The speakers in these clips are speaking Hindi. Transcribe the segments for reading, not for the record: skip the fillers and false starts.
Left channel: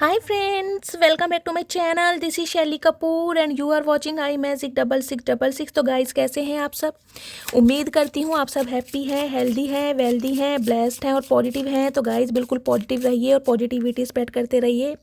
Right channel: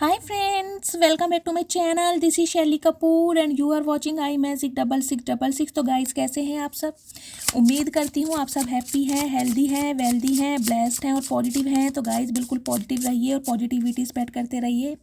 Hi friends, welcome back to my channel. This is Shaili Kapoor and you are watching I magic 6666। तो गाइस कैसे हैं आप सब। उम्मीद करती हूँ आप सब हैप्पी हैं, हेल्दी हैं, वेल्दी हैं, ब्लेस्ड हैं और पॉजिटिव हैं। तो गाइस बिल्कुल पॉजिटिव रहिए और पॉजिटिविटी स्प्रेड करते रहिए।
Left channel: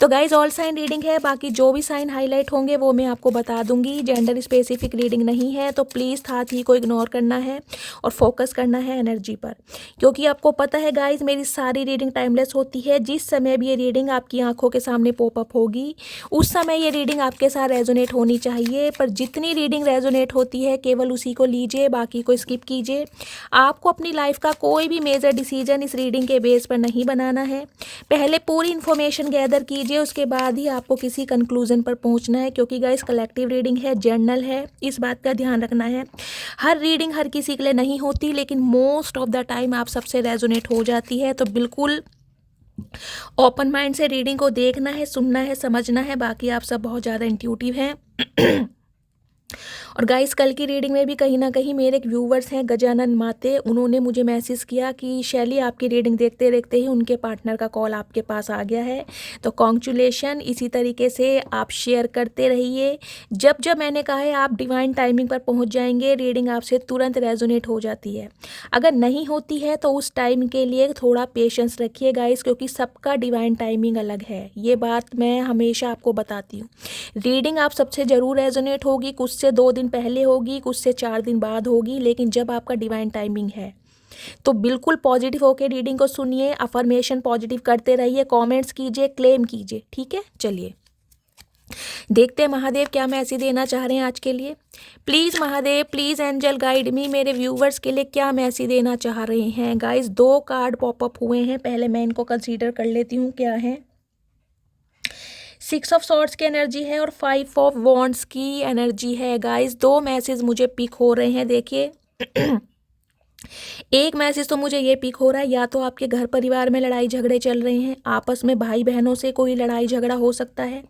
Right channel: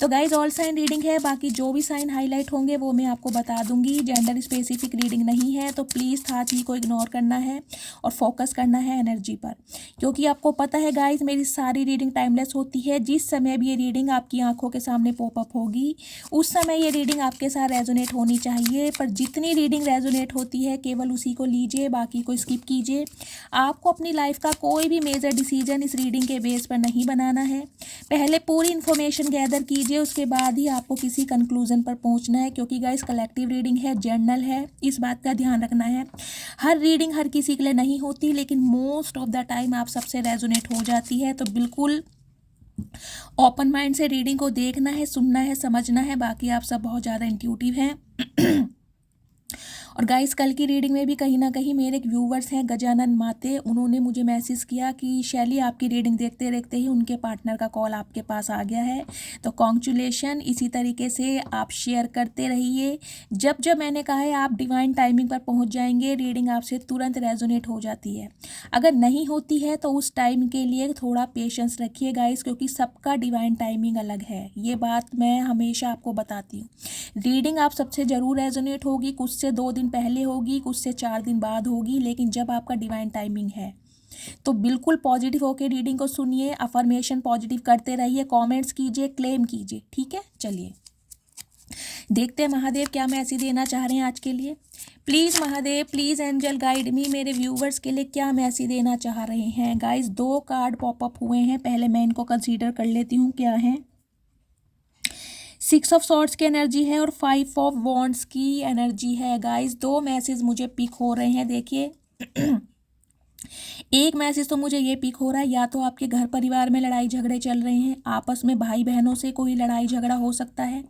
तो गाइस ऑल साइन रीडिंग है, बाकी जो भी साइन हाईलाइट होंगे वो मैं आपको बता दूंगी। जेंडर स्पेसिफिक रीडिंग नहीं है, तो प्लीज़ हाथी को इग्नोर करना है और फोकस करना है एनर्जी पर, क्योंकि आपको पता है गाइस मेरी सारी रीडिंग टाइमलेस होती है। जिस समय भी ये रीडिंग आपकी आंखों के सामने पॉपअप होगी उस समय ये रीडिंग आपके साथ रेजोनेट होनी चाहिए। पर जितनी रीडिंग रेजोनेट होती है केवल उसी को लीजिए, बाकी को स्किप कीजिए। आपको अपनी लाइफ का कोई भी मेजर डिसीजन इस रीडिंग के बेस पर नहीं बनाना है। पहले पूरी इन्फॉर्मेशन गैदर कीजिए, उसके बाद ही आपको किसी कंक्लूजन पर पहुंचना है, क्योंकि गाइस कलेक्टिव रीडिंग है, जर्नल है, इस बात का ध्यान रखना है। हर रीडिंग हर किसी के लिए नहीं होती, लेकिन मोस्ट ऑफ द टाइम आप सबसे रेजोनेट हो जाती है। तो बिल्कुल ओपन माइंड से रीडिंग को देखना है, सुनना है, समझना है। बाकी आप सब बहुत ज़्यादा इंट्यूटिव हैं। और गाइस कल की रीडिंग में भी कहीं ना कहीं मेरे एक व्यूवर्स हैं गजानन माते, उन्होंने मुझे मैसेज किया कि शैली आपकी रीडिंग देखते देखते ही उनके पार्टनर का कॉल आपके पास आ गया है। तो कॉन्ग्रेचुलेशन। इसी तरीके से आप शेयर करते रहिए। जब जब मैंने कहा है आप डिवाइन टाइमिंग पर पहुंच जाएंगे, रीडिंग आपसे तुरंत रेजोनेट हो जाती है। अगर नहीं होती है तो उस टाइम के लिए थोड़ा पेशेंस रखिए गाइस, क्योंकि सबका डिवाइन टाइमिंग अलग है। ये बात मैं हमेशा आपको बताती हूँ। रीडिंग आप सबसे ज़रूर रेजोनेट होगी, कुछ से 2 दिन पहले होगी, कुछ से 4 दिन बाद होगी, लेकिन जब आपका डिवाइन टाइमिंग है तो बिल्कुल पॉजिटिव होकर रीडिंग को सुनिए, अफर्मेशन पॉजिटिव करते रहिए, कमेंट्स कीजिए, क्लेम कीजिए। ठीक है, चलिए देखते हैं महादेव क्या मैसेज देना चाह रहे हैं आज के लिए। Please Mahadev, please angel guide me, मेरे व्यूवर्स के लिए क्या मैसेज देना चाह रहे हैं। गाइस 2 कार्ड पॉपअप हुए हैं, पहले मैं इनको कंसीडर कर लेती हूँ क्या है। 6 ऑफ सॉर्ड्स की एनर्जी है और 5 ऑफ वॉन्ड्स की एनर्जी है। गाइस 2 मैसेज मुझे पिक हो रहे हैं, देखिए। एक मैसेज तो मुझे ये पिक हो रहा है, या तो आपके घर परिवार में लड़ाई झगड़े चल रहे हैं, आपस में भाई बहनों से कोई लड़ाई झगड़ा हो सकता है,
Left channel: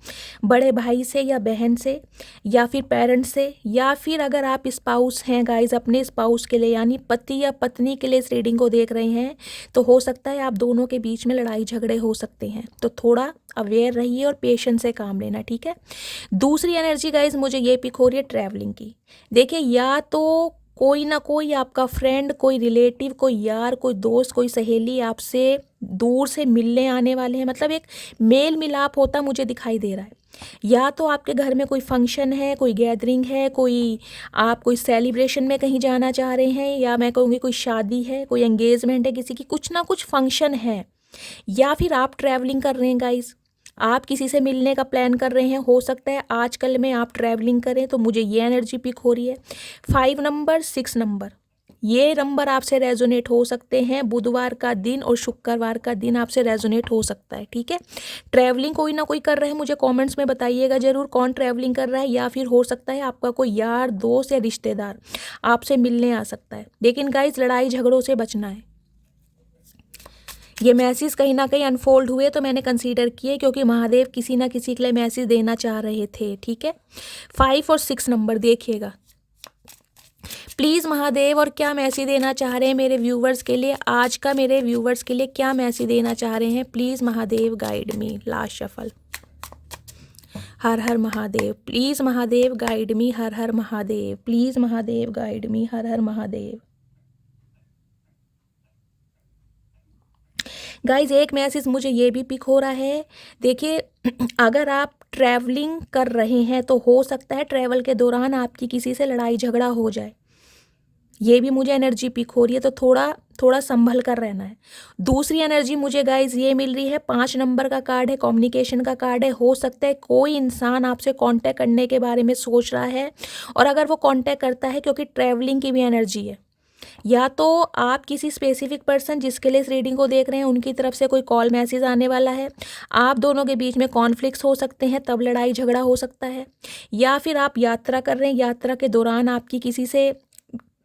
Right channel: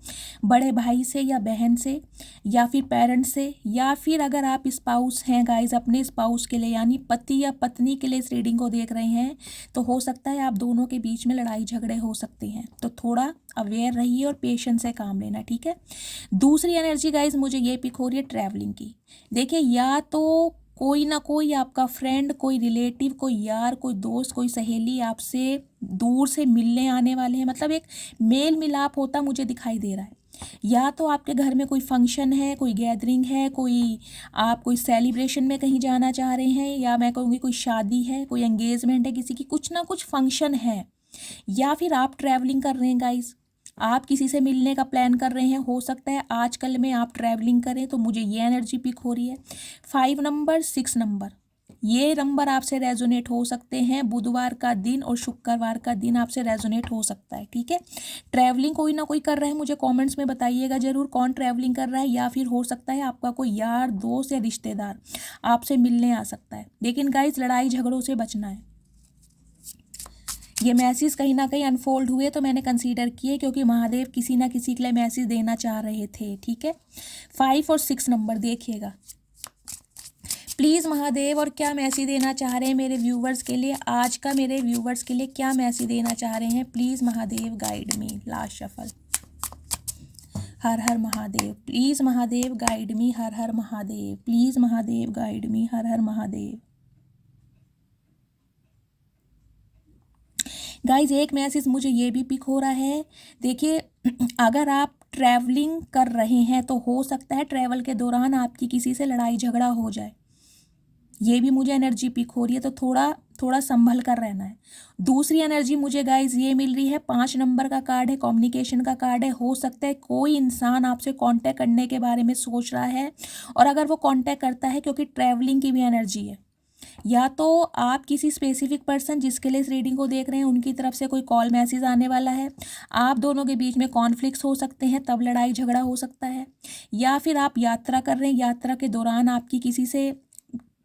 बड़े भाई से या बहन से, या फिर पेरेंट्स से, या फिर अगर आप स्पाउस हैं गाइस, अपने स्पाउस के लिए यानी पति या पत्नी के लिए इस रीडिंग को देख रहे हैं, तो हो सकता है आप दोनों के बीच में लड़ाई झगड़े हो सकते हैं। तो थोड़ा अवेयर रहिए और पेशेंस से काम लेना, ठीक है। दूसरी एनर्जी गाइज मुझे ये पिक हो रही है ट्रैवलिंग की। देखिए या तो कोई ना कोई आपका फ्रेंड, कोई रिलेटिव, कोई यार, कोई दोस्त, कोई सहेली आपसे दूर से मिलने आने वाले हैं, मतलब एक मेल मिलाप होता मुझे दिखाई दे रहा है। या तो आपके घर में कोई फंक्शन है, कोई गैदरिंग है, कोई आप कोई सेलिब्रेशन में कहीं जाना चाह रहे हैं, या मैं कहूँगी कोई शादी है, कोई एंगेजमेंट है किसी की, कुछ ना कुछ फंक्शन है। या फिर आप ट्रैवलिंग कर रहे हैं गाइस, आप किसी से मिलने का प्लान कर रहे हैं, हो सकता है आजकल में आप ट्रैवलिंग करें, तो मुझे ये एनर्जी पिक हो रही है। 5 नंबर, 6 नंबर, ये नंबर आपसे रेजोनेट हो सकते हैं। बुधवार का दिन और शुक्रवार का दिन आपसे रेजोनेट हो सकता है, ठीक है। ट्रैवलिंग कोई ना कोई कर रहा है, मुझे कमेंट्स में बताइएगा जरूर कौन ट्रैवलिंग कर रहा है, या फिर हो सकता है आपका कोई यार, दोस्त या रिश्तेदार आपसे मिलने आ सकता है। लेकिन गाइस लड़ाई झगड़ों से बचना है। ये मैसेज कहीं ना कहीं अनफोल्ड हुए तो मैंने कंसीडर किए, क्योंकि महादेव किसी ना किसी के लिए मैसेज देना चाह रहे थे, ठीक है। 5 और 6 नंबर देखिएगा प्लीज़ महादेव, और क्या मैसेज देना चाह रहे हैं मेरे व्यूवर्स के लिए आज का, मेरे व्यूवर्स के लिए क्या मैसेज देना चाह रहे हैं। Please Mahadev guide me. Last shuffle. हर हर महादेव, प्लीज़ महादेव गाइड मी। हर हर महादेव, प्लीज़ महादेव गाइड मी। हर हर महादेव। गाइज एक मैसेज मुझे ये भी पिक हो रहा है, देखिए अगर आप ट्रैवलिंग कर रहे हैं तो हो सकता है ट्रैवल के दौरान आपकी किसी से लड़ाई झगड़ा हो जाए, ये भी मुझे एनर्जी पिक हो रही है। तो थोड़ा थोड़ा संभल कर रहना है। दूसरी एनर्जी मुझे गाइज ये मिल रही है, 5 नंबर का कार्ड है, कम्युनिकेशन का कार्ड है। हो सकता है कोई इंसान आपसे कांटेक्ट करने के बारे में सोच रहा है, और अगर वो कांटेक्ट करता है, क्योंकि ट्रैवलिंग की भी एनर्जी है, या तो आप किसी स्पेसिफिक पर्सन जिसके लिए इस रीडिंग को देख रहे हैं उनकी तरफ से कोई कॉल मैसेज आने वाला है, आप दोनों के बीच में कॉन्फ्लिक्ट्स हो सकते हैं, तब लड़ाई झगड़ा हो सकता है। या फिर आप यात्रा कर रहे हैं, यात्रा के दौरान आपकी किसी से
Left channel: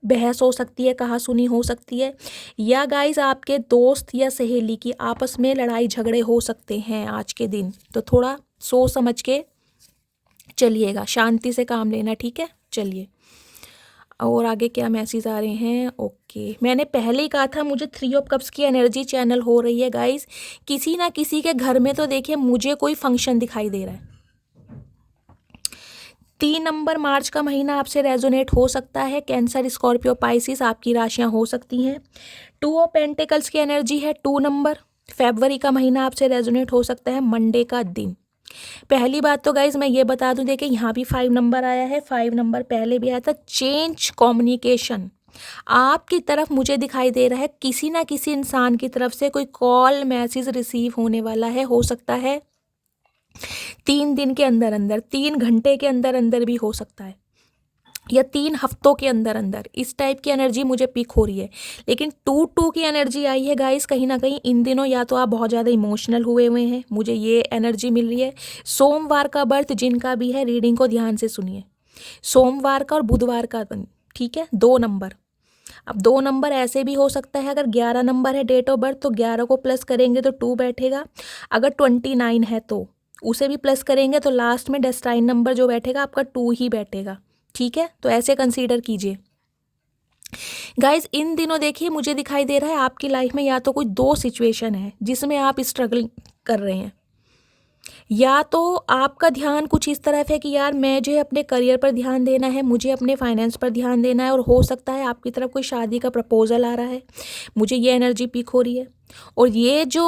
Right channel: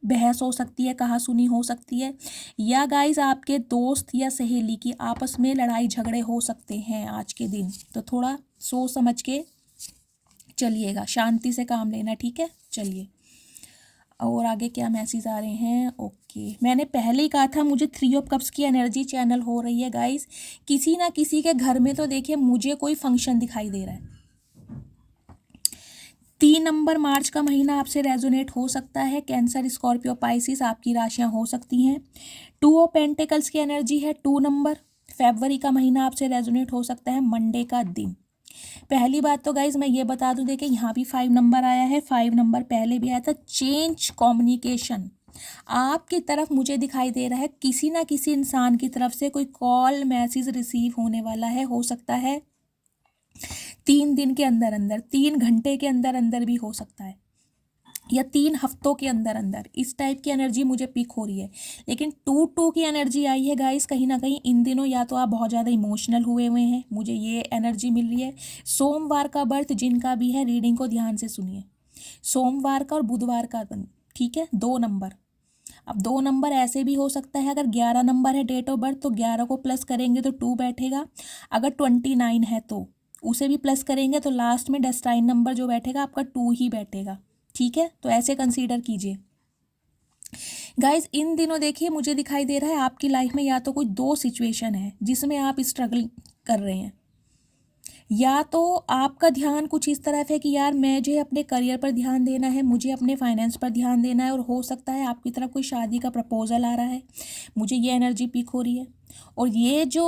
बहस हो सकती है, कहा सुनी हो सकती है। या गाइस आपके दोस्त या सहेली की आपस में लड़ाई झगड़े हो सकते हैं आज के दिन। तो थोड़ा सोच समझ के चलिएगा, शांति से काम लेना, ठीक है। चलिए और आगे क्या मैसेज आ रहे हैं? ओके, मैंने पहले ही कहा था मुझे 3 ऑफ कप्स की एनर्जी चैनल हो रही है गाइस। किसी ना किसी के घर में तो देखिए मुझे कोई फंक्शन दिखाई दे रहा है। 3 नंबर मार्च का महीना आपसे रेजोनेट हो सकता है। कैंसर, स्कॉर्पियो, पाइसिस आपकी राशियां हो सकती हैं। 2 ऑफ पेंटिकल्स की एनर्जी है 2 नंबर। फरवरी का महीना आपसे रेजोनेट हो सकता है मंडे का दिन। पहली बात तो गाइज मैं ये बता दूं, देखिए यहाँ भी 5 नंबर आया है, 5 नंबर पहले भी आया था। चेंज कम्युनिकेशन आपकी तरफ मुझे दिखाई दे रहा है। किसी ना किसी इंसान की तरफ से कोई कॉल मैसेज रिसीव होने वाला है। हो सकता है 3 दिन के अंदर अंदर, 3 घंटे के अंदर अंदर भी हो सकता है, या 3 हफ्तों के अंदर अंदर। इस टाइप की एनर्जी मुझे पिक हो रही है। लेकिन 2-2 की एनर्जी आई है गाइस। कहीं ना कहीं इन दिनों या तो आप बहुत ज़्यादा इमोशनल हुए हुए हैं, मुझे ये एनर्जी मिल रही है। सोमवार का बर्थ जिनका भी है, रीडिंग को ध्यान से सुनिए। सोमवार का और बुधवार का, ठीक है, 2 नंबर। अब 2 नंबर ऐसे भी हो सकता है, अगर 11 नंबर है डेट ऑफ बर्थ तो 11 को प्लस करेंगे तो 2 बैठेगा। अगर 29 है तो उसे भी प्लस करेंगे तो लास्ट में डेस्टाइन नंबर जो बैठेगा आपका 2 ही बैठेगा। ठीक है, तो ऐसे कंसीडर कीजिए गाइज। इन दिनों देखिए मुझे दिखाई दे रहा है आपकी लाइफ में या तो कोई 2 सिचुएशन है जिसमें आप स्ट्रगल कर रहे हैं, या तो आपका ध्यान कुछ इस तरफ है कि यार मैं जो है अपने करियर पर ध्यान देना है, मुझे अपने फाइनेंस पर ध्यान देना है, और हो सकता है आपकी तरफ कोई शादी का प्रपोजल आ रहा है। मुझे ये एनर्जी पिक हो रही है। और ये जो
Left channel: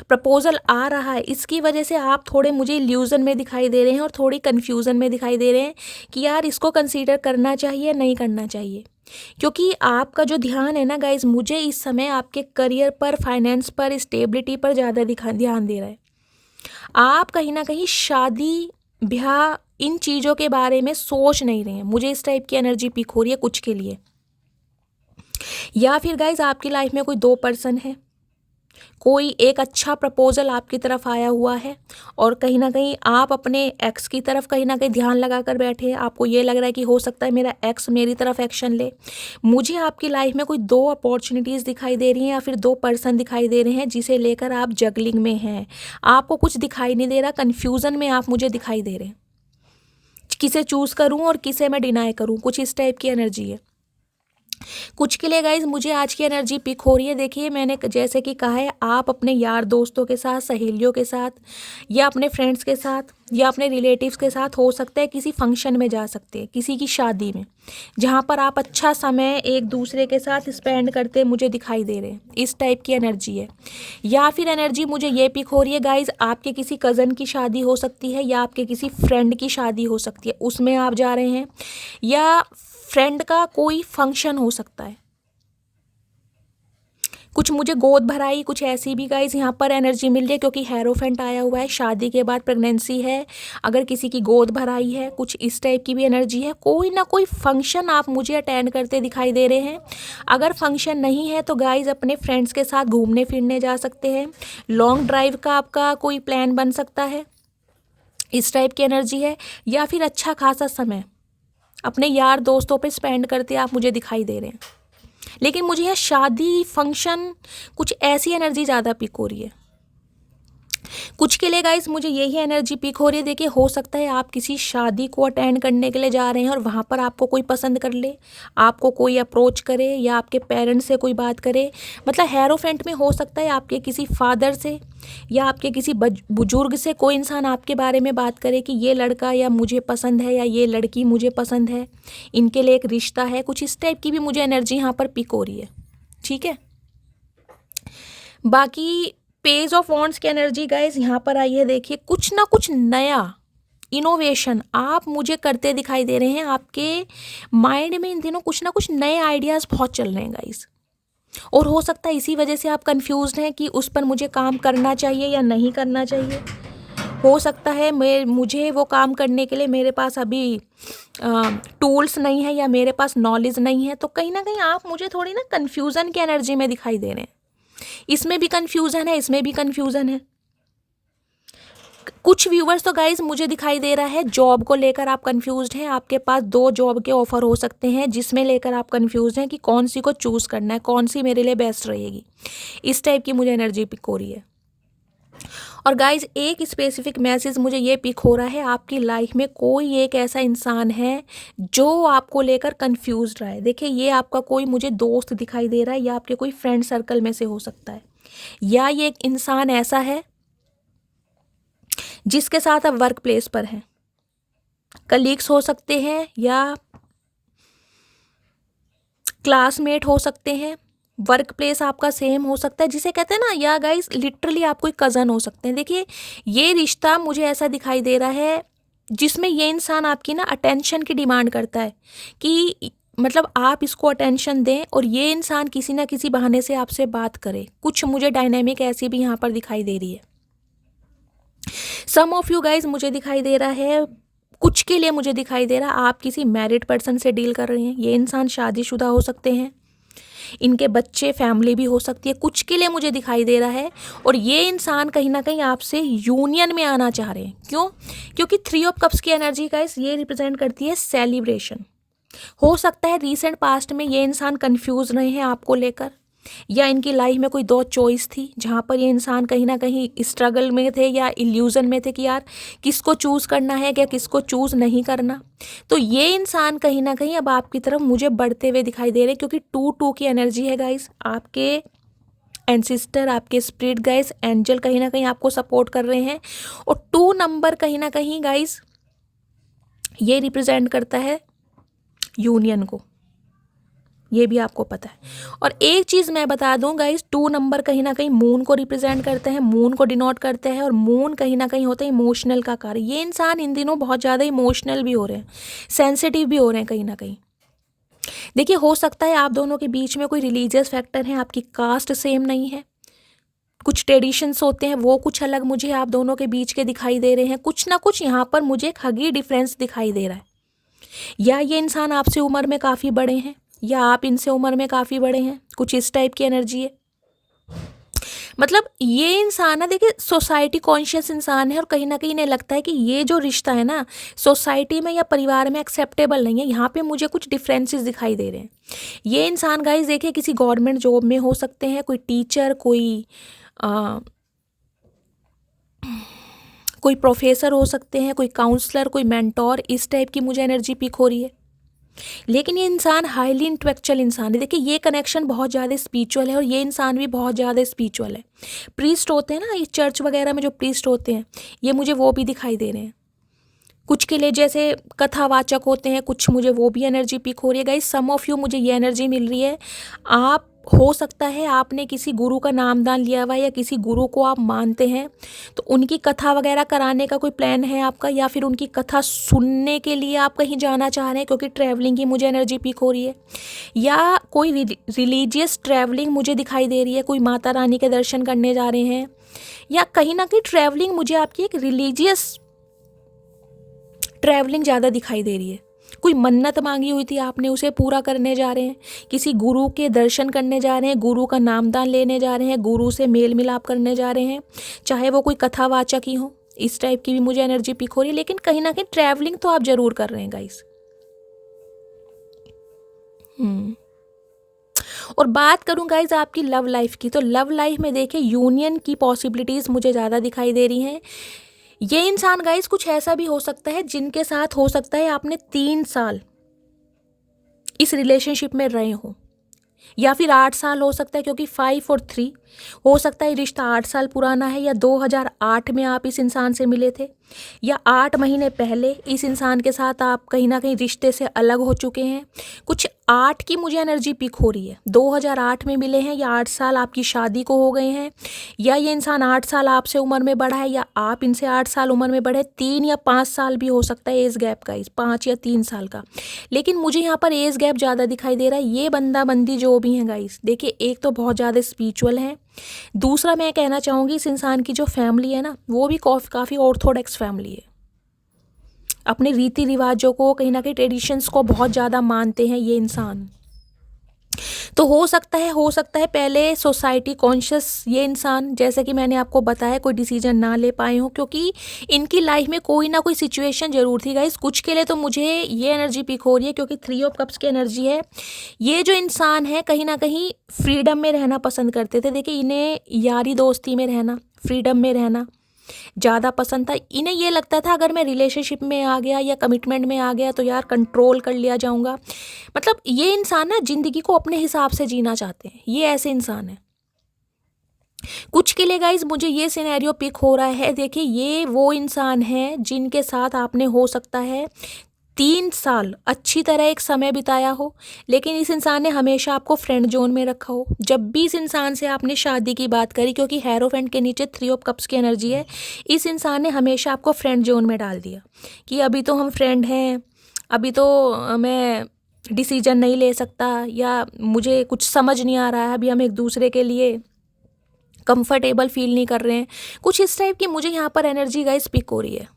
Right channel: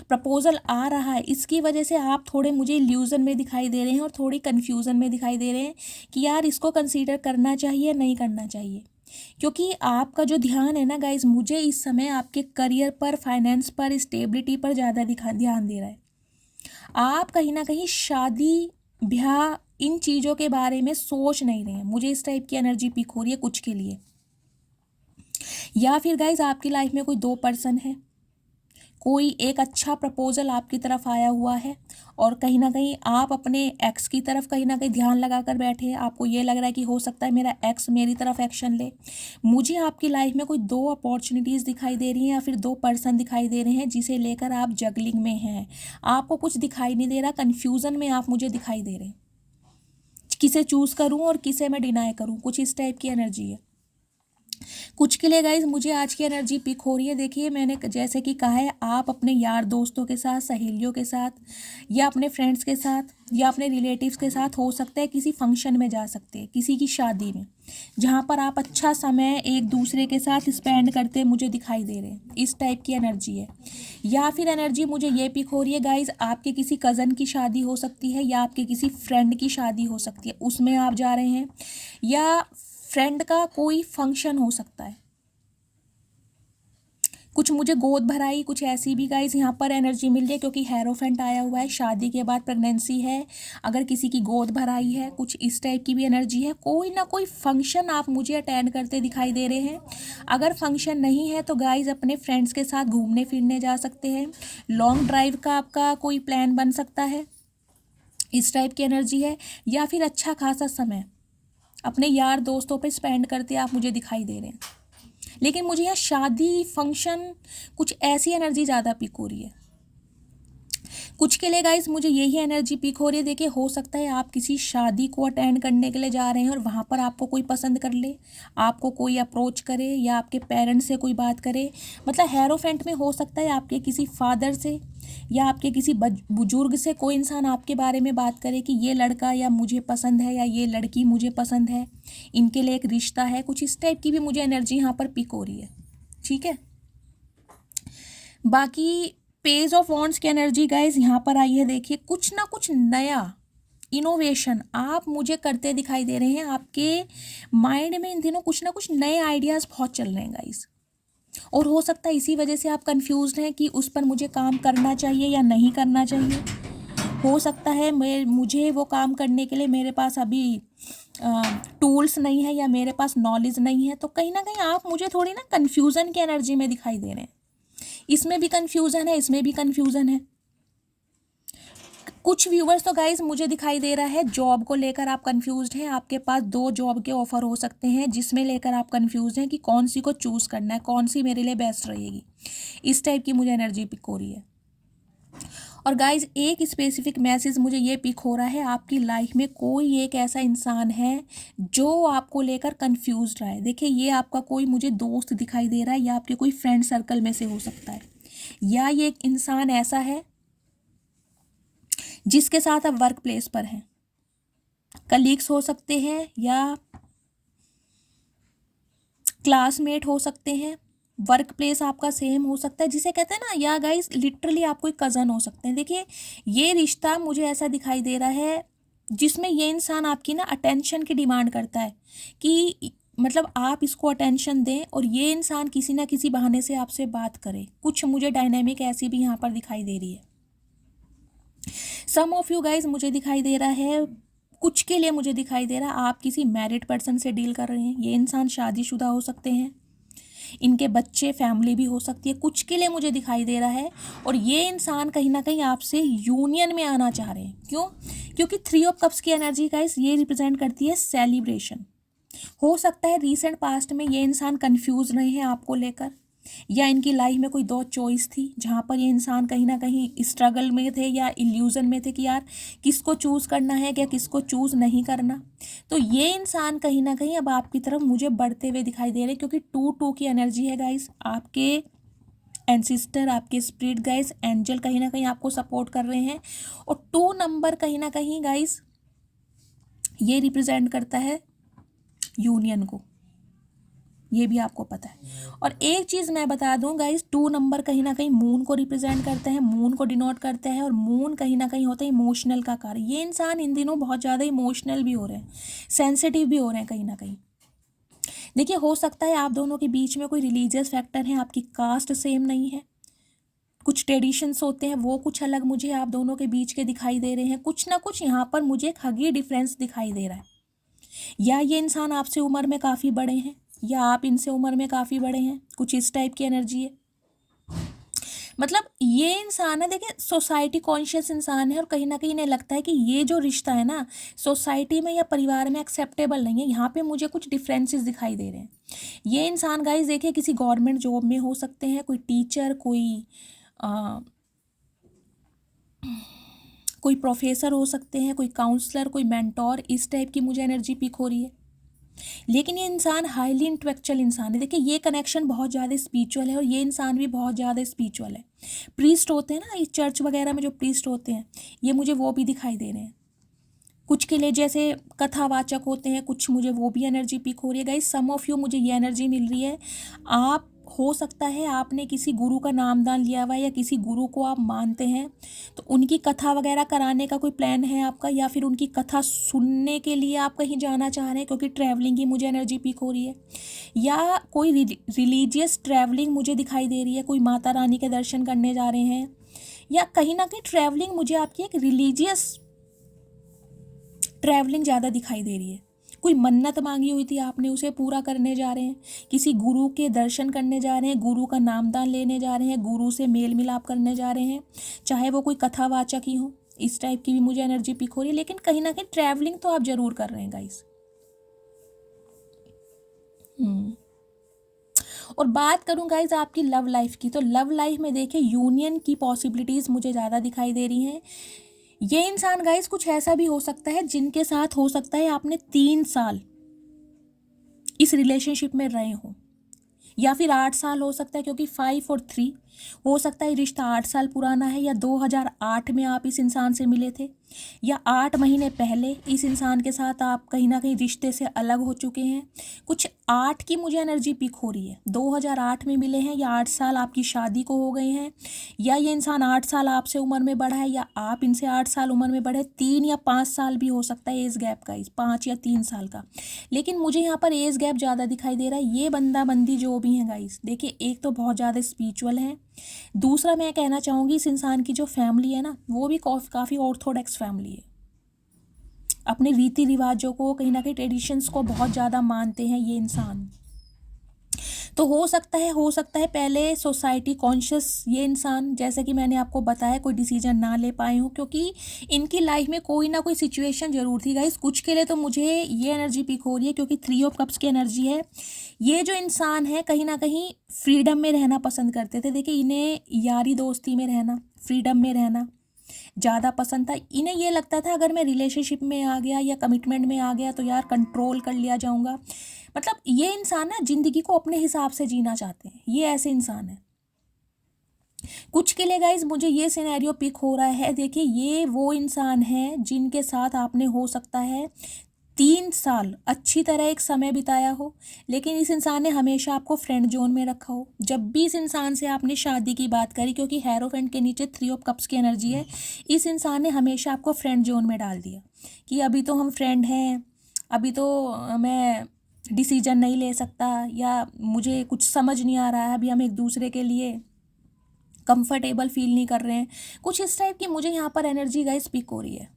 प्रपोजल आ रहा है इसकी वजह से आप थोड़े मुझे इल्यूज़न में दिखाई दे रहे हैं और थोड़ी कन्फ्यूज़न में दिखाई दे रहे हैं कि यार इसको कंसीडर करना चाहिए नहीं करना चाहिए। क्योंकि आपका जो ध्यान है ना गाइज, मुझे इस समय आपके करियर पर, फाइनेंस पर, स्टेबिलिटी पर ज़्यादा ध्यान दे रहा है। आप कहीं ना कहीं शादी, ब्याह, इन चीज़ों के बारे में सोच नहीं रहे हैं। मुझे इस टाइप की एनर्जी पिक हो रही है कुछ के लिए। या फिर गाइज आपकी लाइफ में कोई 2 पर्सन है, कोई एक अच्छा प्रपोजल आपकी तरफ आया हुआ है, और कहीं ना कहीं आप अपने एक्स की तरफ कहीं ना कहीं ध्यान लगा कर बैठे हैं। आपको ये लग रहा है कि हो सकता है मेरा एक्स मेरी तरफ एक्शन ले। मुझे आपकी लाइफ में कोई 2 अपॉर्चुनिटीज़ दिखाई दे रही हैं, या फिर 2 पर्सन दिखाई दे रहे हैं जिसे लेकर आप जगलिंग में हैं। आपको कुछ दिखाई नहीं दे रहा, कन्फ्यूज़न में आप मुझे दिखाई दे रहे हैं। किसे चूज़ करूँ और किसे मैं डिनाई करूँ, कुछ इस टाइप की एनर्जी है कुछ के लिए गाइज। मुझे आज की एनर्जी पिक हो रही है। देखिए मैंने जैसे कि कहा है, आप अपने यार दोस्तों के साथ, सहेलियों के साथ, या अपने फ्रेंड्स के साथ, या अपने रिलेटिव्स के साथ, हो सकता है किसी फंक्शन में जा सकते हैं, किसी की शादी में, जहाँ पर आप अच्छा समय एक दूसरे के साथ स्पेंड करते मुझे दिखाई दे रहे हैं। इस टाइप की एनर्जी है। या फिर एनर्जी मुझे ये पिक हो रही है गाइज, आपके किसी कज़न की शादी हो सकती है, या आपके किसी फ्रेंड की शादी हो सकती है, उसमें आप जा रहे हैं, या फ्रेंड का कोई फंक्शन हो सकता है। कुछ मुझे गोद भराई, कुछ ऐसी भी गाइस यहाँ पर एनर्जी मिल रही है, क्योंकि हेरोफेंट आया हुआ है। शादी के बाद प्रेगनेंसी है, अगर किसी की गोद भराई है, कुछ इस टाइप की भी एनर्जी है। कोई ना कोई फंक्शन आप मुझे अटेंड करते दिखाई दे रहे हैं। अगर फंक्शन नहीं है तो गाइस अपने फ्रेंड्स के साथ घूमने फिरने जा सकते हैं। लॉन्ग ड्राइव का आपका कोई प्लान बन सकता है, इस टाइप की एनर्जी है। या फिर अच्छा खासा समय अपने यार दोस्तों पे स्पेंड करते आप मुझे दिखाई दे रहे हैं। लेकिन मुझे यहाँ शादी, फंक्शन, कुछ ऐसी एनर्जी ज़्यादा पिक हो रही है। कुछ के लिए गाइस मुझे यही एनर्जी पिक हो रही है। देखिए हो सकता है आप किसी शादी को अटेंड करने के लिए जा रहे हैं और वहाँ पर आपको कोई पसंद कर ले, आपको कोई अप्रोच करे, या आपके पेरेंट्स से कोई बात करे। मतलब हेरोफेंट में हो सकता है आपके किसी फादर से या आपके किसी बुजुर्ग से कोई इंसान आपके बारे में बात करे कि ये लड़का या मुझे पसंद है, या ये लड़की मुझे पसंद है, इनके लिए एक रिश्ता है। कुछ इस टाइप की भी मुझे एनर्जी यहाँ पर पिक हो रही है। ठीक है, बाकी पेज ऑफ वॉन्ड्स की एनर्जी गाइज यहाँ पर आई है। देखिए कुछ ना कुछ नया इनोवेशन आप मुझे करते दिखाई दे रहे हैं। आपके माइंड में इन दिनों कुछ ना कुछ नए आइडियाज़ बहुत चल रहे हैं गाइज, और हो सकता है इसी वजह से आप कंफ्यूज्ड हैं कि उस पर मुझे काम करना चाहिए या नहीं करना चाहिए। हो सकता है मुझे वो काम करने के लिए मेरे पास अभी टूल्स नहीं है, या मेरे पास नॉलेज नहीं है। तो कहीं ना कहीं आप मुझे थोड़ी ना कन्फ्यूज़न की एनर्जी में दिखाई दे रहे हैं। इसमें भी कन्फ्यूज़न है, इसमें भी कन्फ्यूज़न है। कुछ व्यूवर्स तो गाइज मुझे दिखाई दे रहा है जॉब को लेकर आप कंफ्यूज्ड हैं। आपके पास 2 जॉब के ऑफर हो सकते हैं जिसमें लेकर आप कंफ्यूज हैं कि कौन सी को चूज़ करना है, कौन सी मेरे लिए बेस्ट रहेगी। इस टाइप की मुझे एनर्जी पिक हो रही है। और गाइज एक स्पेसिफिक मैसेज मुझे ये पिक हो रहा है, आपकी लाइफ में कोई एक ऐसा इंसान है जो आपको लेकर कंफ्यूज रहा है। देखिए ये आपका कोई मुझे दोस्त दिखाई दे रहा है, या आपके कोई फ्रेंड सर्कल में से हो सकता है, या ये एक इंसान ऐसा है जिसके साथ आप वर्क प्लेस पर हैं। कलीग्स हो सकते हैं या क्लासमेट हो सकते हैं, वर्क प्लेस आपका सेम हो सकता है जिसे कहते हैं ना, या गाइस लिटरली आप कोई कज़न हो सकते हैं। देखिए ये रिश्ता मुझे ऐसा दिखाई दे रहा है जिसमें ये इंसान आपकी ना अटेंशन की डिमांड करता है कि मतलब आप इसको अटेंशन दें, और ये इंसान किसी ना किसी बहाने से आपसे बात करे। कुछ मुझे डायनामिक ऐसी भी यहाँ पर दिखाई दे रही है। सम ऑफ यू गाइज मुझे दिखाई दे रहा है, कुछ के लिए मुझे दिखाई दे रहा है आप किसी मैरिड पर्सन से डील कर रहे हैं। ये इंसान शादीशुदा हो सकते हैं, इनके बच्चे, फैमिली भी हो सकती है, कुछ के लिए मुझे दिखाई दे रहा है। और ये इंसान कहीं ना कहीं आपसे यूनियन में आना चाह रहे हैं। क्यों? क्योंकि 3 ऑफ कप्स की एनर्जी गाइस ये रिप्रेजेंट करती है सेलिब्रेशन। हो सकता है रीसेंट पास्ट में ये इंसान कंफ्यूज रहे हैं आपको लेकर, या इनकी लाइफ में कोई 2 चॉइस थी जहाँ पर ये इंसान कहीं ना कहीं स्ट्रगल में थे या इल्यूजन में थे कि यार किसको चूज़ करना है या किसको चूज़ नहीं करना। तो ये इंसान कहीं ना कहीं अब आपकी तरफ मुझे बढ़ते हुए दिखाई दे रहे हैं, क्योंकि 2-2 की एनर्जी है गाइस। आपके एंसिस्टर, आपके स्पिरिट गाइस, एंजल कहीं ना कहीं आपको सपोर्ट कर रहे हैं। और 2 नंबर कहीं ना कहीं गाइस ये रिप्रेजेंट करता है यूनियन को, ये भी आपको पता है। और एक चीज़ मैं बता दूं गाइस, 2 नंबर कहीं ना कहीं मून को रिप्रेजेंट करते हैं, मून को डिनोट करते हैं, और मून कहीं ना कहीं होता है इमोशनल का कार्य। ये इंसान इन दिनों बहुत ज़्यादा इमोशनल भी हो रहे हैं, सेंसिटिव भी हो रहे हैं कहीं ना कहीं। देखिए हो सकता है आप दोनों के बीच में कोई रिलीजियस फैक्टर है, आपकी कास्ट सेम नहीं है, कुछ ट्रेडिशंस होते हैं वो कुछ अलग मुझे आप दोनों के बीच के दिखाई दे रहे हैं। कुछ ना कुछ यहाँ पर मुझे एक हगी डिफरेंस दिखाई दे रहा है, या ये इंसान आपसे उम्र में काफ़ी बड़े हैं, या आप इनसे उम्र में काफ़ी बड़े हैं, कुछ इस टाइप की एनर्जी है। मतलब ये इंसान ना, देखिए सोसाइटी कॉन्शियस इंसान है, और कहीं ना कहीं इन्हें लगता है कि ये जो रिश्ता है ना सोसाइटी में या परिवार में एक्सेप्टेबल नहीं है। यहाँ पे मुझे कुछ डिफरेंसेस दिखाई दे रहे हैं। ये इंसान गाइस देखिए किसी गवर्नमेंट जॉब में हो सकते हैं, कोई टीचर, कोई प्रोफेसर हो सकते हैं, कोई काउंसलर, कोई मेंटोर, इस टाइप की मुझे एनर्जी पिक हो रही है। लेकिन ये इंसान हाईली इंटेलेक्चुअल इंसान है। देखिए ये कनेक्शन बहुत ज़्यादा स्पिरिचुअल है, और ये इंसान भी बहुत ज़्यादा स्पिरिचुअल है। प्रीस्ट होते हैं ना, ये चर्च वगैरह में जो प्रीस्ट होते हैं, ये मुझे वो भी दिखाई दे रहे हैं। कुछ के लिए जैसे कथावाचक होते हैं, कुछ मुझे वो भी एनर्जी पिक हो रही है गाइस। सम ऑफ यू मुझे ये एनर्जी मिल रही है, आप हो सकता है आपने किसी गुरु का नामदान लिया हुआ है, या किसी गुरु को आप मानते हैं, तो उनकी कथा वगैरह कराने का कोई प्लान है आपका, या फिर उनकी कथा सुनने के लिए आप कहीं जाना चाह रहे हैं, क्योंकि ट्रैवलिंग की मुझे एनर्जी पिक हो रही है। या कोई रिलीजियस ट्रैवलिंग मुझे दिखाई दे रही है, कोई माता रानी के दर्शन करने जा रहे हैं, या कहीं ना कहीं ट्रैवलिंग मुझे आपकी एक रिलीजियस ट्रैवलिंग ज़्यादा दिखाई दे रही है। कोई मन्नत मांगी हुई थी आपने, उसे पूरा करने जा रहे हैं, किसी गुरु के दर्शन करने जा रहे हैं, गुरु का नामदान लेने जा रहे हैं, गुरु से मेल मिलाप करने जा रहे हैं, चाहे वो कोई कथावाचक ही हो। इस टाइप की भी मुझे एनर्जी पिक हो रही है। लेकिन कहीं ना कहीं ट्रैवलिंग तो आप जरूर कर रहे हैं गाइस। और बात करूं गाइज आपकी लव लाइफ की, तो लव लाइफ में देखिए यूनियन की पॉसिबिलिटीज़ मुझे ज़्यादा दिखाई दे रही हैं। ये इंसान गाइस कुछ ऐसा भी हो सकता है जिनके साथ हो सकता है आपने 3 साल इस रिलेशनशिप में रहे हो, या फिर 8 साल हो सकता है, क्योंकि 5 और 3 हो सकता है रिश्ता 8 साल पुराना है, या 2008 में आप इस इंसान से मिले थे, या 8 महीने पहले इस इंसान के साथ आप कहीं ना कहीं रिश्ते से अलग हो चुके हैं। कुछ 8 की मुझे एनर्जी पिक हो रही है, 2008 में मिले हैं, या 8 साल आपकी शादी को हो गए हैं, या ये इंसान 8 साल आपसे उम्र में बड़ा है, या आप इनसे 8 साल उम्र में बड़े। 3 या 5 साल भी हो सकता है एज गैप का, इस 5 या 3 साल का। लेकिन मुझे यहाँ पर एज गैप ज़्यादा दिखाई दे रहा है। ये बंदा बंदी जो भी हैं गाइस, देखिए एक तो बहुत ज़्यादा स्पिरिचुअल है, दूसरा मैं कहना चाहूँगी इस इंसान की जो फैमिली है ना, वो भी काफ़ी ऑर्थोडॉक्स फैमिली है। अपने रीति रिवाजों को, कहीं ना कहीं ट्रेडिशंस को बहुत ज़्यादा मानते हैं ये इंसान। तो हो सकता है पहले सोसाइटी कॉन्शियस ये इंसान, जैसे कि मैंने आपको बताया, कोई डिसीजन ना ले पाए हो, क्योंकि इनकी लाइफ में कोई ना कोई सिचुएशन जरूर थी गाइस। कुछ के लिए तो मुझे ये एनर्जी पिक हो रही है क्योंकि 3 ऑफ कप्स की एनर्जी है। ये जो इंसान है कहीं ना कहीं फ्रीडम में रहना पसंद करते थे। देखिए, इन्हें यारी दोस्ती में रहना, फ्रीडम में रहना ज़्यादा पसंद था। इन्हें ये लगता था अगर मैं रिलेशनशिप में आ गया या कमिटमेंट में आ गया तो यार कंट्रोल कर लिया जाऊंगा। मतलब ये इंसान ना ज़िंदगी को अपने हिसाब से जीना चाहते हैं, ये ऐसे इंसान है। कुछ के लिए गाइज मुझे ये सिनेरियो पिक हो रहा है। देखिए, ये वो इंसान है जिनके साथ आपने हो सकता है 3 साल अच्छी तरह एक समय बिताया हो, लेकिन इस इंसान ने हमेशा आपको फ्रेंड जोन में रखा हो। जब भी इस इंसान से आपने शादी की बात करी, क्योंकि हेरोफेंट के नीचे 3 ऑफ कप्स की एनर्जी है, इस इंसान ने हमेशा आपको फ्रेंड जोन में डाल दिया कि अभी तो हम फ्रेंड हैं, अभी तो मैं डिसीजन नहीं ले सकता, या मुझे कुछ समझ नहीं आ रहा है, अभी हम एक दूसरे के लिए कंफर्टेबल फील नहीं कर रहे हैं। कुछ इस टाइप की मुझे यहाँ पर एनर्जी गाइस पिक हो रही है।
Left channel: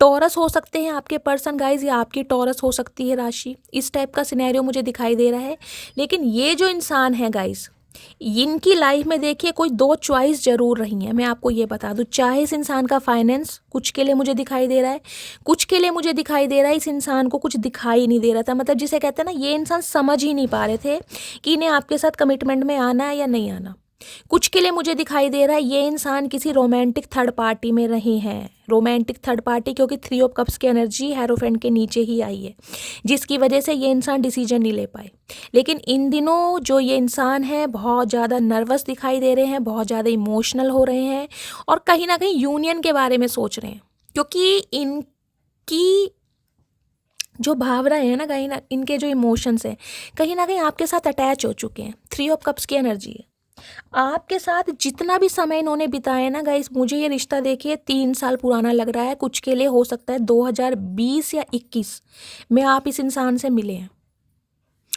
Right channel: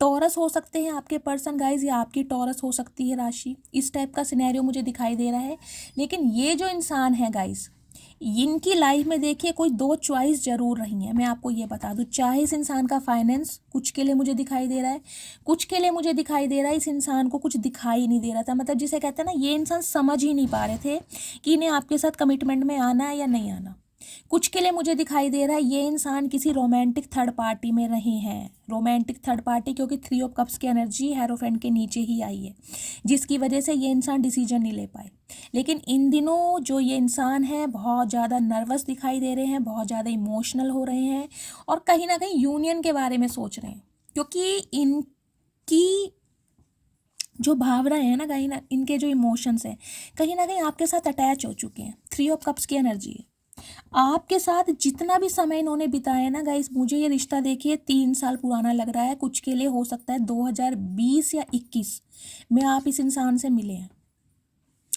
टॉरस हो सकते हैं आपके पर्सन गाइज, या आपकी टॉरस हो सकती है राशि। इस टाइप का सिनेरियो मुझे दिखाई दे रहा है। लेकिन ये जो इंसान है गाइज, इनकी लाइफ में देखिए कोई 2 चॉइस जरूर रही हैं। मैं आपको ये बता दूं, चाहे इस इंसान का फाइनेंस कुछ के लिए मुझे दिखाई दे रहा है, कुछ के लिए मुझे दिखाई दे रहा है इस इंसान को कुछ दिखाई नहीं दे रहा था। मतलब जिसे कहते हैं ना, ये इंसान समझ ही नहीं पा रहे थे कि इन्हें आपके साथ कमिटमेंट में आना है या नहीं आना। कुछ के लिए मुझे दिखाई दे रहा है ये इंसान किसी रोमांटिक थर्ड पार्टी में रहे हैं। रोमांटिक थर्ड पार्टी, क्योंकि 3 ऑफ कप्स की एनर्जी हेरोफेंट के नीचे ही आई है, जिसकी वजह से ये इंसान डिसीजन नहीं ले पाए। लेकिन इन दिनों जो ये इंसान है बहुत ज़्यादा नर्वस दिखाई दे रहे हैं, बहुत ज़्यादा इमोशनल हो रहे हैं, और कहीं ना कहीं यूनियन के बारे में सोच रहे हैं, क्योंकि इनकी जो भावनाएं हैं ना, कहीं ना इनके जो इमोशंस हैं कहीं ना कहीं आपके साथ अटैच हो चुके हैं। 3 ऑफ कप्स की एनर्जी है। आपके साथ जितना भी समय इन्होंने बिताया ना गाइस, मुझे ये रिश्ता देखिए 3 साल पुराना लग रहा है। कुछ के लिए हो सकता है 2020 या 21 में आप इस इंसान से मिले हैं।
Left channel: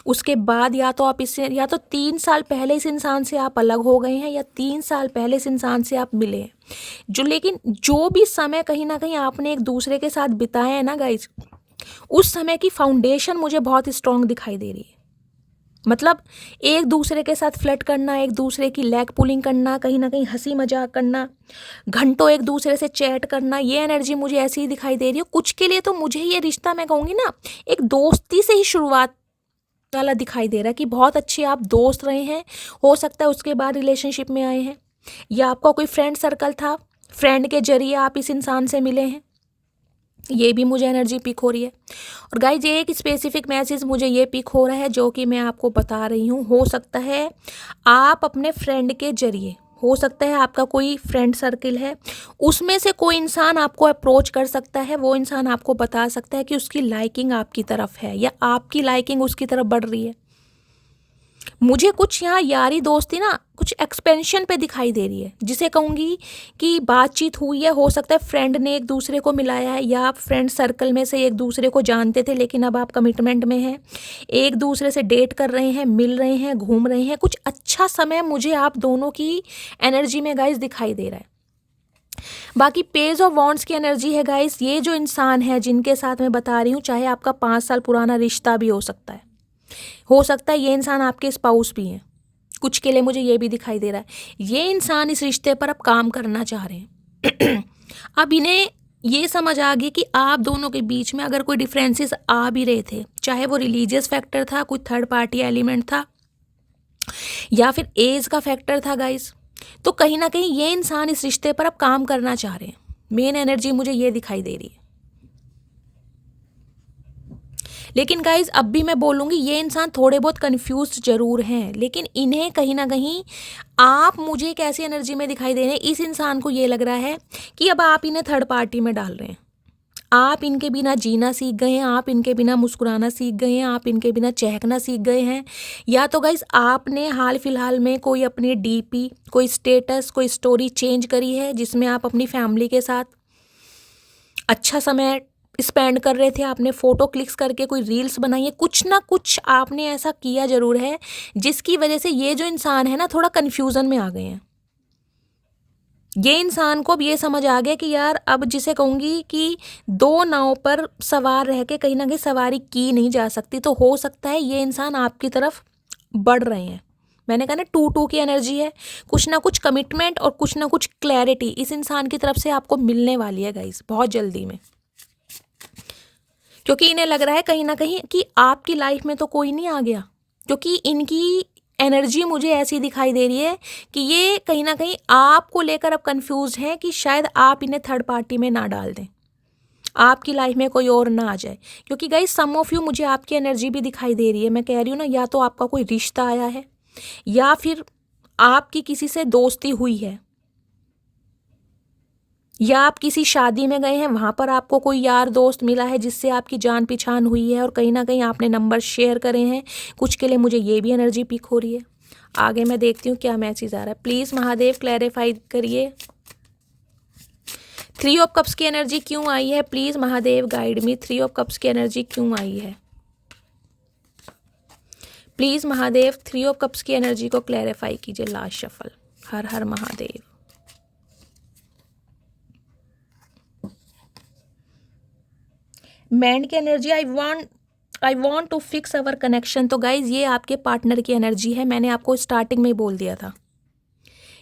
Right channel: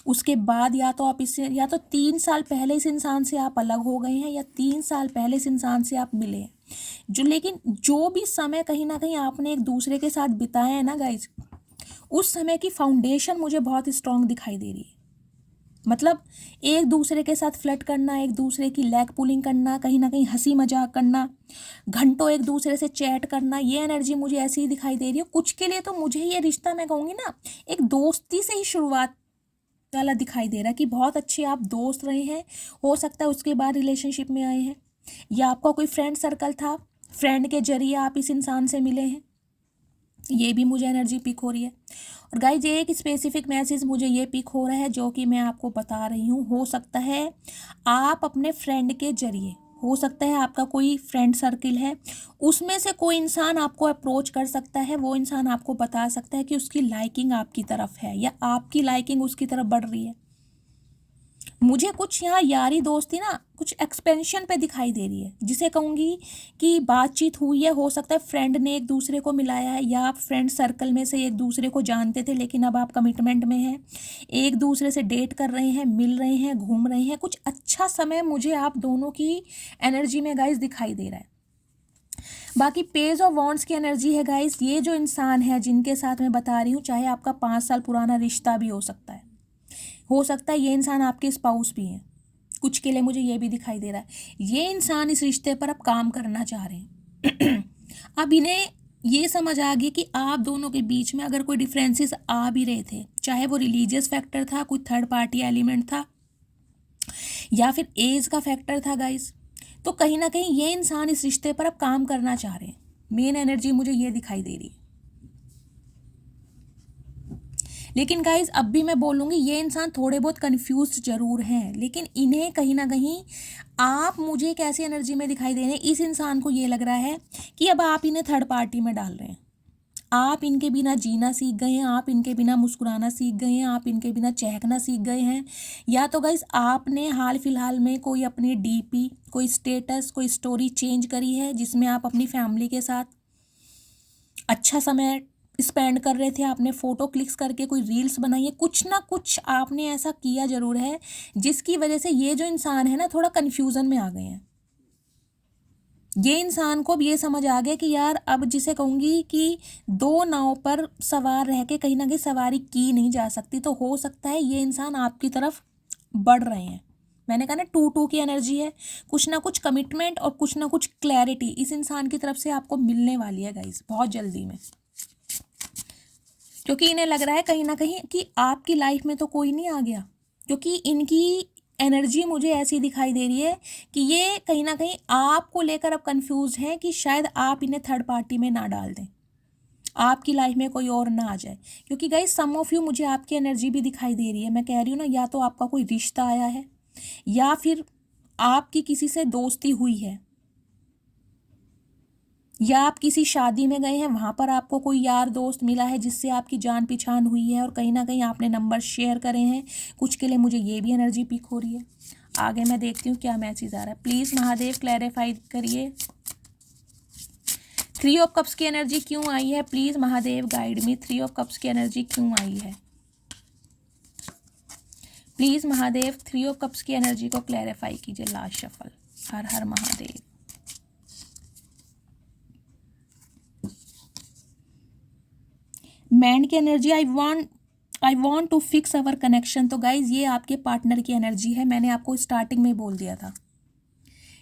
उसके बाद या तो आप इससे, या तो 3 साल पहले इस इंसान से आप अलग हो गए हैं, या 3 साल पहले इस इंसान से आप मिले हैं। लेकिन जो भी समय कहीं ना कहीं आपने एक दूसरे के साथ बिताया है ना गाइस, उस समय की फाउंडेशन मुझे बहुत स्ट्रांग दिखाई दे रही है। मतलब एक दूसरे के साथ फ्लर्ट करना, एक दूसरे की लेग पुलिंग करना, कहीं ना कहीं हंसी मजाक करना, घंटों एक दूसरे से चैट करना, ये एनर्जी मुझे ऐसी ही दिखाई दे रही है। कुछ के लिए तो मुझे ये रिश्ता, मैं कहूँगी ना, एक दोस्ती से ही शुरुआत वाला दिखाई दे रहा है कि बहुत अच्छे आप दोस्त रहे हैं। हो सकता है उसके बाद रिलेशनशिप में आए हैं, या आपका कोई फ्रेंड सर्कल था, फ्रेंड के जरिए आप इस इंसान से मिले हैं। ये भी मुझे एनर्जी पिक हो रही है। और गाइज एक स्पेसिफिक मैसेज मुझे ये पिक हो रहा है जो कि मैं आपको बता रही हूँ। हो सकता है आप अपने फ्रेंड के जरिए, हो सकता है आपका कोई फ्रेंड सर्किल है, उसमें से कोई इंसान आपको अप्रोच कर सकता है। वो इंसान आपको बता सकता है कि उसकी लाइकिंग आपकी तरफ है, या आपकी लाइकिंग उसकी तरफ बढ़ रही है। मुझे कुछ यहाँ यारी दोस्ती ना कुछ एक्सपेंशन पे दिखाई दे रही है, जिसे कहूँगी कि बातचीत हुई है। हो सकता है फ्रेंड ने एक दूसरे को मिलाया है, या आप फ्रेंड सर्कल में से एक दूसरे को जानते थे लेकिन अब आप कमिटमेंट में हैं, एक दूसरे से डेट कर रहे हैं, मिल रहे हैं, घूम रहे हैं। कुछ अच्छा समय मुझे आप दोनों की एनर्जी में गाइस दिखाई दे रहा है। बाकी पेज ऑफ वॉन्ड्स की एनर्जी है गाइस। ये जो इंसान है जिनके साथ मैं बता रही हूँ, चाहे आपका 5 साल पुराना रिश्ता भी हो सकता है, हो सकता है ये इंसान आपके स्पाउस भी हैं। कुछ के लिए मुझे ये भी दिखाई दे रहा है ये इंसान इस रिश्ते पर अब काम करना चाह रहे हैं। अब इन्हें ये समझ आ गई कि आप दोनों के बीच में अगर कोई डिफरेंसेस आ भी रहे थे, चाहे वो रिलीजियस फैक्टर था, कोई थर्ड पार्टी एलिमेंट था, या फिर एज का फैक्टर था गाइस, तो कहीं ना कहीं ये इंसान इस रिश्ते पर अब काम करना चाह रहे हैं। मेन एनर्जी मुझे ये दिखाई दे रही है। लेकिन गाइज अब भी मैं बोलूँगी ये इंसान थोड़े बहुत कंफ्यूज जरूर हैं, लेकिन इन्हें कहीं ना कहीं आप, मुझे एक ऐसी एनर्जी में दिखाई दे रहे हैं, इस इंसान को ये लग रहा है कि अब आप इन्हें थर्ड पार्टी में डाल रहे हैं। आप इनके बिना जीना सीख गए हैं, आप इनके बिना मुस्कुराना सीख गए हैं, आप इनके बिना चहकना सीख गए हैं। या तो गाइज आपने हाल फिलहाल में कोई अपनी डीपी, कोई स्टेटस, कोई स्टोरी चेंज करी है जिसमें आप अपनी फैमिली के साथ अच्छा समय स्पेंड कर रहे थे, आपने फ़ोटो क्लिक्स करके कोई रील्स बनाई है, कुछ ना कुछ आपने ऐसा किया ज़रूर है जिसकी वजह से ये जो इंसान है ना थोड़ा कन्फ्यूज़न में आ गए हैं। ये इंसान को अब ये समझ आ गया कि यार अब जिसे कहूँगी कि दो नाव पर सवार रह के कहीं ना कहीं सवारी की नहीं जा सकती, तो हो सकता है ये इंसान आपकी तरफ बढ़ रहे हैं। मैंने कहा ना 2-2 की एनर्जी है, कुछ ना कुछ कमिटमेंट और कुछ ना कुछ क्लैरिटी इस इंसान की तरफ से आपको मिलने वाली है गाइस, बहुत जल्दी में। क्योंकि इन्हें लग रहा है कहीं ना कहीं कि आपकी लाइफ में तो कोई नहीं आ गया, क्योंकि इनकी एनर्जी मुझे ऐसी दिखाई दे रही है कि ये कहीं ना कहीं आपको लेकर अब कंफ्यूज है कि शायद आप इन्हें थर्ड पार्टी में ना डाल दें, आपकी लाइफ में कोई और ना आ जाए। क्योंकि गाइस सम ऑफ यू, मुझे आपकी एनर्जी भी दिखाई दे रही है। मैं कह रही हूँ ना, या तो आपका कोई रिश्ता आया है या फिर आपकी किसी से दोस्ती हुई है, या आप किसी शादी में गए हैं, वहाँ पर आपको कोई यार दोस्त मिला है जिससे आपकी जान पहचान हुई है और कहीं ना कहीं आपने नंबर शेयर करे हैं। कुछ के लिए मुझे ये भी एनर्जी पिक हो रही है। आगे मैं देखती हूँ क्या मैसेज आ रहा है। प्लीज़ महादेव क्लैरिफाई करिए, 3 ऑफ कप्स की एनर्जी क्यों आई है? Please Mahadev guide me, 3 of cups की एनर्जी क्यों आई है? प्लीज़ महादेव 3 ऑफ कप्स की एनर्जी को क्लैरिफाई कीजिए। Last shuffle. हर हर महादेव। मैन की energy, I want to fix our connection. तो गाइज ये आपके पार्टनर की एनर्जी है। मैंने आपको स्टार्टिंग में बोल दिया था,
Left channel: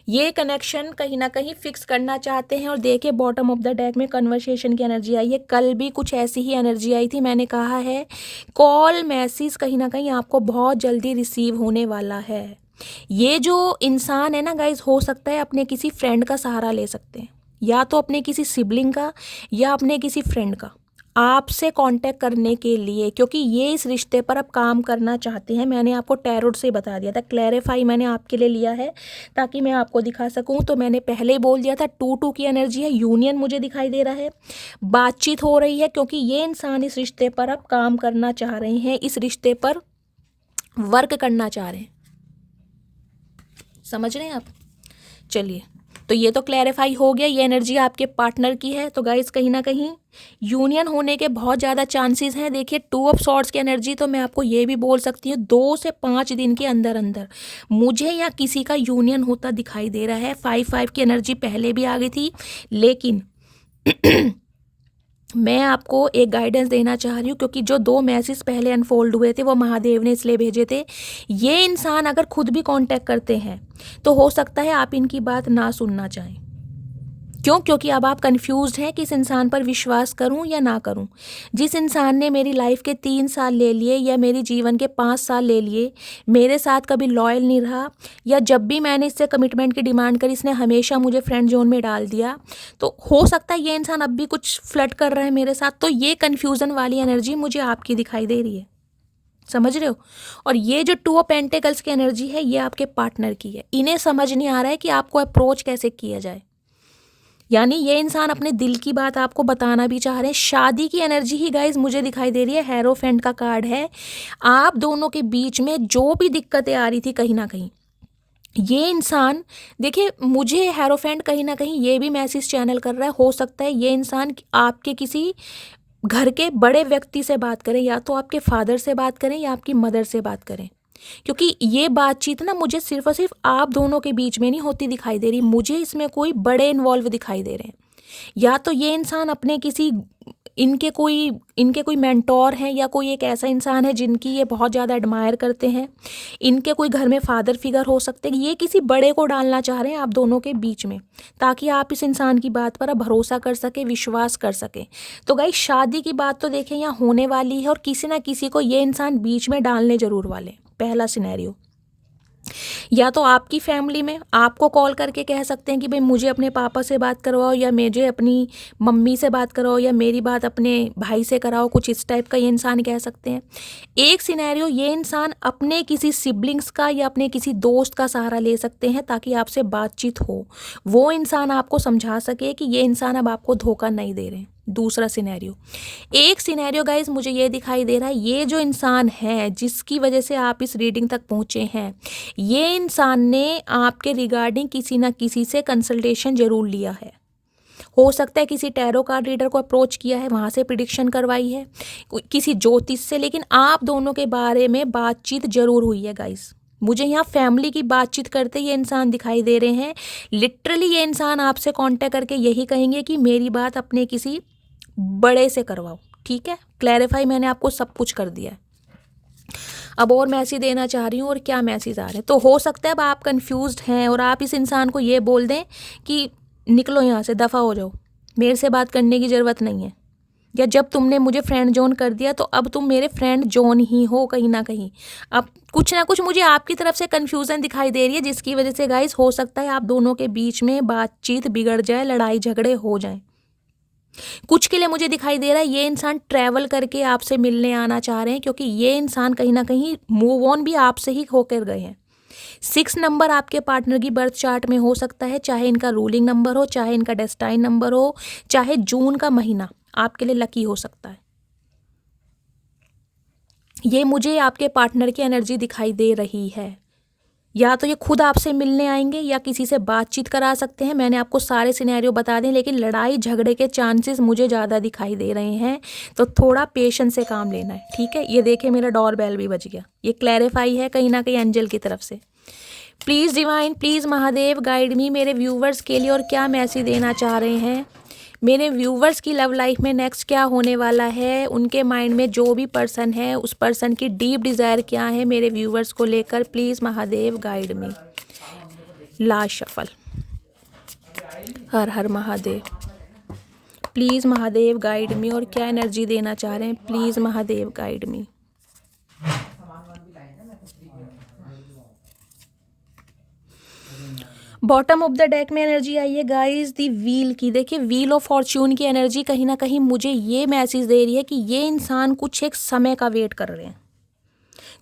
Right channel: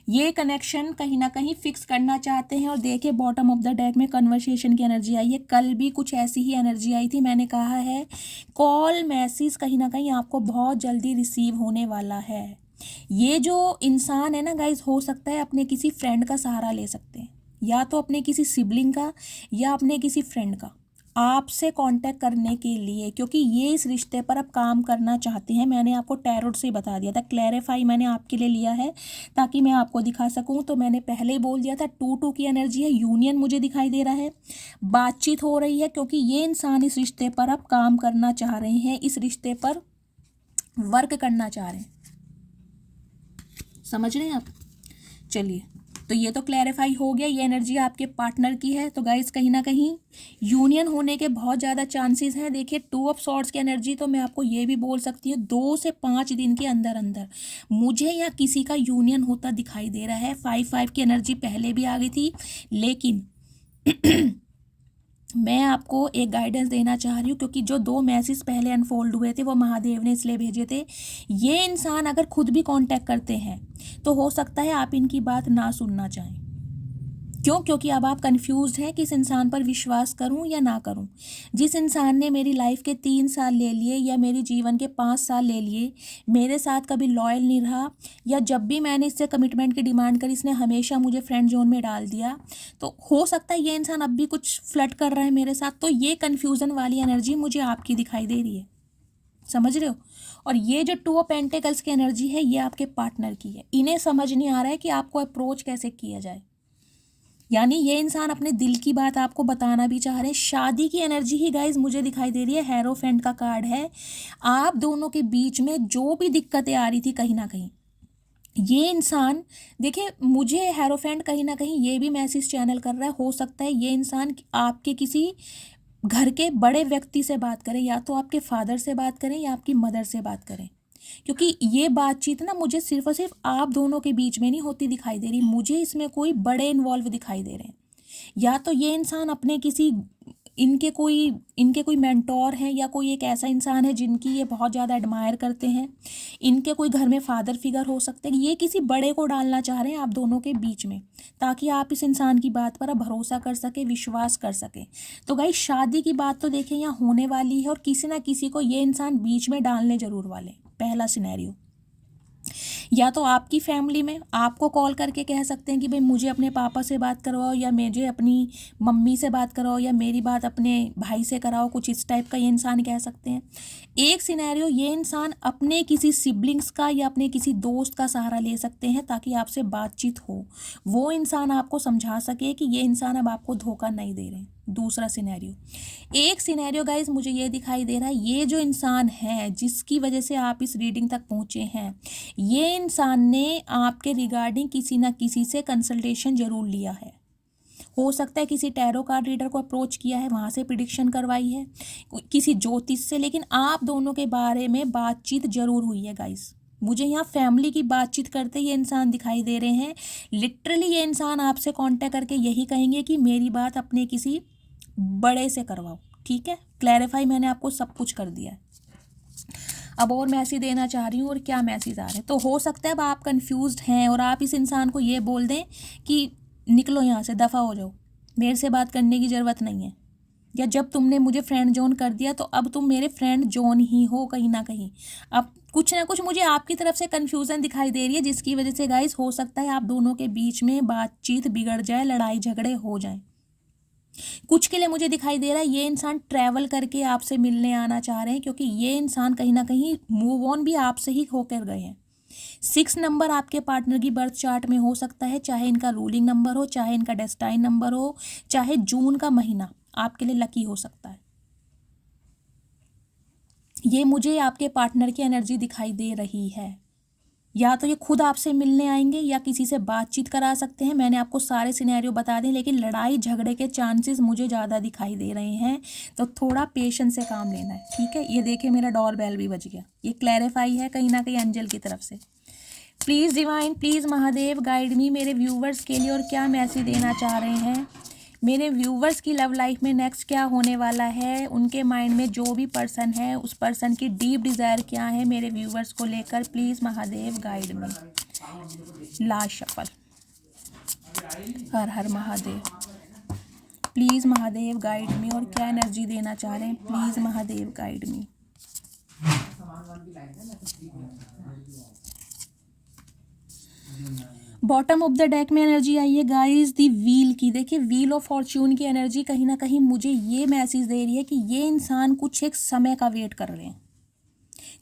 ये कनेक्शन कहीं ना कहीं फिक्स करना चाहते हैं। और देखिए बॉटम ऑफ द डेक में कन्वर्सेशन की एनर्जी आई है। कल भी कुछ ऐसी ही एनर्जी आई थी। मैंने कहा है कॉल मैसेज कहीं ना कहीं आपको बहुत जल्दी रिसीव होने वाला है। ये जो इंसान है ना गाइज, हो सकता है अपने किसी फ्रेंड का सहारा ले सकते हैं, या तो अपने किसी सिबलिंग का या अपने किसी फ्रेंड का, आपसे कांटेक्ट करने के लिए, क्योंकि ये इस रिश्ते पर अब काम करना चाहते हैं। मैंने आपको टैरोट से बता दिया था, क्लैरिफाई मैंने आपके लिए लिया है ताकि मैं आपको दिखा सकूं। तो मैंने पहले ही बोल दिया था 2-2 की एनर्जी है, यूनियन मुझे दिखाई दे रहा है, बातचीत हो रही है, क्योंकि ये इंसान इस रिश्ते पर अब काम करना चाह रहे हैं, इस रिश्ते पर वर्क करना चाह रहे हैं। समझ रहे हैं आप? चलिए, तो ये तो क्लैरिफाई हो गया, ये एनर्जी आपके पार्टनर की है। तो गाइस कहीं ना कहीं यूनियन होने के बहुत ज़्यादा चांसेस हैं। देखिए 2 ऑफ सॉर्ड्स की एनर्जी, तो मैं आपको ये भी बोल सकती हूँ 2 से 5 दिन के अंदर अंदर मुझे या किसी का यूनियन होता दिखाई दे रहा है। 5-5 की एनर्जी पहले भी आ गई थी, लेकिन मैं आपको एक गाइडेंस देना चाह रही हूँ, क्योंकि जो 2 मैसेज पहले अनफोल्ड हुए थे वो महादेव ने इसलिए भेजे थे। ये इंसान अगर खुद भी कांटेक्ट करते हैं तो हो सकता है आप इनकी बात ना सुनना चाहें। क्यों? क्योंकि अब आप कंफ्यूज्ड हैं कि इस इंसान पर विश्वास करूं या ना करूं। जिस इंसान ने मेरी लाइफ के 3 साल ले लिए या मेरे जीवन के 5 साल ले लिए, मेरे साथ कभी लॉयल नहीं रहा, या जब भी मैंने इससे कमिटमेंट की डिमांड करी इसने हमेशा मुझे फ्रेंड जोन में डाल दिया। तो हो सकता है ये इंसान अब भी कुछ फ्लर्ट कर रहा है मेरे साथ। तो ये कन्फ्यूज़न वाली एनर्जी मुझे आपकी दिखाई दे रही है। समझ रहे हो? और ये जो 2 ऑफ पेंटिकल्स की एनर्जी है ये आपके पार्टनर की है। इन्हें समझ नहीं आ रहा है कि आपको अप्रोच कैसे किया जाए, यानी ये इंसान अपने दिल की बात आपको बताना भी चाह रहे हैं। शादी की एनर्जी ही गाइज मुझे दिखाई दे रही है, हेरोफेंट का कार्ड है। आप दोनों के बीच में जो भी दिक्कतें आ रही थी कहीं ना कहीं, ये इंसान, देखिए मुझे हेरोफेंट कहीं ना कहीं ये भी मैसेज चैनल कर रहा है, हो सकता है ये इंसान आपके किसी घर के बड़े व्यक्ति से बात करें, या तो आपके फादर से बात करें या आपकी मदर से बात करें। क्योंकि ये बातचीत ना मुझे सिर्फ और सिर्फ आप दोनों के बीच में नहीं होती दिखाई दे रही, मुझे इसमें कोई बड़े इन्वॉल्व दिखाई दे रहे हैं। या तो ये इंसान अपने किसी इनके कोई मेंटोर हैं, या कोई एक ऐसा इंसान है जिनकी ये बहुत ज़्यादा एडमायर करते हैं। इनके कोई घर में फादर फिगर हो सकते हैं। ये किसी बड़े को डालना चाह रहे हैं आप दोनों के बीच में, ताकि आप इस इंसान की बात पर अब भरोसा कर सके, विश्वास कर सके। तो गाइस शादी की बात तो देखें यहाँ होने वाली है, और किसी ना किसी को ये इंसान बीच में डालने जरूर वाले। पहला सिनेरियो, या तो आपकी फैमिली में आपको कॉल करके कह सकते हैं कि भाई मुझे अपने पापा से बात करवाओ, या मुझे अपनी मम्मी से बात कराओ, या मेरी बात अपने भाई से कराओ, कुछ इस टाइप का ये इंसान कह सकते हैं। एक सिनेरियो, ये इंसान अपने किसी सिबलिंग्स का या अपने किसी दोस्त का सहारा ले सकते हैं ताकि आपसे बातचीत हो, वो इंसान आपको समझा सके कि ये इंसान अब आपको धोखा नहीं दे रहे हैं। दूसरा सिनेरियो, एक सिनेरियो गाइज मुझे ये दिखाई दे रहा है, ये जो इंसान है जिसकी वजह से आप इस रीडिंग तक पहुँचे हैं, ये इंसान ने आपके रिगार्डिंग किसी ना किसी से कंसल्टेशन जरूर लिया है। हो सकता है किसी टैरो कार्ड रीडर को अप्रोच किया है, वहाँ से प्रिडिक्शन करवाई है, किसी ज्योतिष से, लेकिन आप दोनों के बारे में बातचीत जरूर हुई है गाइस। मुझे यहाँ फैमिली की बातचीत करते ये इंसान दिखाई दे रहे हैं। लिटरली ये इंसान आपसे कांटेक्ट करके यही कहेंगे कि मेरी बात अपने किसी बड़े से करवाओ। ठीक है, क्लैरिफाई मैंने आपको सब कुछ कर दिया है। अब और मैसेज देना चाह रही हूँ और क्या मैसेज आ रहे हैं। तो हो सकता है अब आप कंफ्यूज्ड हैं और आप इस इंसान को ये बोल दें कि निकलो यहाँ से, दफ़ा हो जाओ, मेरे से बात करने की ज़रूरत नहीं है, या जब तुमने मुझे फ्रेंड जोन कर दिया तो अब तुम मेरे फ्रेंड जोन ही हो कहीं ना कहीं। अब कुछ ना कुछ मुझे आपकी तरफ से कन्फ्यूज़न दिखाई दे रही है, जिसकी वजह से गाइस हो सकता है आप दोनों के बीच में बातचीत बिगड़ जाए, लड़ाई झगड़े हो जाएं। कुछ के लिए मुझे दिखाई दे रहा है ये इंसान ट्रैवल करके आपसे मिलने आना चाह रहे हैं, क्योंकि ये इंसान कहीं ना कहीं मूव ऑन भी आपसे ही होकर गए हैं। 6 नंबर आपके पार्टनर की बर्थ चार्ट में हो सकता है, चाहे इनका रूलिंग नंबर हो, चाहे इनका डेस्टाइन नंबर हो, चाहे जून का महीना आपके लिए लकी हो सकता है। ये मुझे आपके पार्टनर की एनर्जी दिखाई दे रही है। या तो ये खुद आपसे मिलने आएंगे या किसी से बातचीत करा सकते हैं। मैंने आपको सारे सिनेरियो बता दें, लेकिन लड़ाई झगड़े के चांसेस मुझे ज़्यादा दिखाई दे रहे हैं, तो थोड़ा पेशेंस से काम लेना है। ठीक है, ये देखिए मेरा डोर बेल भी बज गया। ये क्लैरिफाई है कहीं ना कहीं एंजल की तरफ से। Please divine, please Mahadev guide मी, मेरे व्यूवर्स के लिए और क्या मैसेज देना चाह रहे हैं। मेरे व्यूवर्स की लव लाइफ में नेक्स्ट क्या होने वाला है, उनके माइंड में जो भी पर्सन है उस पर्सन की डीप डिज़ायर क्या है मेरे व्यूवर्स को लेकर। Please Mahadev guide me. Last shuffle. हर हर महादेव। प्लीज़ महादेव गाइड मी, और क्या एनर्जी देना चाह रहे हैं। Please Mahadev guide me. Bottom of the deck में एनर्जी आई है गाइस दी व्हील की। देखिए व्हील ऑफ फॉर्च्यून की एनर्जी कहीं ना कहीं मुझे ये मैसेज दे रही है कि ये इंसान कुछ एक समय का वेट कर रहे हैं,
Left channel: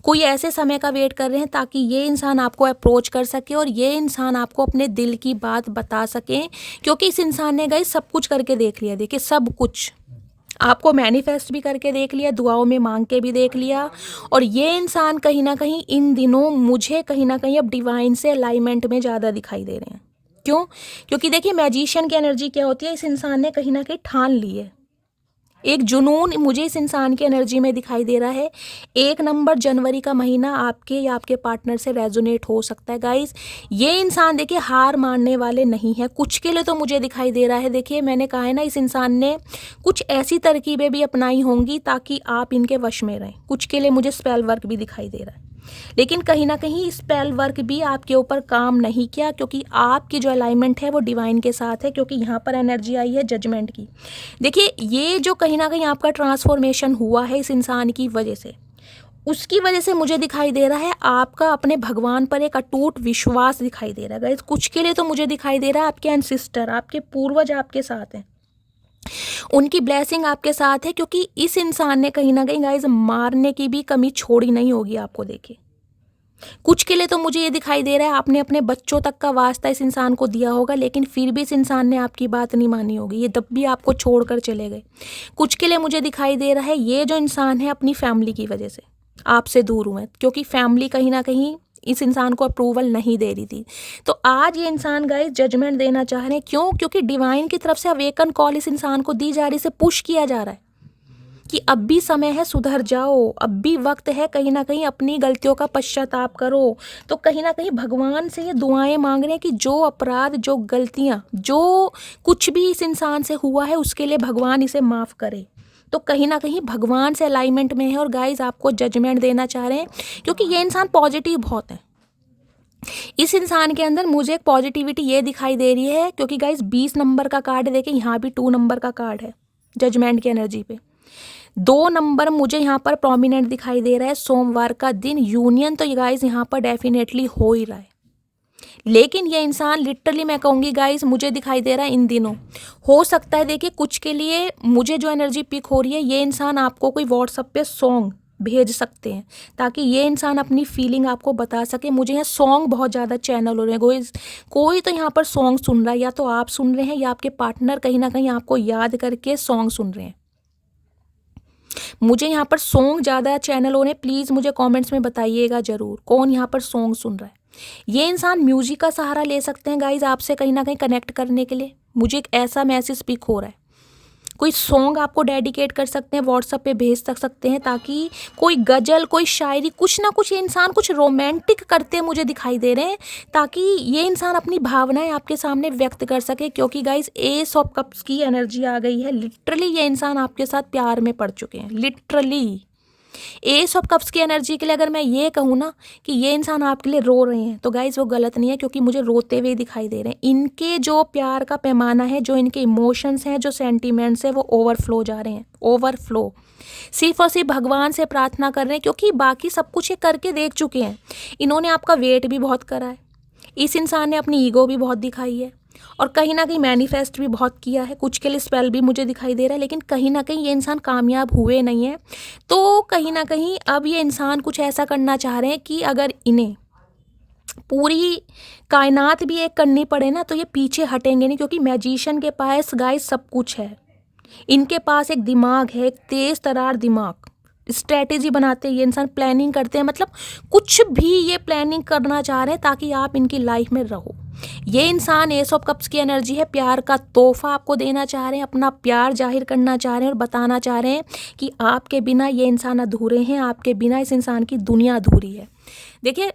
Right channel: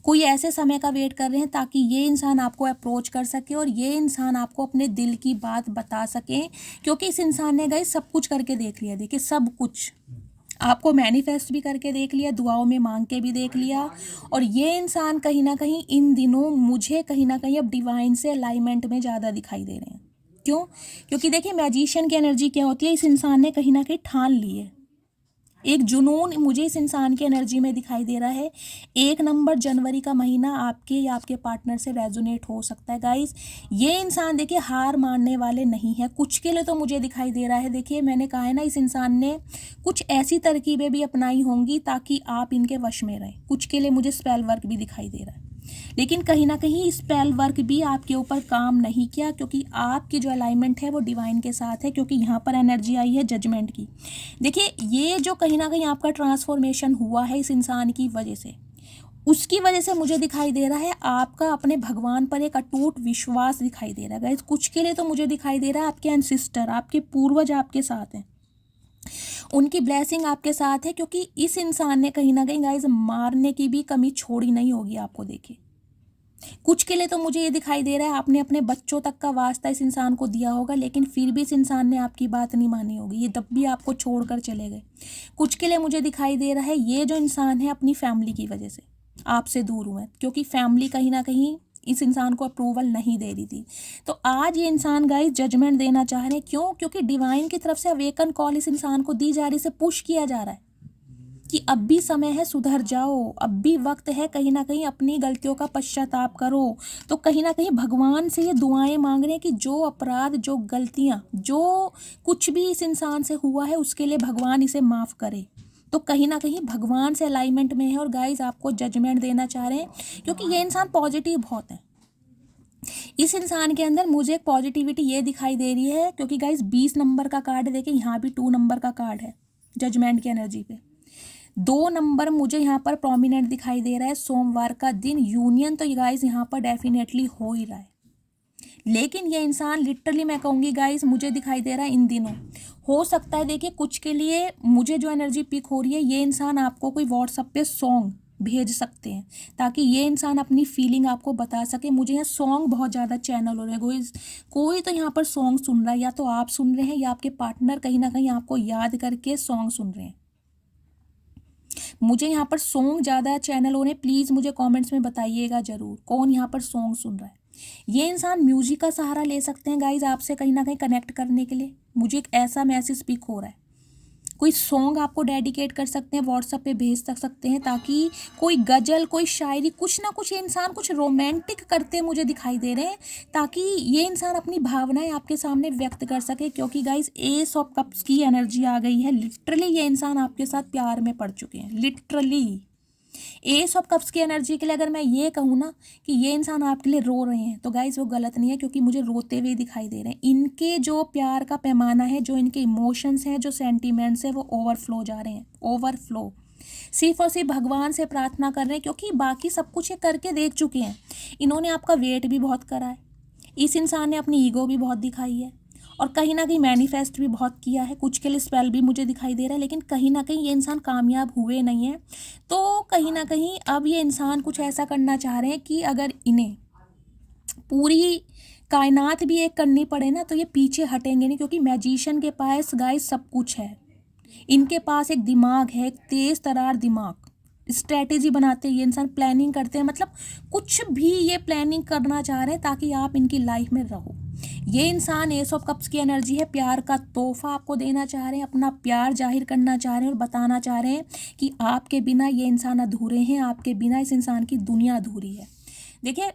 कोई ऐसे समय का वेट कर रहे हैं ताकि ये इंसान आपको अप्रोच कर सके और ये इंसान आपको अपने दिल की बात बता सके, क्योंकि इस इंसान ने गाइस सब कुछ करके देख लिया। देखिए सब कुछ आपको मैनिफेस्ट भी करके देख लिया, दुआओं में मांग के भी देख लिया, और ये इंसान कहीं ना कहीं इन दिनों मुझे कहीं ना कहीं अब डिवाइन से अलाइनमेंट में ज़्यादा दिखाई दे रहे हैं। क्यों? क्योंकि देखिए मैजिशियन की एनर्जी क्या होती है, इस इंसान ने कहीं ना कहीं ठान ली है। एक जुनून मुझे इस इंसान की एनर्जी में दिखाई दे रहा है। 1 नंबर जनवरी का महीना आपके या आपके पार्टनर से रेजोनेट हो सकता है गाइस। ये इंसान देखिए हार मानने वाले नहीं है। कुछ के लिए तो मुझे दिखाई दे रहा है, देखिए मैंने कहा है ना, इस इंसान ने कुछ ऐसी तरकीबें भी अपनाई होंगी ताकि आप इनके वश में रहें। कुछ के लिए मुझे स्पेल वर्क भी दिखाई दे रहा है, लेकिन कहीं ना कहीं स्पेल वर्क भी आपके ऊपर काम नहीं किया, क्योंकि आपकी जो अलाइनमेंट है वो डिवाइन के साथ है। क्योंकि यहाँ पर एनर्जी आई है जजमेंट की। देखिए ये जो कहीं ना कहीं आपका ट्रांसफॉर्मेशन हुआ है इस इंसान की वजह से, उसकी वजह से मुझे दिखाई दे रहा है आपका अपने भगवान पर एक अटूट विश्वास दिखाई दे रहा है गाइस। कुछ के लिए तो मुझे दिखाई दे रहा है आपके एंसिस्टर, आपके पूर्वज आपके साथ हैं, उनकी ब्लेसिंग आपके साथ है, क्योंकि इस इंसान ने कहीं ना कहीं गाइस मारने की भी कमी छोड़ी नहीं होगी आपको। देखिए कुछ के लिए तो मुझे ये दिखाई दे रहा है आपने अपने बच्चों तक का वास्ता इस इंसान को दिया होगा, लेकिन फिर भी इस इंसान ने आपकी बात नहीं मानी होगी, ये तब भी आपको छोड़कर चले गए। कुछ के लिए मुझे दिखाई दे रहा है ये जो इंसान है अपनी फैमिली की वजह से आपसे दूर हुए, क्योंकि फैमिली कहीं ना कहीं इस इंसान को अप्रूवल नहीं दे रही थी। तो आज ये इंसान गाइस जजमेंट देना चाह रहे हैं। क्यों? क्योंकि डिवाइन की तरफ से अवेकन कॉल इस इंसान को दी जा रही, से पुश किया जा रहा है कि अब भी समय है, सुधर जाओ, अब भी वक्त है, कहीं ना कहीं अपनी गलतियों का पश्चाताप करो। तो कहीं ना कहीं भगवान से ये दुआएं मांग रहे हैं कि जो अपराध, जो गलतियां, जो कुछ भी इस इंसान से हुआ है उसके लिए भगवान इसे माफ़ करे। तो कहीं ना कहीं भगवान से अलाइनमेंट में है और गाइस आपको जजमेंट देना चाह रहे हैं, क्योंकि ये इंसान पॉजिटिव बहुत है। इस इंसान के अंदर मुझे एक पॉजिटिविटी ये दिखाई दे रही है, क्योंकि गाइस 20 नंबर का कार्ड है, देखिए यहाँ भी 2 नंबर का कार्ड है जजमेंट की एनर्जी पे। 2 नंबर मुझे यहाँ पर प्रोमिनेंट दिखाई दे रहा है। सोमवार का दिन यूनियन तो गाइस यहाँ पर डेफिनेटली हो ही रहा है, लेकिन ये इंसान लिटरली मैं कहूँगी गाइस मुझे दिखाई दे रहा है इन दिनों हो सकता है। देखिए कुछ के लिए मुझे जो एनर्जी पिक हो रही है, ये इंसान आपको कोई व्हाट्सएप पे सॉन्ग भेज सकते हैं ताकि ये इंसान अपनी फीलिंग आपको बता सके। मुझे यहाँ सॉन्ग बहुत ज़्यादा चैनल हो रहे हैं, कोई तो यहाँ पर सॉन्ग सुन रहा है, या तो आप सुन रहे हैं या आपके पार्टनर कहीं ना कहीं आपको याद करके सॉन्ग सुन रहे हैं। मुझे यहाँ पर सॉन्ग ज़्यादा चैनल हो रहे हैं। प्लीज़ मुझे कमेंट्स में बताइएगा ज़रूर कौन यहाँ पर सॉन्ग सुन रहा है। ये इंसान म्यूजिक का सहारा ले सकते हैं गाइज आपसे कहीं ना कहीं कनेक्ट करने के लिए। मुझे एक ऐसा मैसेज पिक हो रहा है, कोई सॉन्ग आपको डेडिकेट कर सकते हैं, व्हाट्सएप पे भेज सकते हैं, ताकि कोई गज़ल, कोई शायरी, कुछ ना कुछ ये इंसान कुछ रोमांटिक करते मुझे दिखाई दे रहे हैं, ताकि ये इंसान अपनी भावनाएं आपके सामने व्यक्त कर सके। क्योंकि गाइज एस ऑफ कप्स की एनर्जी आ गई है, लिटरली ये इंसान आपके साथ प्यार में पड़ चुके हैं, लिटरली। एस ऑफ कप्स की एनर्जी के लिए अगर मैं ये कहूँ ना कि ये इंसान आपके लिए रो रहे हैं, तो गाइज वो गलत नहीं है, क्योंकि मुझे रोते हुए दिखाई दे रहे हैं। इनके जो प्यार का पैमाना है, जो इनके इमोशंस हैं, जो सेंटीमेंट्स हैं, वो ओवरफ्लो जा रहे हैं, ओवरफ्लो। सिर्फ और सिर्फ भगवान से प्रार्थना कर रहे हैं, क्योंकि बाकी सब कुछ ये करके देख चुके हैं। इन्होंने आपका वेट भी बहुत करा है, इस इंसान ने अपनी ईगो भी बहुत दिखाई है, और कहीं ना कहीं मैनिफेस्ट भी बहुत किया है। कुछ के लिए स्पेल भी मुझे दिखाई दे रहा है, लेकिन कहीं ना कहीं ये इंसान कामयाब हुए नहीं है। तो कहीं ना कहीं अब ये इंसान कुछ ऐसा करना चाह रहे हैं कि अगर इन्हें पूरी कायनात भी एक करनी पड़े ना, तो ये पीछे हटेंगे नहीं, क्योंकि मैजिशियन के पास गाइस सब कुछ है। इनके पास एक दिमाग है, एक तेज तरार दिमाग, स्ट्रेटेजी बनाते हैं ये इंसान, प्लानिंग करते हैं। मतलब कुछ भी ये प्लानिंग करना चाह रहे हैं ताकि आप इनकी लाइफ में रहो। ये इंसान एस ऑफ कप्स की एनर्जी है, प्यार का तोहफा आपको देना चाह रहे हैं, अपना प्यार जाहिर करना चाह रहे हैं और बताना चाह रहे हैं कि आपके बिना ये इंसान अधूरे हैं, आपके बिना इस इंसान की दुनिया अधूरी है। देखिए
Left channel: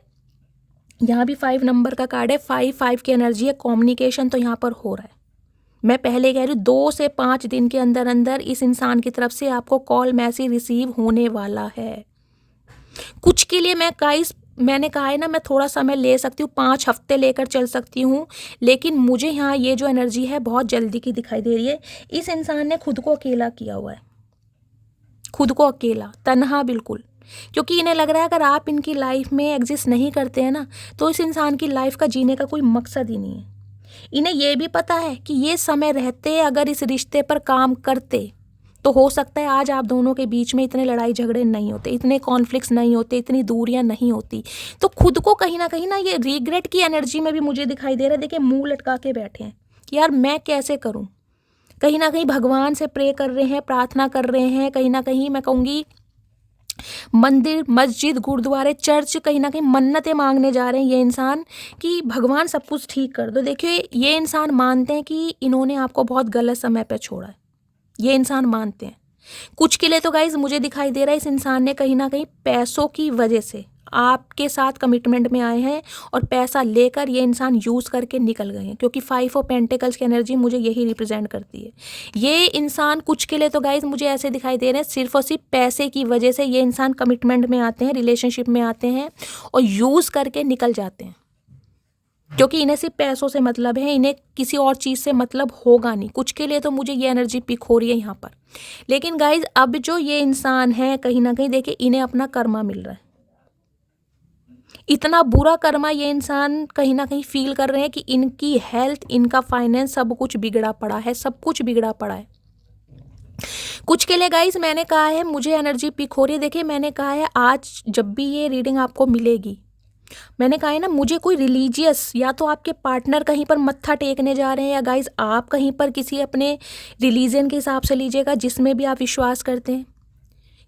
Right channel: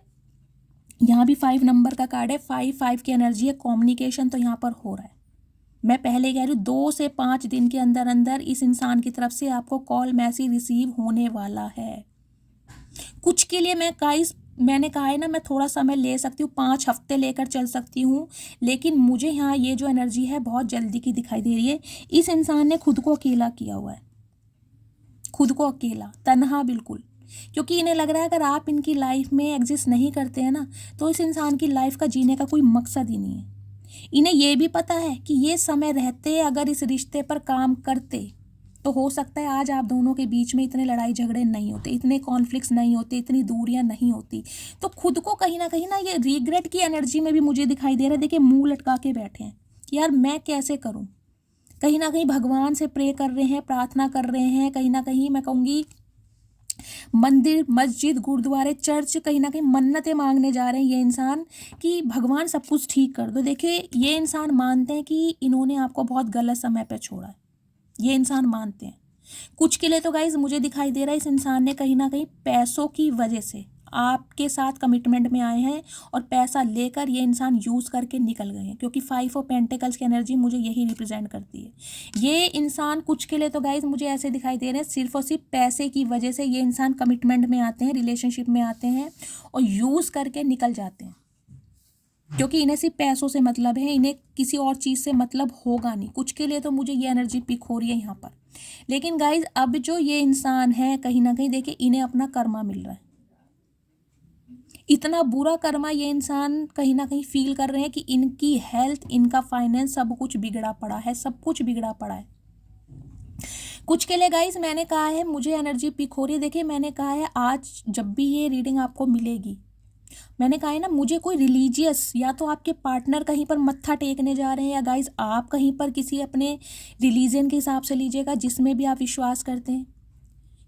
यहाँ भी 5 नंबर का कार्ड है, 5 की एनर्जी है, कम्युनिकेशन तो यहाँ पर हो रहा है। मैं पहले कह रही हूँ 2 से 5 दिन के अंदर अंदर इस इंसान की तरफ से आपको कॉल मैसेज रिसीव होने वाला है। कुछ के लिए मैंने कहा है ना, मैं थोड़ा समय ले सकती हूँ, 5 हफ्ते लेकर चल सकती हूँ, लेकिन मुझे यहाँ ये जो एनर्जी है बहुत जल्दी की दिखाई दे रही है। इस इंसान ने खुद को अकेला किया हुआ है, खुद को अकेला, तन्हा बिल्कुल, क्योंकि इन्हें लग रहा है अगर आप इनकी लाइफ में एग्जिस्ट नहीं करते हैं ना, तो इस इंसान की लाइफ का जीने का कोई मकसद ही नहीं है। इन्हें ये भी पता है कि ये समय रहते अगर इस रिश्ते पर काम करते, तो हो सकता है आज आप दोनों के बीच में इतने लड़ाई झगड़े नहीं होते, इतने कॉन्फ्लिक्ट्स नहीं होते, इतनी दूरियां नहीं होती। तो खुद को कहीं ना ये रिग्रेट की एनर्जी में भी मुझे दिखाई दे रहा है। देखिए मुंह लटका के बैठे हैं कि यार मैं कैसे करूं। कहीं ना कहीं भगवान से प्रे कर रहे हैं, प्रार्थना कर रहे हैं, कहीं ना कहीं मैं कहूँगी मंदिर, मस्जिद, गुरुद्वारे, चर्च, कहीं ना कहीं मन्नतें मांगने जा रहे हैं ये इंसान कि भगवान सब कुछ ठीक कर दो। देखिए ये इंसान मानते हैं कि इन्होंने आपको बहुत गलत समय पे छोड़ा है, ये इंसान मानते हैं। कुछ के लिए तो गाइज मुझे दिखाई दे रहा है इस इंसान ने कहीं ना कहीं पैसों की वजह से आपके साथ कमिटमेंट में आए हैं, और पैसा लेकर ये इंसान यूज़ करके निकल गए हैं, क्योंकि 5 ऑफ पेंटिकल्स की एनर्जी मुझे यही रिप्रेजेंट करती है। ये इंसान कुछ के लिए तो गाइज मुझे ऐसे दिखाई दे रहे हैं सिर्फ और सिर्फ पैसे की वजह से ये इंसान कमिटमेंट में आते हैं, रिलेशनशिप में आते हैं और यूज़ करके निकल जाते हैं, क्योंकि इन्हें सिर्फ पैसों से मतलब है, इन्हें किसी और चीज़ से मतलब होगा नहीं। कुछ के लिए तो मुझे ये एनर्जी पिक हो रही है यहाँ पर। लेकिन गाइज अब जो ये इंसान है कहीं ना कहीं देखिए इन्हें अपना कर्मा मिल रहा है, इतना बुरा कर्मा ये इंसान कहीं ना कहीं फील कर रहे हैं कि इनकी हेल्थ, इनका फाइनेंस सब कुछ बिगड़ा पड़ा है, सब कुछ बिगड़ा पड़ा है। कुछ के लिए गाइज मैंने कहा है मुझे एनर्जी पिक हो रही है। देखिए मैंने कहा है आज जब भी ये रीडिंग आपको मिलेगी, मैंने कहा है ना मुझे कोई रिलीजियस, या तो आपके पार्टनर कहीं पर मत्था टेकने जा रहे हैं, या गाइज आप कहीं पर किसी अपने रिलीजन के हिसाब से लीजिएगा जिसमें भी आप विश्वास करते हैं,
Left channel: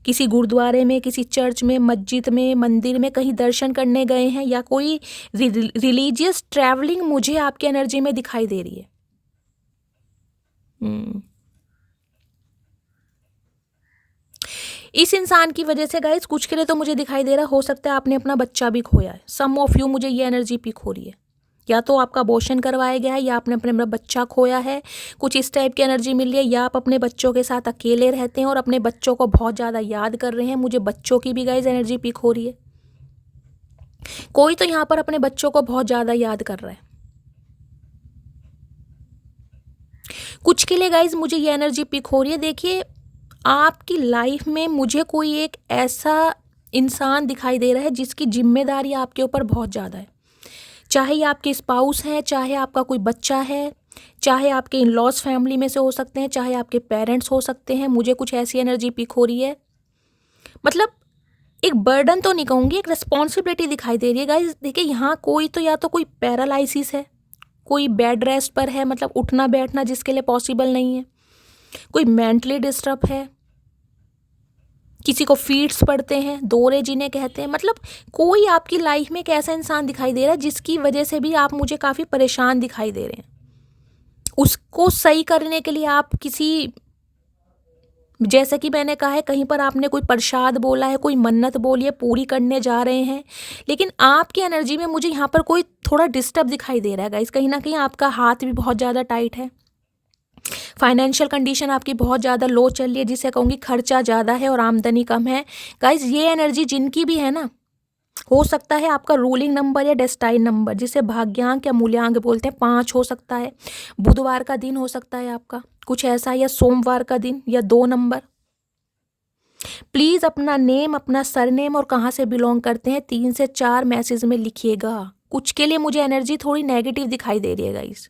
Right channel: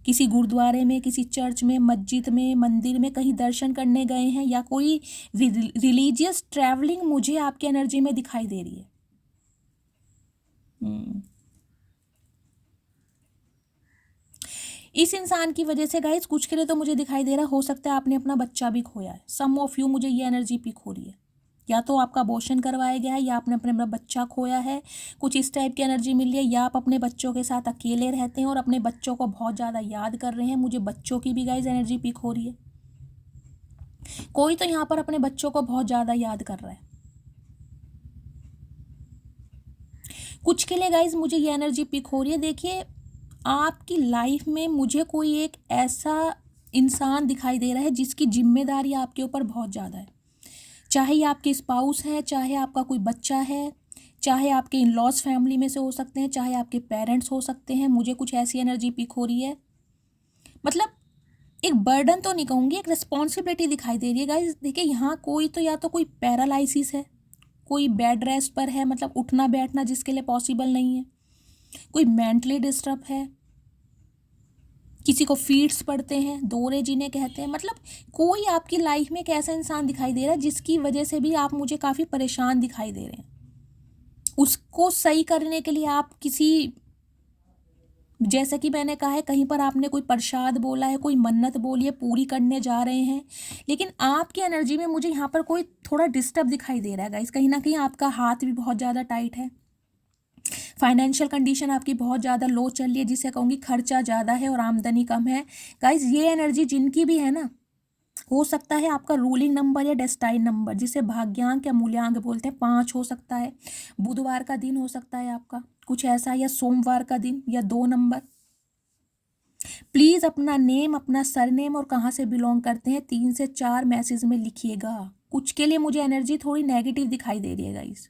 किसी गुरुद्वारे में, किसी चर्च में, मस्जिद में, मंदिर में कहीं दर्शन करने गए हैं, या कोई रिलीजियस ट्रैवलिंग मुझे आपकी एनर्जी में दिखाई दे रही है। इस इंसान की वजह से गाइस कुछ के लिए तो मुझे दिखाई दे रहा हो सकता है आपने अपना बच्चा भी खोया है। सम ऑफ यू, मुझे ये एनर्जी पिक हो रही है, या तो आपका अबॉर्शन करवाया गया है, या आपने अपने बच्चा खोया है, कुछ इस टाइप की एनर्जी मिल रही है, या आप अपने बच्चों के साथ अकेले रहते हैं और अपने बच्चों को बहुत ज़्यादा याद कर रहे हैं। मुझे बच्चों की भी गाइस एनर्जी पिक हो रही है, कोई तो यहाँ पर अपने बच्चों को बहुत ज़्यादा याद कर रहा है। कुछ के लिए गाइस मुझे ये एनर्जी पिक हो रही है। देखिए आपकी लाइफ में मुझे कोई एक ऐसा इंसान दिखाई दे रहा है जिसकी जिम्मेदारी आपके ऊपर बहुत ज़्यादा है, चाहे ये आपके स्पाउस हैं, चाहे आपका कोई बच्चा है, चाहे आपके इन लॉज फैमिली में से हो सकते हैं, चाहे आपके पेरेंट्स हो सकते हैं। मुझे कुछ ऐसी एनर्जी पिक हो रही है, मतलब एक बर्डन तो नहीं कहूँगी, एक रिस्पॉन्सिबिलिटी दिखाई दे रही है गाइस। देखिए यहाँ कोई तो या तो कोई पैरालाइसिस है, कोई बेड रेस्ट पर है, मतलब उठना बैठना जिसके लिए पॉसिबल नहीं है, कोई मेंटली डिस्टर्ब है, किसी को फीट्स पड़ते हैं, दौरे जिन्हें कहते हैं। मतलब कोई आपकी लाइफ में एक ऐसा इंसान दिखाई दे रहा है जिसकी वजह से भी आप मुझे काफ़ी परेशान दिखाई दे रहे हैं। उसको सही करने के लिए आप किसी जैसे कि मैंने कहा है, कहीं पर आपने कोई प्रसाद बोला है, कोई मन्नत बोली है, पूरी करने जा रहे हैं, लेकिन आपकी एनर्जी में मुझे यहाँ पर कोई थोड़ा डिस्टर्ब दिखाई दे रहा है गाइस। कहीं ना कहीं आपका हाथ भी बहुत ज़्यादा टाइट है, फाइनेंशियल कंडीशन आपकी बहुत ज़्यादा लो चल रही है, जिसे कहूँगी खर्चा ज़्यादा है और आमदनी कम है। गाइस ये एनर्जी जिनकी भी है ना, हो सकता है आपका रूलिंग नंबर या डेस्टाइन नंबर, जिसे भाग्यांक या मूल्यांक बोलते हैं, 5 हो सकता है, बुधवार का दिन हो सकता है आपका कुछ ऐसा, या सोमवार का दिन, या 2 नंबर। प्लीज़ अपना नेम, अपना सरनेम और कहाँ से बिलोंग करते हैं 3 से 4 मैसेज में लिखिएगा। कुछ के लिए मुझे एनर्जी थोड़ी नेगेटिव दिखाई दे रही है गाइस।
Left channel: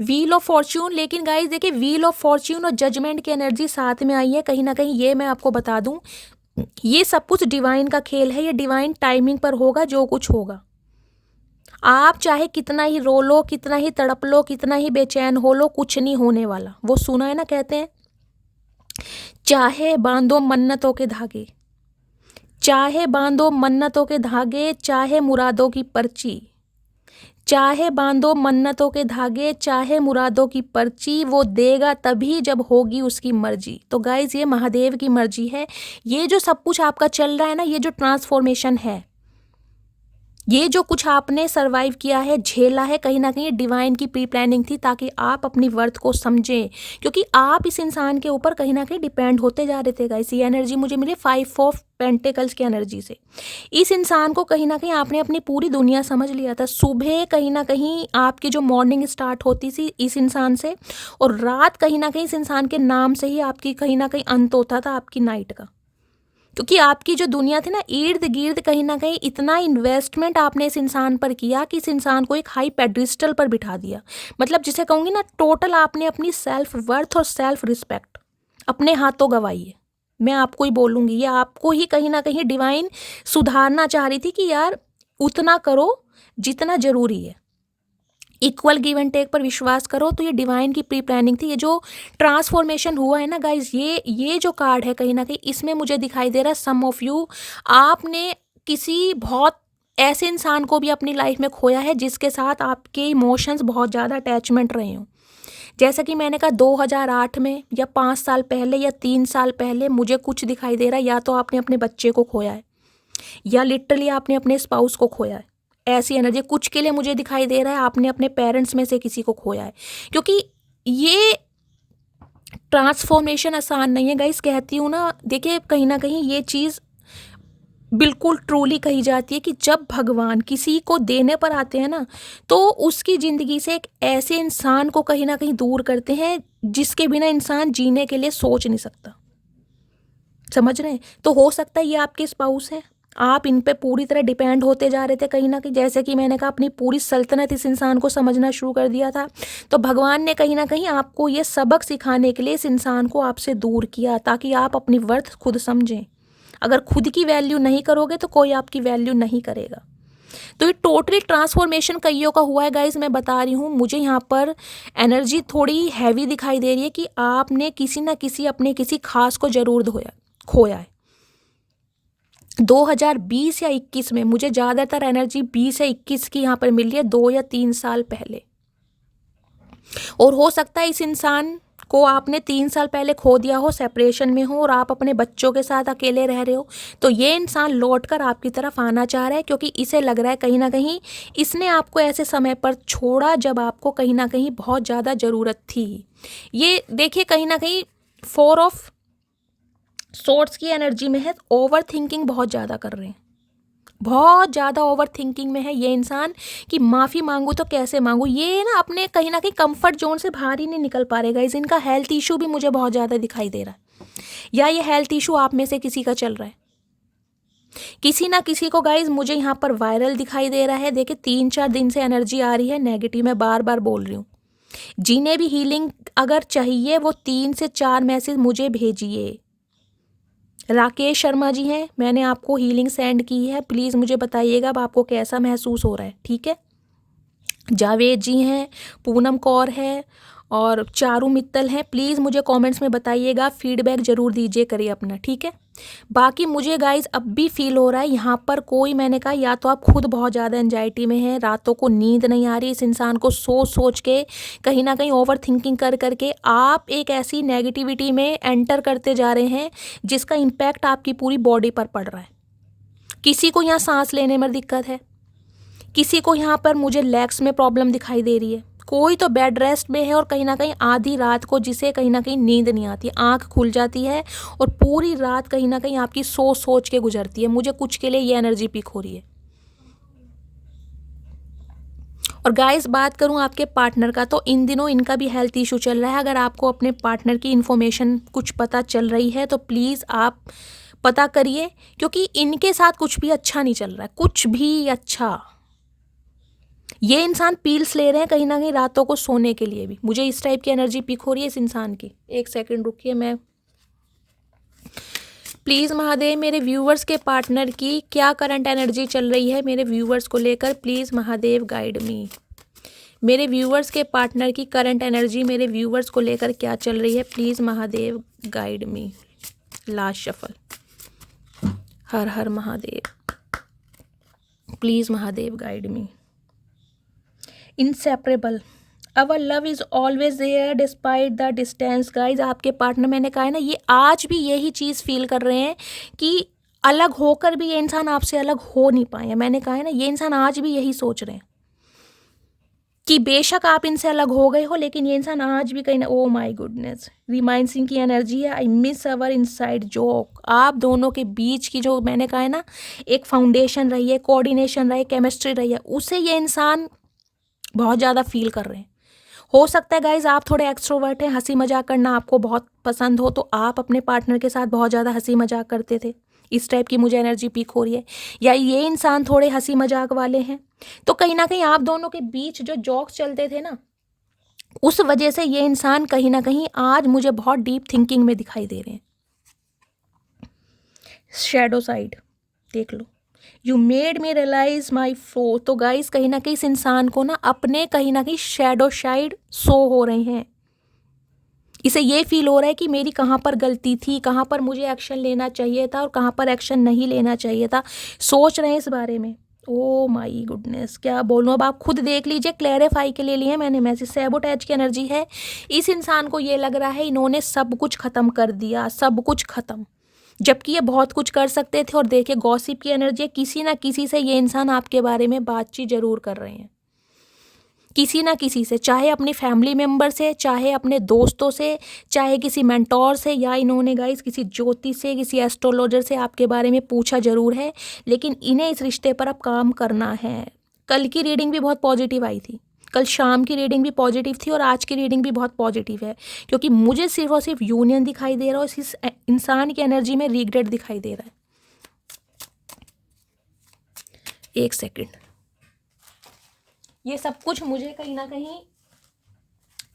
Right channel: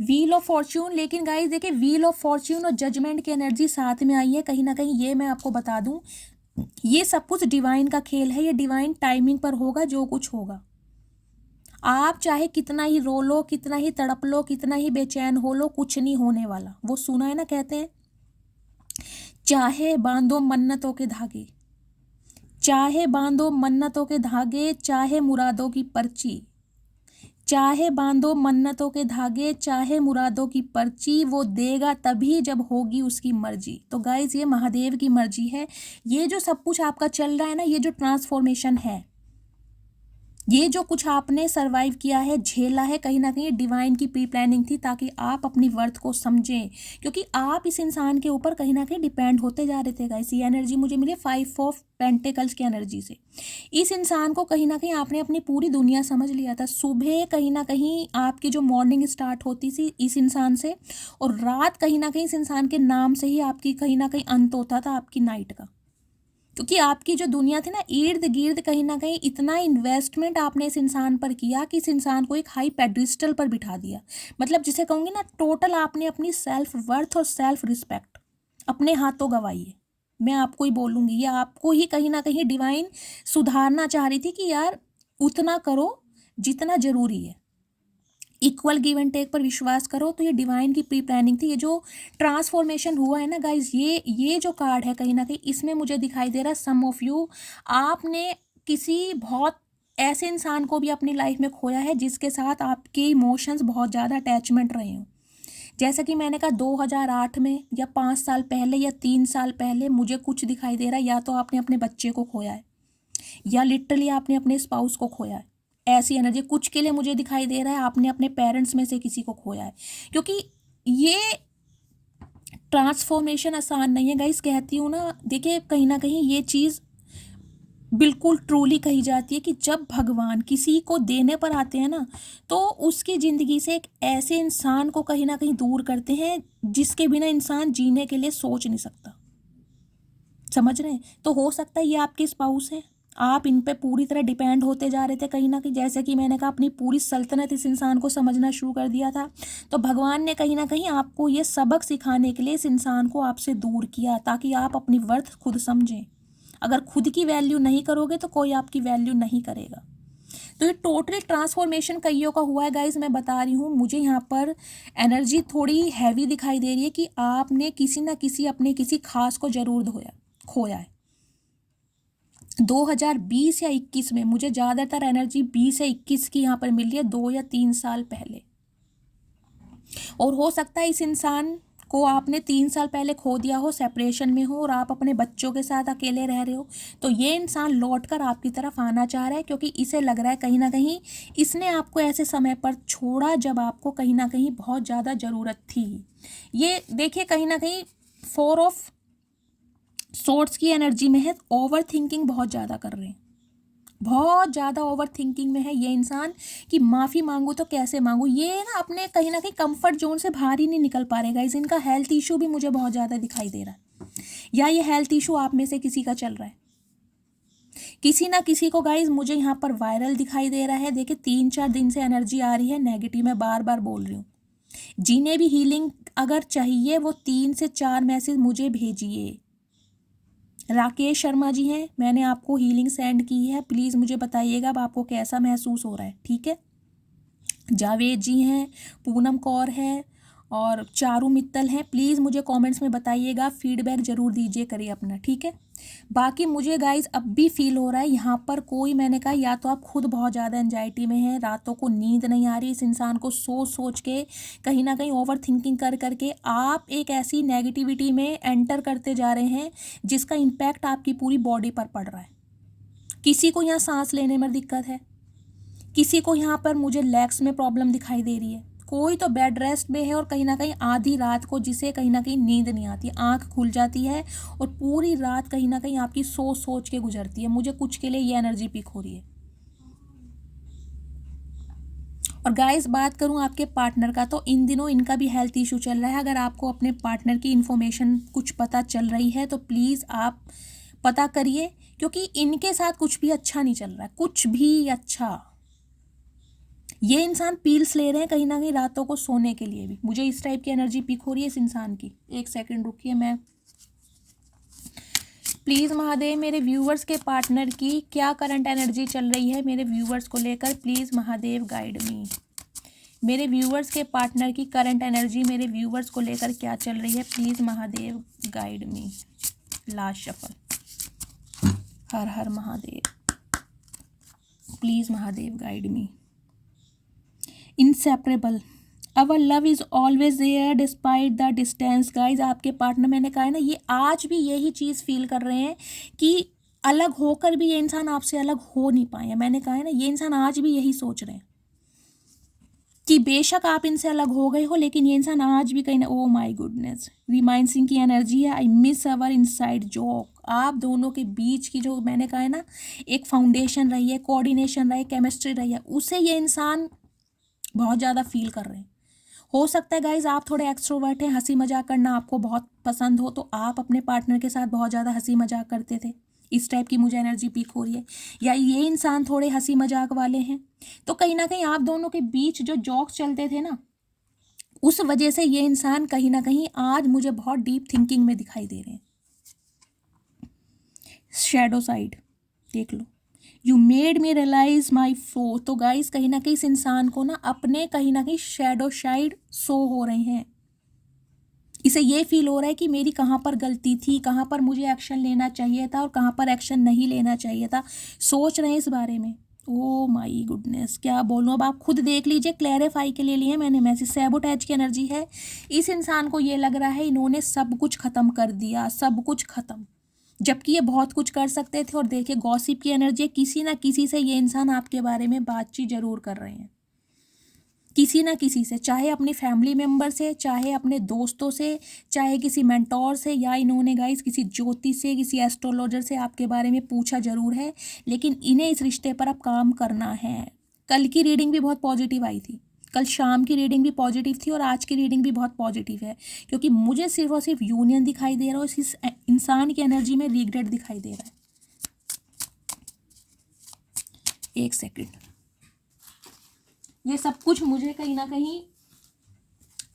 व्हील ऑफ फॉर्च्यून, लेकिन गाइस देखिए व्हील ऑफ फॉर्च्यून और जजमेंट की एनर्जी साथ में आई है। कहीं ना कहीं ये मैं आपको बता दूं, ये सब कुछ डिवाइन का खेल है, ये डिवाइन टाइमिंग पर होगा जो कुछ होगा। आप चाहे कितना ही रो लो, कितना ही तड़प लो, कितना ही बेचैन हो लो, कुछ नहीं होने वाला। वो सुना है ना, कहते हैं चाहे बांधो मन्नतों के धागे, चाहे बांधो मन्नतों के धागे, चाहे मुरादों की पर्ची, चाहे बांधो मन्नतों के धागे, चाहे मुरादों की पर्ची, वो देगा तभी जब होगी उसकी मर्जी। तो गाइज ये महादेव की मर्जी है। ये जो सब कुछ आपका चल रहा है ना, ये जो ट्रांसफॉर्मेशन है, ये जो कुछ आपने सरवाइव किया है, झेला है, कहीं ना कहीं डिवाइन की प्री प्लानिंग थी, ताकि आप अपनी वर्थ को समझें। क्योंकि आप इस इंसान के ऊपर कहीं ना कहीं डिपेंड होते जा रहे थे गाइस। ये एनर्जी मुझे मिली 5 ऑफ पेंटिकल्स की एनर्जी से। इस इंसान को कहीं ना कहीं आपने अपनी पूरी दुनिया समझ लिया था। सुबह कहीं ना कहीं आपकी जो मॉर्निंग स्टार्ट होती थी इस इंसान से, और रात कहीं ना कहीं इस इंसान के नाम से ही आपकी कहीं ना कहीं अंत होता था आपकी नाइट का। क्योंकि आपकी जो दुनिया थी ना, इर्द गिर्द कहीं ना कहीं इतना इन्वेस्टमेंट आपने इस इंसान पर किया कि इस इंसान को एक हाई पेडिस्टल पर बिठा दिया। मतलब जिसे कहूँगी ना, टोटल आपने अपनी सेल्फ वर्थ और सेल्फ रिस्पेक्ट अपने हाथों गंवाई है। मैं आपको ही बोलूँगी, ये आपको ही कहीं ना कहीं डिवाइन सुधारना चाह रही थी कि यार उतना करो जितना ज़रूरी है, इक्वल गिव एंड टेक पर विश्वास करो। तो ये डिवाइन की प्री प्लानिंग थी। ये जो ट्रांसफॉर्मेशन हुआ है ना गाइज, ये जो कार्ड है कहीं ना कहीं इसमें मुझे दिखाई दे रहा है सम ऑफ यू, आपने किसी बहुत ऐसे इंसान को भी अपनी लाइफ में खोया है जिसके साथ आपके इमोशंस बहुत ज़्यादा अटैचमेंट रहे हों। जैसा कि मैंने कहा 2008 में, या 5 साल पहले, या 3 साल पहले, मुझे कुछ दिखाई दे रहा है। या तो आपने अपने बच्चे को खोया है, या लिटरली आपने अपने स्पाउस को खोया है। ऐसी एनर्जी कुछ के लिए मुझे दिखाई दे रहा है आपने अपने पेरेंट्स में से किसी को खोया है। क्योंकि ये ट्रांसफॉर्मेशन आसान नहीं है गाइस। कहती हूँ ना, देखिए कहीं ना कहीं ये चीज़ बिल्कुल ट्रूली कही जाती है कि जब भगवान किसी को देने पर आते हैं ना, तो उसकी ज़िंदगी से एक ऐसे इंसान को कहीं ना कहीं दूर करते हैं जिसके बिना इंसान जीने के लिए सोच नहीं सकता। समझ रहे हैं? तो हो सकता है ये आपके स्पाउस हैं, आप इन पे पूरी तरह डिपेंड होते जा रहे थे कहीं ना कहीं। जैसे कि मैंने कहा, अपनी पूरी सल्तनत इस इंसान को समझना शुरू कर दिया था। तो भगवान ने कहीं ना कहीं आपको ये सबक सिखाने के लिए इस इंसान को आपसे दूर किया, ताकि आप अपनी वर्थ खुद समझें। अगर खुद की वैल्यू नहीं करोगे तो कोई आपकी वैल्यू नहीं करेगा। तो ये टोटली ट्रांसफॉर्मेशन कईयों का हुआ है गाइज। मैं बता रही हूँ, मुझे यहाँ पर एनर्जी थोड़ी हैवी दिखाई दे रही है कि आपने किसी ना किसी अपने किसी खास को जरूर खोया है। 2020 या 21 में, मुझे ज़्यादातर एनर्जी 20 या 21 की यहाँ पर मिल रही है, 2 या 3 साल पहले। और हो सकता है इस इंसान को आपने 3 साल पहले खो दिया हो, सेपरेशन में हो, और आप अपने बच्चों के साथ अकेले रह रहे हो। तो ये इंसान लौट कर आपकी तरफ आना चाह रहा है, क्योंकि इसे लग रहा है कहीं ना कहीं इसने आपको ऐसे समय पर छोड़ा जब आपको कहीं ना कहीं बहुत ज़्यादा ज़रूरत थी। ये देखिए कहीं ना कहीं 4 ऑफ सोर्ड्स की एनर्जी में है। ओवर थिंकिंग बहुत ज़्यादा कर रहे हैं, बहुत ज़्यादा ओवर थिंकिंग में है ये इंसान कि माफ़ी मांगू तो कैसे मांगू। ये ना अपने कहीं ना कहीं कंफर्ट जोन से बाहर ही नहीं निकल पा रहे गाइस। इनका हेल्थ इशू भी मुझे बहुत ज़्यादा दिखाई दे रहा है, या ये हेल्थ इशू आप में से किसी का चल रहा है। किसी ना किसी को गाइज मुझे यहाँ पर वायरल दिखाई दे रहा है। देखिए 3-4 दिन से एनर्जी आ रही है नेगेटिव, मैं बार बार बोल रही हूँ। जिन्हें भी हीलिंग अगर चाहिए वो 3 से 4 मैसेज मुझे भेजिए। राकेश शर्मा जी हैं, मैंने आपको हीलिंग सेंड की है, प्लीज़ मुझे बताइएगा अब आपको कैसा महसूस हो रहा है, ठीक है। जावेद जी हैं, पूनम कौर है, और चारू मित्तल हैं। प्लीज़ मुझे कमेंट्स में बताइएगा, फीडबैक ज़रूर दीजिए करिए अपना, ठीक है। बाकी मुझे गाइज अब भी फील हो रहा है यहाँ पर कोई, मैंने कहा या तो आप खुद बहुत ज़्यादा एंजाइटी में हैं, रातों को नींद नहीं आ रही, इस इंसान को सोच सोच के कहीं ना कहीं ओवर थिंकिंग कर करके आप एक ऐसी नेगेटिविटी में एंटर करते जा रहे हैं जिसका इम्पैक्ट आपकी पूरी बॉडी पर पड़ रहा है। किसी को यहाँ सांस लेने में दिक्कत है, किसी को यहाँ पर मुझे लेग्स में प्रॉब्लम दिखाई दे रही है, कोई तो बेड रेस्ट में है और कहीं ना कहीं आधी रात को जिसे कहीं ना कहीं नींद नहीं आती, आंख खुल जाती है और पूरी रात कहीं ना कहीं आपकी सोच सोच के गुजरती है। मुझे कुछ के लिए ये एनर्जी पीक हो रही है। और गाइस बात करूं आपके पार्टनर का, तो इन दिनों इनका भी हेल्थ इशू चल रहा है। अगर आपको अपने पार्टनर की इन्फॉर्मेशन कुछ पता चल रही है तो प्लीज़ आप पता करिए, क्योंकि इनके साथ कुछ भी अच्छा नहीं चल रहा है, कुछ भी अच्छा। ये इंसान पील्स ले रहे हैं कहीं ना कहीं रातों को सोने के लिए भी। मुझे इस टाइप की एनर्जी पिक हो रही है इस इंसान की। एक सेकंड रुकिए, मैं प्लीज़ महादेव मेरे व्यूवर्स के पार्टनर की क्या करंट एनर्जी चल रही है मेरे व्यूवर्स को लेकर, प्लीज़ महादेव गाइड मी। मेरे व्यूवर्स के पार्टनर की करंट एनर्जी मेरे व्यूवर्स को लेकर क्या चल रही है, please Mahadev guide me. Last shuffle. हर हर Mahadev, please Mahadev guide me. Inseparable, our love is always there despite the distance. Guys आपके पार्टनर, मैंने कहा है ना, ये आज भी यही चीज़ फील कर रहे हैं कि अलग होकर भी ये इंसान आपसे अलग हो नहीं पाए। मैंने कहा है ना, ये इंसान आज भी यही सोच रहे हैं कि बेशक आप इनसे अलग हो गए हो, लेकिन ये इंसान आज भी कहीं ना, ओ माई गुडनेस, रिमाइंड सिंह की एनर्जी है। I miss our inside joke. आप दोनों के बीच की जो मैंने कहा है ना एक फाउंडेशन रही है, कोऑर्डिनेशन रही है, केमिस्ट्री रही है, उसे ये इंसान बहुत ज़्यादा फील कर रहे हैं। हो सकता है गाइज आप थोड़े एक्सट्रोवर्ट हैं, हंसी मजाक करना आपको बहुत पसंद हो, तो आप अपने पार्टनर के साथ बहुत ज़्यादा हंसी मजाक करते थे। इस टाइप की मुझे एनर्जी पीक हो रही है। या ये इंसान थोड़े हंसी मजाक वाले हैं, तो कहीं ना कहीं आप दोनों के बीच जो जोक्स चलते थे ना, उस वजह से ये इंसान कहीं ना कहीं आज मुझे बहुत डीप थिंकिंग में दिखाई दे रहे हैं। शैडो साइड देख लो, you made me realise my flow. तो गाइस कहीं ना कहीं इस इंसान को ना अपने कहीं ना कहीं शैडो साइड शो हो रहे हैं। इसे ये फील हो रहा है कि मेरी कहाँ पर गलती थी, कहाँ पर मुझे एक्शन लेना चाहिए था और कहाँ पर एक्शन नहीं लेना चाहिए था। सोच रहे हैं इस बारे में। ओ माई गुडनेस, क्या बोलूँ, अब आप खुद देख लीजिए, क्लैरिफाई के लिए लिए मैंने मैसेज। सैबोटेज की एनर्जी है। इस इंसान को ये लग रहा है इन्होंने सब कुछ ख़त्म कर दिया, सब कुछ ख़त्म, जबकि ये बहुत कुछ कर सकते थे। और देखिए गॉसिप की एनर्जी, किसी ना किसी से ये इंसान आपके बारे में बातचीत जरूर कर रहे हैं, किसी ना किसी से, चाहे अपनी फैमिली मेम्बर से, चाहे अपने दोस्तों से, चाहे किसी मेंटोर से, या इन्होंने गाइस किसी ज्योतिष से, किसी एस्ट्रोलॉजर से आपके बारे में पूछा जरूर है। लेकिन इन्हें इस रिश्ते पर अब काम करना है। कल की रीडिंग भी बहुत पॉजिटिव आई थी, कल शाम की रीडिंग भी पॉजिटिव थी और आज की रीडिंग भी बहुत पॉजिटिव है, क्योंकि मुझे सिर्फ और सिर्फ यूनियन दिखाई दे रहा है और इस इंसान की एनर्जी में रिग्रेट दिखाई दे रहा है। एक सेकंड, ये सब कुछ मुझे कहीं ना कहीं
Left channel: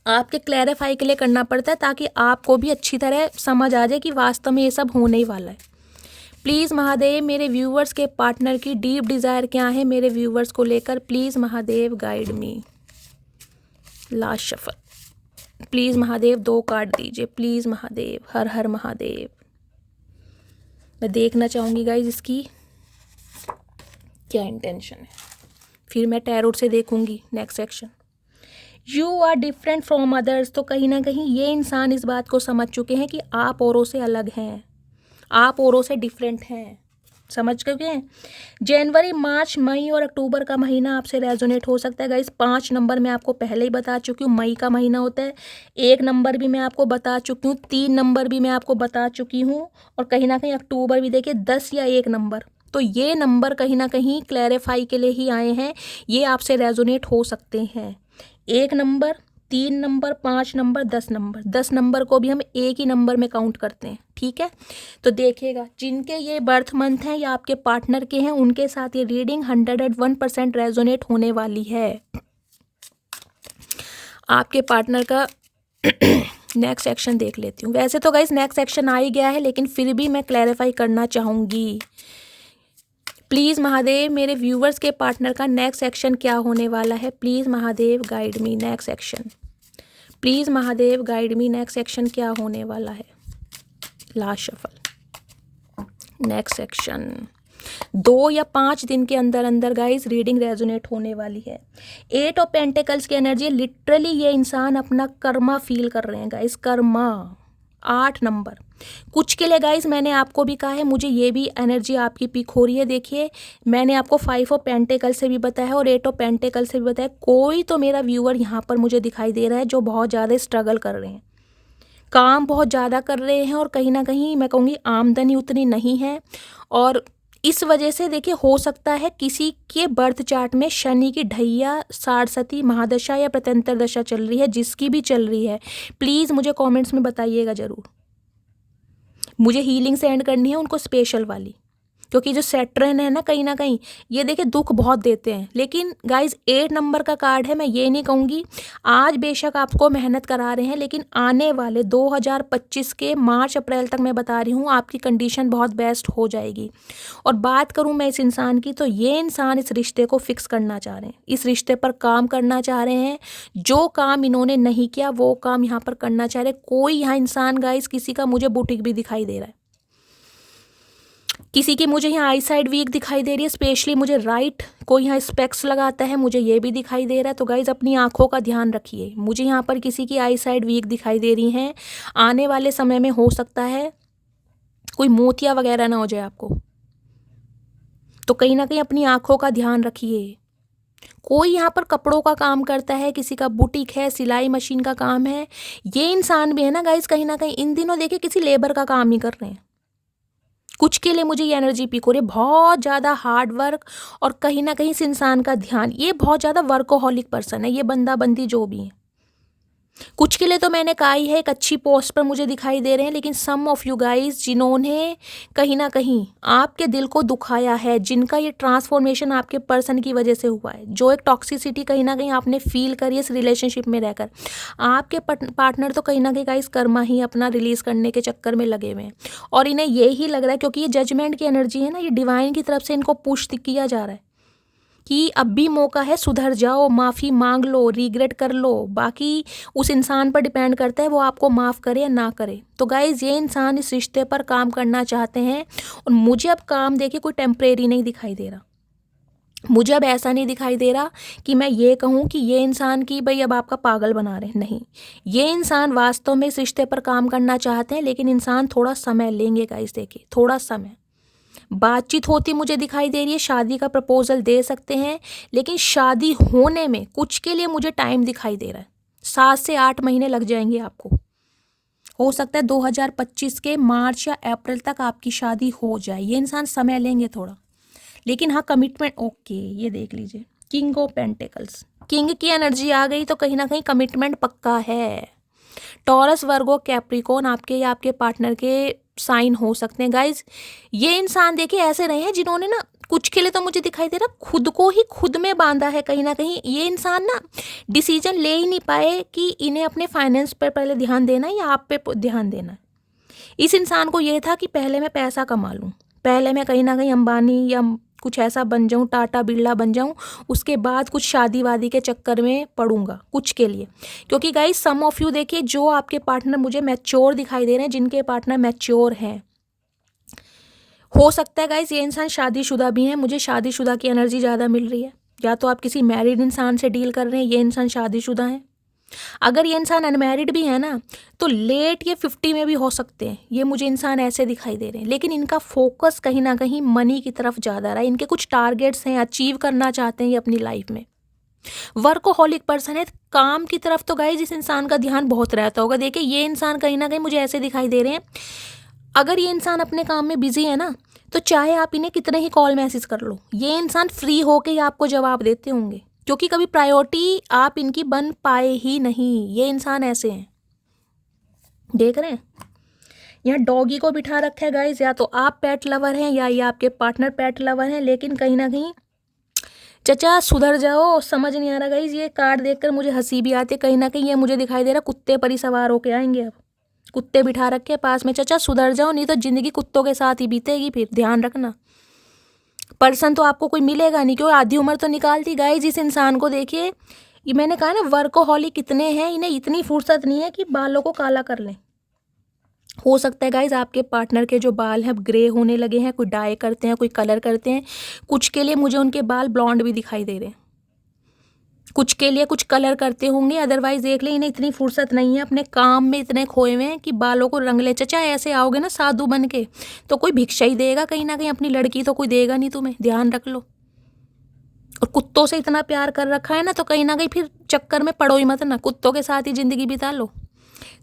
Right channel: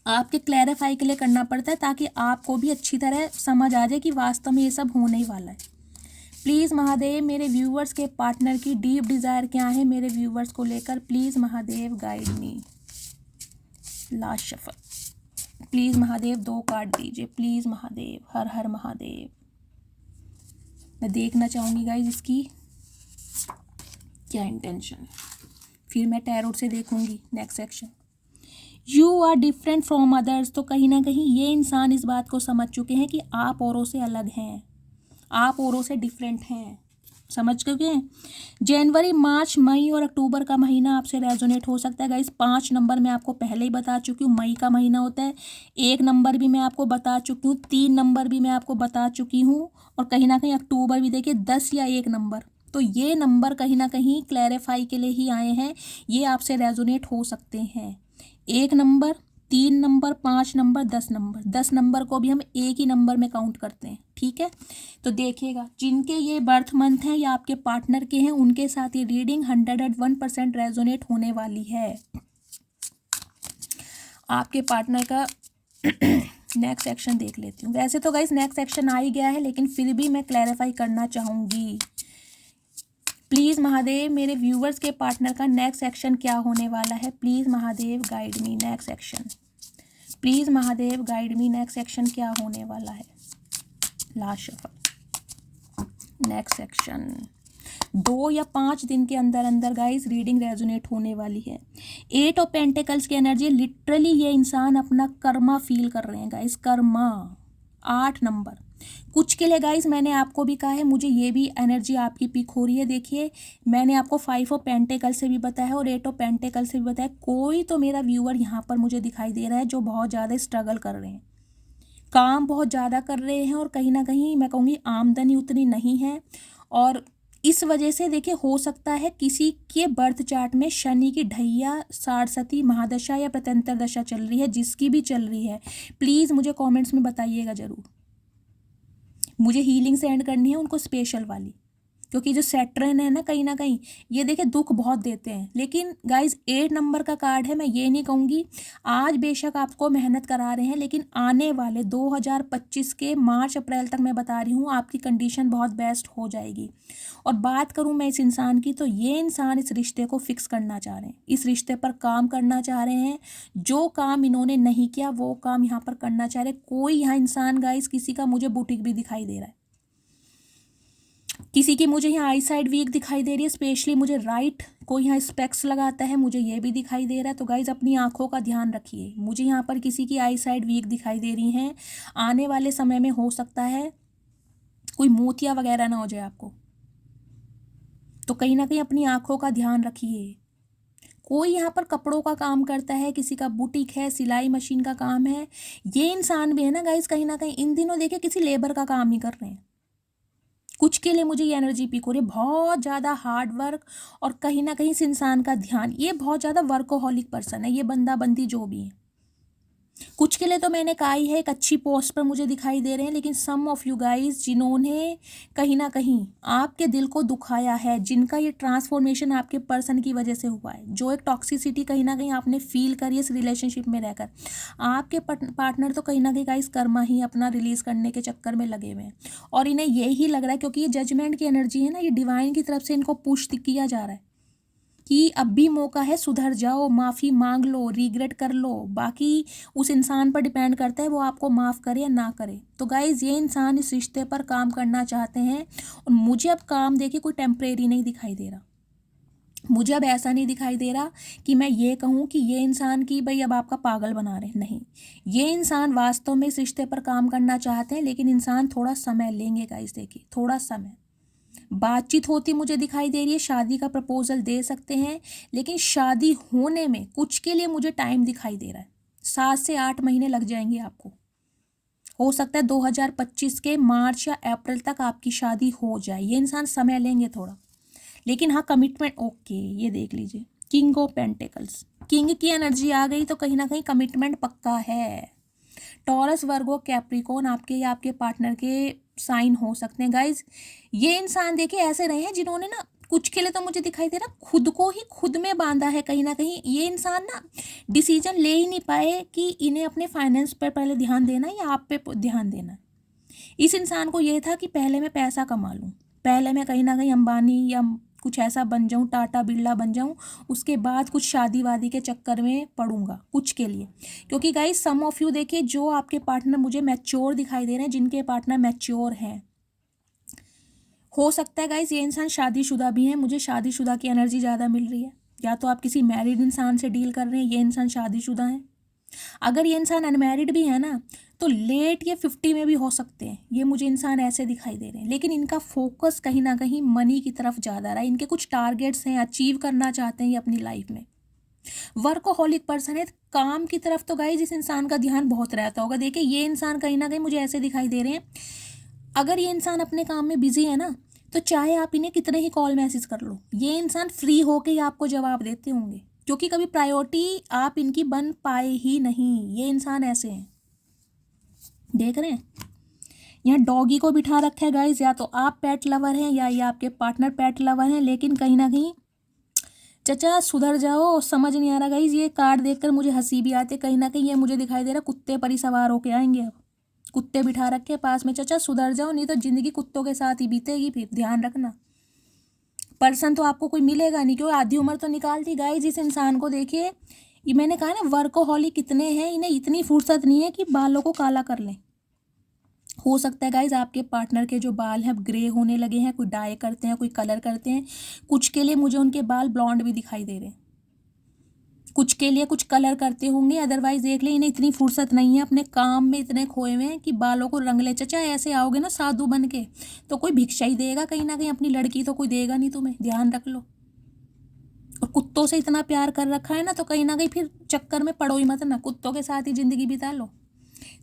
आपके क्लैरिफाई के लिए करना पड़ता है, ताकि आपको भी अच्छी तरह समझ आ जाए कि वास्तव में ये सब होने ही वाला है। प्लीज़ महादेव मेरे व्यूवर्स के पार्टनर की डीप डिज़ायर क्या है मेरे व्यूवर्स को लेकर, please Mahadev guide me. Last shuffle, please Mahadev 2 card दीजिए, प्लीज़ महादेव। हर हर महादेव। मैं देखना चाहूँगी गाइज इसकी क्या इंटेंशन है, फिर मैं टैरोट से देखूंगी next section. You are different from others. तो कहीं ना कहीं ये इंसान इस बात को समझ चुके हैं कि आप औरों से अलग हैं, आप औरों से डिफरेंट हैं, समझ चुके हैं। जनवरी, मार्च, मई और अक्टूबर का महीना आपसे रेजोनेट हो सकता है गाइस। 5 नंबर मैं आपको पहले ही बता चुकी हूँ, मई का महीना होता है। 1 नंबर भी मैं आपको बता चुकी हूँ, 3 नंबर भी मैं आपको बता चुकी हूँ, और कहीं ना कहीं अक्टूबर भी देखिए 10 या 1 नंबर। तो ये नंबर कहीं ना कहीं क्लैरिफाई के लिए ही आए हैं, ये आपसे रेजोनेट हो सकते हैं। 1 number, 3 number, 5 number, 10 number. 10 number को भी हम एक ही नंबर में काउंट करते हैं, ठीक है। तो देखिएगा जिनके ये बर्थ मंथ हैं या आपके पार्टनर के हैं, उनके साथ ये रीडिंग 101% रेजोनेट होने वाली है। आपके पार्टनर का नेक्स्ट सेक्शन देख लेती हूँ। वैसे तो गाइस नेक्स्ट सेक्शन आ ही गया है, लेकिन फिर भी मैं क्लैरिफाई करना चाहूँगी। प्लीज़ महादेव मेरे व्यूवर्स के पार्टनर का नेक्स्ट सेक्शन क्या होने वाला है, please Mahadev guide me. Next section please Mahadev guide me, next section क्या होने वाला है। लास्ट शफल, नेक्स्ट सेक्शन 2 या 5 दिन के अंदर अंदर गाइज रीडिंग रेजोनेट होने वाली है। 8 ऑफ पेंटिकल्स की एनर्जी, लिटरली ये इंसान अपना कर्मा फील कर रहे हैं गाइज, कर्मा। 8 नंबर कुछ के लिए गाइज मैंने आपको भी कहा है, मुझे ये भी एनर्जी आपकी पिक हो रही है। देखिए मैंने आपको 5 ऑफ पेंटिकल से भी बताया और 8 ऑफ पेंटिकल से भी बताया। कोई तो मेरा व्यूअर यहाँ पर मुझे दिखाई दे रहा है जो बहुत ज़्यादा स्ट्रगल कर रहे हैं, काम बहुत ज़्यादा कर रहे हैं और कहीं ना कहीं मैं कहूँगी आमदनी उतनी नहीं है। और इस वजह से देखिए हो सकता है किसी के बर्थ चार्ट में शनि की ढैया, सारस्वती महादशा या प्रत्यंतर दशा चल रही है। जिसकी भी चल रही है प्लीज़ मुझे कमेंट्स में बताइएगा ज़रूर। मुझे हीलिंग सेंड करनी है उनको स्पेशल वाली, क्योंकि जो सैटर्न है ना कहीं ये देखिए दुख बहुत देते हैं। लेकिन गाइज 8 नंबर का कार्ड है, मैं ये नहीं कहूँगी आज बेशक आपको मेहनत करा रहे हैं, लेकिन आने वाले 2025 के मार्च अप्रैल तक मैं बता रही हूँ आपकी कंडीशन बहुत बेस्ट हो जाएगी। और बात करूँ मैं इस इंसान की, तो ये इंसान इस रिश्ते को फिक्स करना चाह रहे हैं, इस रिश्ते पर काम करना चाह रहे हैं। जो काम इन्होंने नहीं किया वो काम यहाँ पर करना चाह रहे। कोई यहाँ इंसान गाइज, किसी का मुझे बुटीक भी दिखाई दे रहा है, किसी की मुझे यहाँ आई साइड वीक दिखाई दे रही है, स्पेशली मुझे राइट कोई यहाँ स्पेक्स लगाता है, मुझे ये भी दिखाई दे रहा है। तो गाइज अपनी आंखों का ध्यान रखिए। मुझे यहाँ पर किसी की आई साइड वीक दिखाई दे रही हैं। आने वाले समय में हो सकता है कोई मोतिया वगैरह ना हो जाए आपको, तो कहीं ना कहीं अपनी आंखों का ध्यान रखिए। कोई यहाँ पर कपड़ों का काम करता है, किसी का बुटीक है, सिलाई मशीन का काम है। ये इंसान भी है ना गाइज, कहीं ना कहीं इन दिनों देखिए किसी लेबर का काम ही कर रहे हैं। कुछ के लिए मुझे ये एनर्जी पिक हो रही है, बहुत ज़्यादा हार्ड वर्क और कहीं ना कहीं इस इंसान का ध्यान, ये बहुत ज़्यादा वर्कोहॉलिक पर्सन है, ये बंदा बंदी जो भी है। कुछ के लिए तो मैंने कहा ही है एक अच्छी पोस्ट पर मुझे दिखाई दे रहे हैं। लेकिन सम ऑफ यू गाइज जिन्होंने कहीं ना कहीं आपके दिल को दुखाया है, जिनका ये ट्रांसफॉर्मेशन आपके पर्सन की वजह से हुआ है, जो एक टॉक्सिसिटी कहीं ना कहीं आपने फील करी इस रिलेशनशिप में रहकर, आपके पार्टनर तो कहीं ना कहीं गाइज कर्मा ही अपना रिलीज करने के चक्कर में लगे हुए हैं। और इन्हें यही लग रहा है, क्योंकि ये जजमेंट की एनर्जी है ना, ये डिवाइन की तरफ से इनको पुश किया जा रहा है कि अब भी मौका है, सुधर जाओ, माफ़ी मांग लो, रिग्रेट कर लो। बाकी उस इंसान पर डिपेंड करता है वो आपको माफ़ करे या ना करे। तो गाइज़ ये इंसान इस रिश्ते पर काम करना चाहते हैं और मुझे अब काम देखिए कोई टेम्परेरी नहीं दिखाई दे रहा। मुझे अब ऐसा नहीं दिखाई दे रहा कि मैं ये कहूँ कि ये इंसान की भाई अब आपका पागल बना रहे हैं, नहीं। ये इंसान वास्तव में इस रिश्ते पर काम करना चाहते हैं, लेकिन इंसान थोड़ा समय लेंगे गाइस। देखिए थोड़ा समय बातचीत होती मुझे दिखाई दे रही है, शादी का प्रपोजल दे सकते हैं, लेकिन शादी होने में कुछ के लिए मुझे टाइम दिखाई दे रहा है। 7 से 8 महीने लग जाएंगे आपको। हो सकता है 2025 के मार्च या अप्रैल तक आपकी शादी हो जाए। ये इंसान समय लेंगे थोड़ा, लेकिन हाँ कमिटमेंट ओके। ये देख लीजिए किंग ऑफ पेंटिकल्स, किंग की एनर्जी आ गई तो कहीं ना कहीं कमिटमेंट पक्का है। टॉरस, वर्गो, कैप्रिकॉर्न आपके या आपके पार्टनर के साइन हो सकते हैं गाइज। ये इंसान देखिए ऐसे रहे हैं जिन्होंने ना कुछ के लिए तो मुझे दिखाई दे रहा खुद को ही खुद में बांधा है कहीं ना कहीं। ये इंसान ना डिसीजन ले ही नहीं पाए कि इन्हें अपने फाइनेंस पर पहले ध्यान देना है या आप पे ध्यान देना है। इस इंसान को ये था कि पहले मैं पैसा कमा लूँ, पहले मैं कहीं ना कहीं अंबानी या कुछ ऐसा बन जाऊँ, टाटा बिरला बन जाऊँ, उसके बाद कुछ शादी वादी के चक्कर में पड़ूंगा कुछ के लिए। क्योंकि गाइज सम ऑफ यू देखिए जो आपके पार्टनर मुझे मैच्योर दिखाई दे रहे हैं, जिनके पार्टनर मैच्योर हैं, हो सकता है गाइज ये इंसान शादीशुदा भी हैं। मुझे शादीशुदा की एनर्जी ज़्यादा मिल रही है, या तो आप किसी मैरिड इंसान से डील कर रहे हैं, ये इंसान शादीशुदा है। अगर ये इंसान अनमैरिड भी है ना तो लेट ये 50 में भी हो सकते हैं। ये मुझे इंसान ऐसे दिखाई दे रहे हैं, लेकिन इनका फोकस कहीं ना कहीं मनी की तरफ ज़्यादा रहा है। इनके कुछ टारगेट्स हैं, अचीव करना चाहते हैं ये अपनी लाइफ में। वर्कोहॉलिक पर्सन है, काम की तरफ तो गाइस इस इंसान का ध्यान बहुत रहता होगा। देखिए ये इंसान कहीं ना कहीं मुझे ऐसे दिखाई दे रहे हैं, अगर ये इंसान अपने काम में बिजी है ना तो चाहे आप इन्हें कितने ही कॉल मैसेज कर लो, ये इंसान फ्री होके ही आपको जवाब देते होंगे, क्योंकि कभी प्रायोरिटी आप इनकी बन पाए ही नहीं। ये इंसान ऐसे हैं, देख रहे हैं यहाँ डॉगी को बिठा रखा है गाइस। या तो आप पेट लवर हैं या ये आपके पार्टनर पेट लवर हैं, लेकिन कहीं ना कहीं चचा सुधर जाओ। समझ नहीं आ रहा गाइस, ये कार्ड देखकर मुझे हंसी भी आती है। कहीं ना कहीं ये मुझे दिखाई दे रहा कुत्ते पर ही सवार होके आएंगे। अब कुत्ते बिठा रखे पास में, चचा सुधर जाओ नहीं तो जिंदगी कुत्तों के साथ ही बीतेगी, फिर ध्यान रखना। पर्सन तो आपको कोई मिलेगा नहीं, क्यों आधी उम्र तो निकाल दी गाइस। इस इंसान को देखिए, ये मैंने कहा ना, वर्कोहॉलिक कितने हैं, इन्हें इतनी फुर्सत नहीं है कि बालों को काला कर लें। हो सकता है गाइज आपके पार्टनर के जो बाल हैं अब ग्रे होने लगे हैं, कोई डाई करते हैं, कोई कलर करते हैं, कुछ के लिए मुझे उनके बाल ब्लॉन्ड भी दिखाई दे रहे हैं, कुछ के लिए कुछ कलर करते होंगे। अदरवाइज देख ले, इन्हें इतनी फुर्सत नहीं है, अपने काम में इतने खोए हुए हैं कि बालों को रंग ले। चचा ऐसे आओगे ना साधु बन के तो कोई भिक्षा ही देगा कहीं ना कहीं, अपनी लड़की तो कोई देगा नहीं तुम्हें, ध्यान रख लो। और कुत्तों से इतना प्यार कर रखा है ना, तो कहीं ना कहीं फिर चक्कर में पड़ो ही मत ना, कुत्तों के साथ ही जिंदगी बिता लो।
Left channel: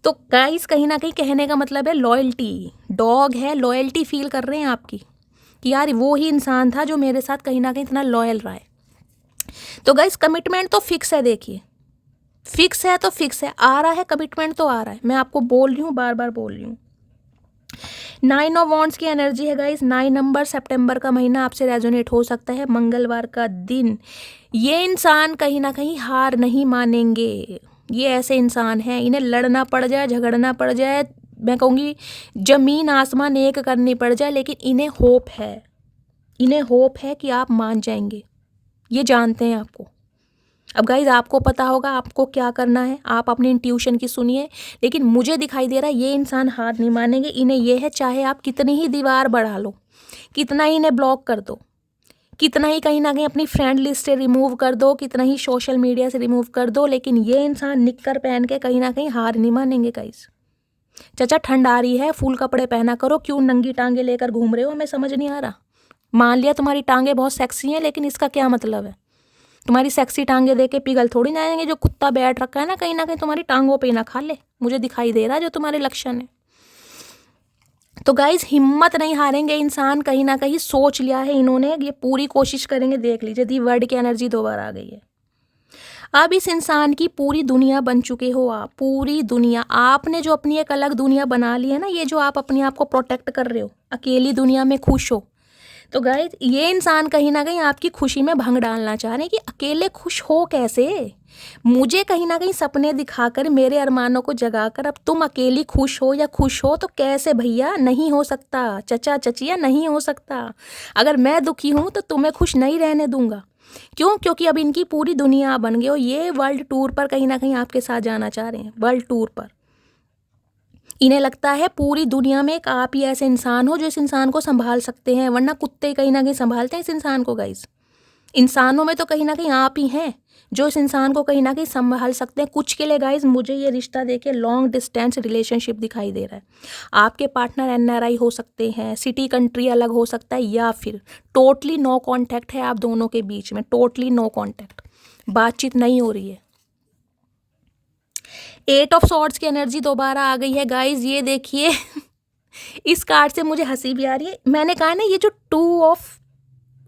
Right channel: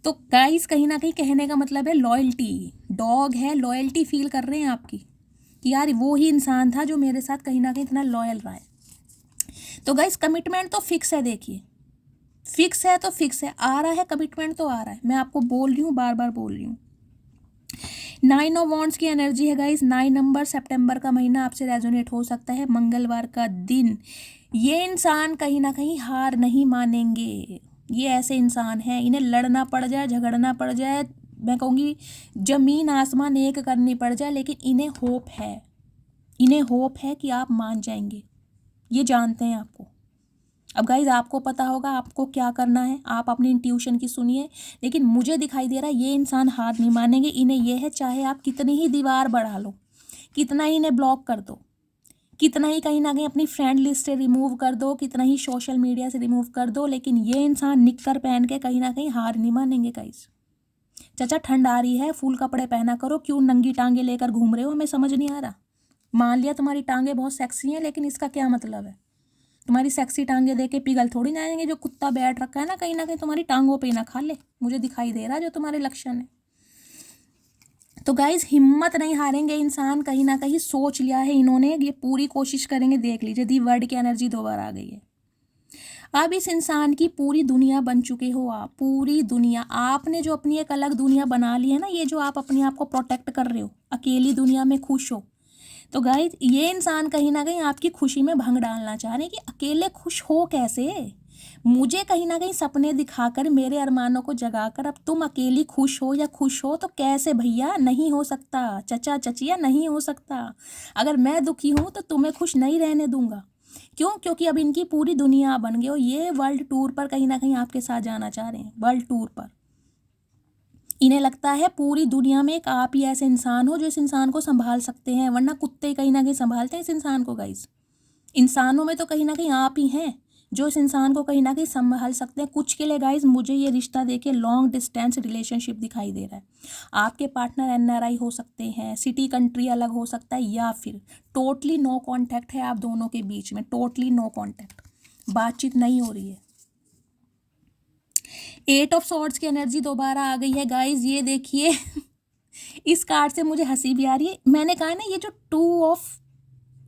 तो गाइस कहीं ना कहीं कहने का मतलब है लॉयल्टी, डॉग है, लॉयल्टी फील कर रहे हैं आपकी कि यार वो ही इंसान था जो मेरे साथ कहीं ना कहीं इतना लॉयल रहा है। तो गाइस कमिटमेंट तो फिक्स है, देखिए फिक्स है तो फिक्स है, आ रहा है कमिटमेंट तो आ रहा है। मैं आपको बोल रही हूँ, बार बार बोल रही हूँ। 9 ऑफ वॉन्ड्स की एनर्जी है गाइस। 9 नंबर, सितंबर का महीना आपसे रेजोनेट हो सकता है, मंगलवार का दिन। ये इंसान कहीं ना कहीं हार नहीं मानेंगे। ये ऐसे इंसान हैं, इन्हें लड़ना पड़ जाए, झगड़ना पड़ जाए, मैं कहूँगी जमीन आसमान एक करनी पड़ जाए, लेकिन इन्हें होप है, इन्हें होप है कि आप मान जाएंगे। ये जानते हैं आपको। अब गाइज आपको पता होगा आपको क्या करना है, आप अपनी इंट्यूशन की सुनिए। लेकिन मुझे दिखाई दे रहा है ये इंसान हार नहीं मानेंगे। इन्हें ये है, चाहे आप कितनी ही दीवार बढ़ा लो, कितना ही इन्हें ब्लॉक कर दो, कितना ही कहीं ना कहीं अपनी फ्रेंड लिस्ट से रिमूव कर दो, कितना ही सोशल मीडिया से रिमूव कर दो, लेकिन ये इंसान निक्कर पहन के कहीं ना कहीं हार नहीं मानेंगे गाइज। चाचा ठंड आ रही है, फुल कपड़े पहना करो, क्यों नंगी टांगे लेकर घूम रहे हो, हमें समझ नहीं आ रहा। मान लिया तुम्हारी टांगे बहुत सेक्सी हैं, लेकिन इसका क्या मतलब है? तुम्हारी सेक्सी टांगे देके पिघल थोड़ी ना आएंगे। जो कुत्ता बैठ रखा है ना कहीं तुम्हारी टांगों पे ना खा ले, मुझे दिखाई दे रहा है जो तुम्हारे लक्षण है। तो गाइज हिम्मत नहीं हारेंगे इंसान, कहीं ना कहीं सोच लिया है इन्होंने, ये पूरी कोशिश करेंगे। देख लीजिए दी वर्ड की एनर्जी दोबारा आ गई है। अब इस इंसान की पूरी दुनिया बन चुके हो आप, पूरी दुनिया। आपने जो अपनी एक अलग दुनिया बना ली है ना, ये जो आप अपने आप को प्रोटेक्ट कर रहे हो, अकेली दुनिया में खुश हो। तो गाइज ये इंसान कहीं ना कहीं आपकी खुशी में भंग डालना चाह रहे हैं कि अकेले खुश हो कैसे। मुझे कहीं ना कहीं सपने दिखाकर, मेरे अरमानों को जगाकर अब तुम अकेली खुश हो या खुश हो, तो कैसे भैया? नहीं हो सकता चचा चचिया, नहीं हो सकता। अगर मैं दुखी हूँ तो तुम्हें खुश नहीं रहने दूंगा। क्यों? क्योंकि अब इनकी पूरी दुनिया बन गई हो। ये वर्ल्ड टूर पर कहीं ना कहीं आपके साथ जाना चाह रहे हैं, वर्ल्ड टूर पर। इन्हें लगता है पूरी दुनिया में एक आप ही ऐसे इंसान हो जो इस इंसान को संभाल सकते हैं, वरना कुत्ते कहीं ना कहीं संभालते हैं इस इंसान को गाइस। इंसानों में तो कहीं ना कहीं आप ही हैं जो इस इंसान को कहीं ना कहीं संभाल सकते हैं। कुछ के लिए गाइस मुझे ये रिश्ता देखिए लॉन्ग डिस्टेंस रिलेशनशिप दिखाई दे रहा है। आपके पार्टनर NRI हो सकते हैं, सिटी कंट्री अलग हो सकता है, या फिर टोटली नो कॉन्टैक्ट है आप दोनों के बीच में, टोटली नो कॉन्टैक्ट, बातचीत नहीं हो रही है। 8 ऑफ सॉर्ड्स की एनर्जी दोबारा आ गई है गाइज। ये देखिए इस कार्ड से मुझे हंसी भी आ रही है। मैंने कहा ना, ये जो 2 ऑफ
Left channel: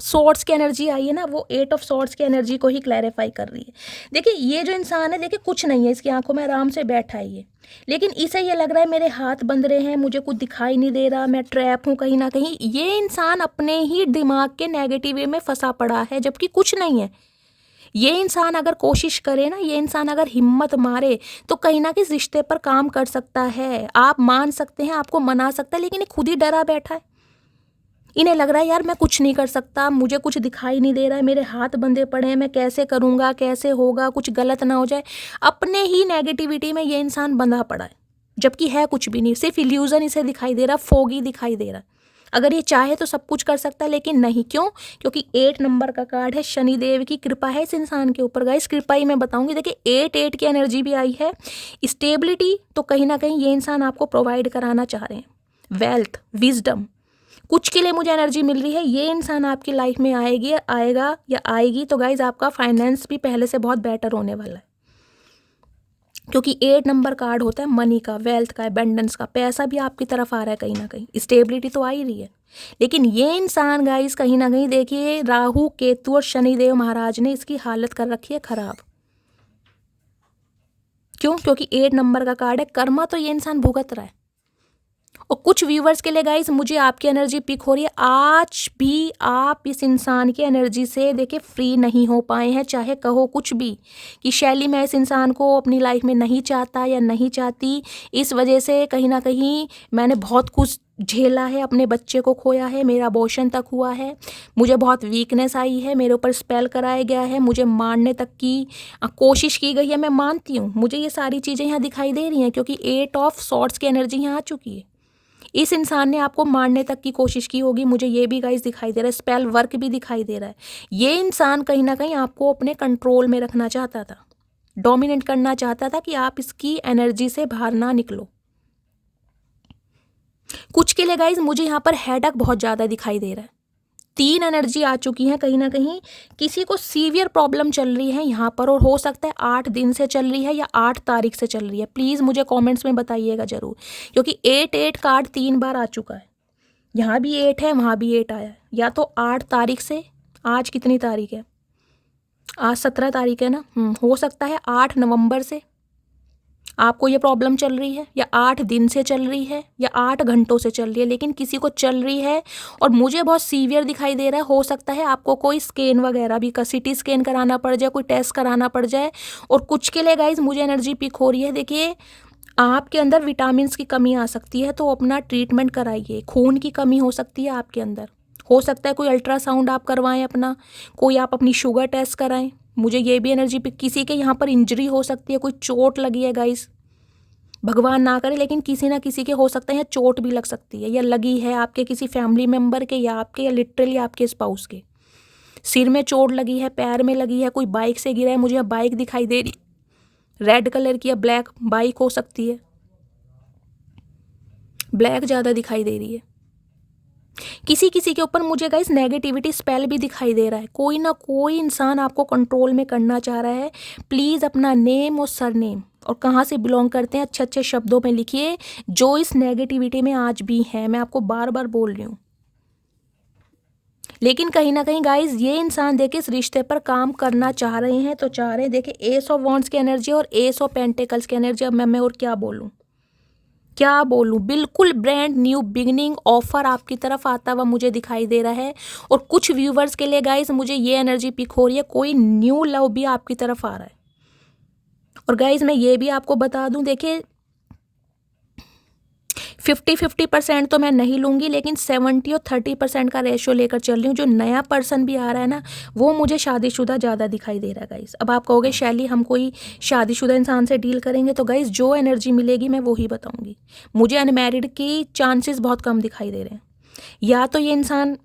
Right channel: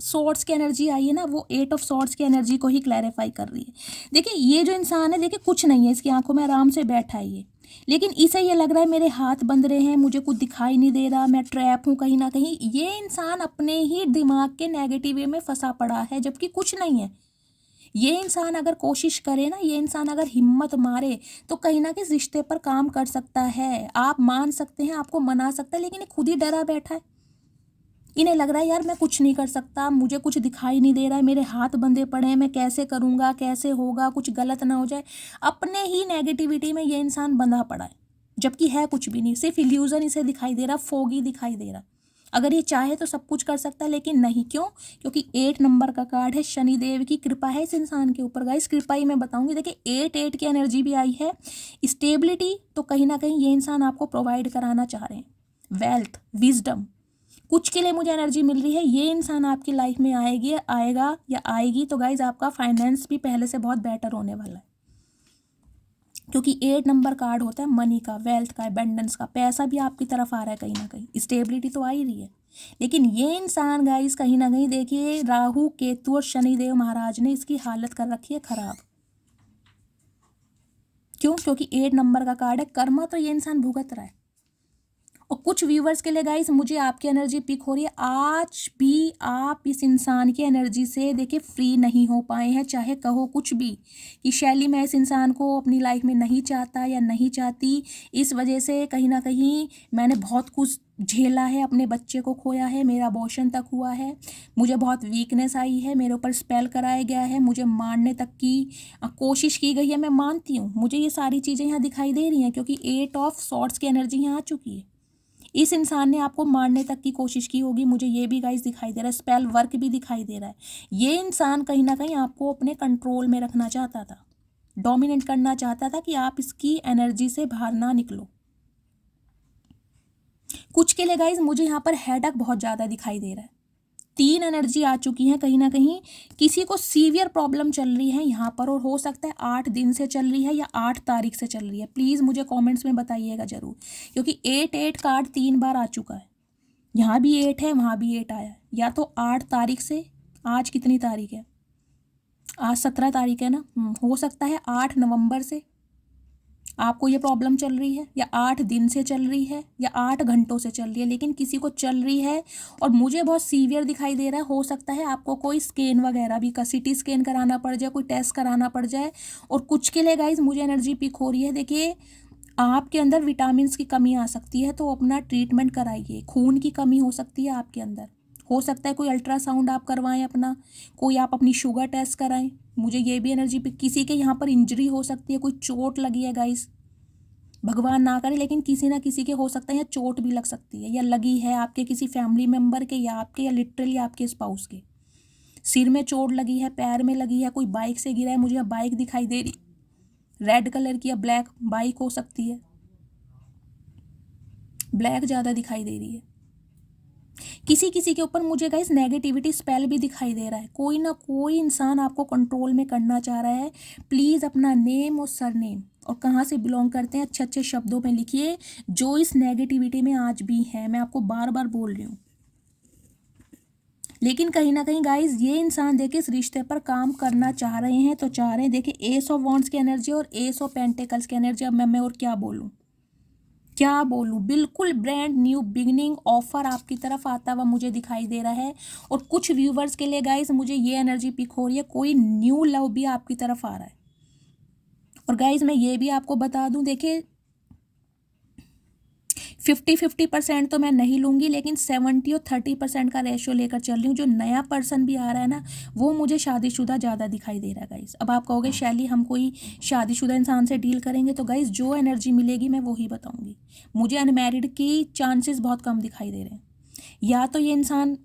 सॉर्ड्स की एनर्जी आई है ना, वो 8 ऑफ सॉर्ड्स की एनर्जी को ही क्लैरिफाई कर रही है। देखिए ये जो इंसान है, देखिए कुछ नहीं है इसकी आंखों में, आराम से बैठा है ये, लेकिन इसे ये लग रहा है मेरे हाथ बंध रहे हैं, मुझे कुछ दिखाई नहीं दे रहा, मैं ट्रैप हूँ कहीं ना कहीं। ये इंसान अपने ही दिमाग के नेगेटिव वे में फंसा पड़ा है, जबकि कुछ नहीं है। ये इंसान अगर कोशिश करे ना, ये इंसान अगर हिम्मत मारे, तो कहीं ना कहीं रिश्ते पर काम कर सकता है। आप मान सकते हैं, आपको मना सकता है, लेकिन ये खुद ही डरा बैठा है। इन्हें लग रहा है यार मैं कुछ नहीं कर सकता, मुझे कुछ दिखाई नहीं दे रहा है, मेरे हाथ बंधे पड़े हैं, मैं कैसे करूँगा, कैसे होगा, कुछ गलत ना हो जाए। अपने ही नेगेटिविटी में ये इंसान बंधा पड़ा है, जबकि है कुछ भी नहीं, सिर्फ इल्यूजन इसे दिखाई दे रहा, फोगी दिखाई दे रहा। अगर ये चाहे तो सब कुछ कर सकता है, लेकिन नहीं। क्यों? क्योंकि 8 नंबर का कार्ड है, शनिदेव की कृपा है इस इंसान के ऊपर गाइस। कृपा ही मैं बताऊंगी। देखिए 8 की एनर्जी भी आई है। स्टेबिलिटी तो कहीं ना कहीं ये इंसान आपको प्रोवाइड कराना चाह रहे हैं, वेल्थ, विजडम, कुछ के लिए मुझे एनर्जी मिल रही है। ये इंसान आपकी लाइफ में आएगा या आएगी, तो गाइज आपका फाइनेंस भी पहले से बहुत बेटर होने वाला है, क्योंकि 8 नंबर कार्ड होता है मनी का, वेल्थ का, एबंडेंस का। पैसा भी आपकी तरफ आ रहा है कहीं ना कहीं, स्टेबिलिटी तो आ ही रही है। लेकिन ये इंसान गाइस कहीं ना कहीं देखिए राहु, केतु और शनिदेव महाराज ने इसकी हालत कर रखी है खराब। क्यों? क्योंकि 8 नंबर का कार्ड है, कर्मा तो ये इंसान भुगत रहा है। और कुछ व्यूवर्स के लिए गाइस मुझे आपकी एनर्जी पिक हो रही है। आज भी आप इस इंसान की एनर्जी से देखिए फ्री नहीं हो पाए हैं, चाहे कहो कुछ भी कि शैली मैं इस इंसान को अपनी लाइफ में नहीं चाहता या नहीं चाहती, इस वजह से कहीं ना कहीं मैंने बहुत कुछ झेला है, अपने बच्चे को खोया है, मेरा अबॉर्शन तक हुआ है, मुझे बहुत वीकनेस आई है, मेरे ऊपर स्पेल कराया गया है, मुझे मारने तक की कोशिश की गई है। मैं मानती हूँ, मुझे ये सारी चीज़ें यहाँ दिखाई दे रही हैं क्योंकि 8 ऑफ सॉर्ड्स की एनर्जी यहाँ आ चुकी है। इस इंसान ने आपको मारने तक की कोशिश की होगी, मुझे ये भी गाइस दिखाई दे रहा है, स्पेल वर्क भी दिखाई दे रहा है। ये इंसान कहीं ना कहीं आपको अपने कंट्रोल में रखना चाहता था, डोमिनेट करना चाहता था कि आप इसकी एनर्जी से बाहर ना निकलो। कुछ के लिए गाइज मुझे यहाँ पर हेडेक बहुत ज़्यादा दिखाई दे रहा है। 3 एनर्जी आ चुकी है, कहीं ना कहीं किसी को सीवियर प्रॉब्लम चल रही है यहाँ पर, और हो सकता है 8 दिन से चल रही है या 8 तारीख से चल रही है। प्लीज़ मुझे कमेंट्स में बताइएगा ज़रूर, क्योंकि 8 कार्ड 3 बार आ चुका है। यहाँ भी 8 है, वहाँ भी 8 आया है। या तो 8 तारीख से, आज कितनी तारीख है, आज 17 तारीख है ना, हो सकता है 8 नवंबर से आपको ये प्रॉब्लम चल रही है, या 8 दिन से चल रही है, या 8 घंटों से चल रही है, लेकिन किसी को चल रही है और मुझे बहुत सीवियर दिखाई दे रहा है। हो सकता है आपको कोई स्कैन वगैरह भी CT स्कैन कराना पड़ जाए, कोई टेस्ट कराना पड़ जाए। और कुछ के लिए गाइज मुझे एनर्जी पिक हो रही है, देखिए आपके अंदर विटामिन की कमी आ सकती है, तो अपना ट्रीटमेंट कराइए। खून की कमी हो सकती है आपके अंदर, हो सकता है कोई अल्ट्रासाउंड आप करवाएं अपना, कोई आप अपनी शुगर टेस्ट कराएं। मुझे ये भी एनर्जी पे, किसी के यहाँ पर इंजरी हो सकती है, कोई चोट लगी है गाइस, भगवान ना करे, लेकिन किसी ना किसी के हो सकता है या चोट भी लग सकती है, या लगी है आपके किसी फैमिली मेम्बर के, या आपके, या लिटरली आपके स्पाउस के सिर में चोट लगी है, पैर में लगी है, कोई बाइक से गिरा है। मुझे बाइक दिखाई दे रही, रेड कलर की या ब्लैक बाइक हो सकती है, ब्लैक ज़्यादा दिखाई दे रही है। किसी किसी के ऊपर मुझे गाइस नेगेटिविटी स्पेल भी दिखाई दे रहा है। कोई ना कोई इंसान आपको कंट्रोल में करना चाह रहा है। प्लीज़ अपना नेम और सरनेम और कहाँ से बिलोंग करते हैं अच्छे अच्छे शब्दों में लिखिए, जो इस नेगेटिविटी में आज भी है। मैं आपको बार बार बोल रही हूँ, लेकिन कहीं ना कहीं गाइस ये इंसान देखिए इस रिश्ते पर काम करना चाह रहे हैं, तो चाह रहे हैं। देखिए एस ऑफ वॉन्ड्स की एनर्जी और एस ऑफ पेंटिकल्स की एनर्जी। अब मैं और क्या बोलूँ, क्या बोलूँ, बिल्कुल ब्रांड न्यू बिगनिंग ऑफर आपकी तरफ आता हुआ मुझे दिखाई दे रहा है। और कुछ व्यूवर्स के लिए गाइस मुझे ये एनर्जी पिक हो रही है, कोई न्यू लव भी आपकी तरफ आ रहा है। और गाइस मैं ये भी आपको बता दूं, देखिए 50-50% तो मैं नहीं लूँगी, लेकिन 70 और 30% का रेशियो लेकर चल रही हूँ। जो नया पर्सन भी आ रहा है ना, वो मुझे शादीशुदा ज़्यादा दिखाई दे रहा है गाइस। अब आप कहोगे शैली हम कोई शादीशुदा इंसान से डील करेंगे, तो गाइस जो एनर्जी मिलेगी मैं वही बताऊँगी। मुझे अनमैरिड की चांसेस बहुत कम दिखाई दे रहे हैं। या तो ये इंसान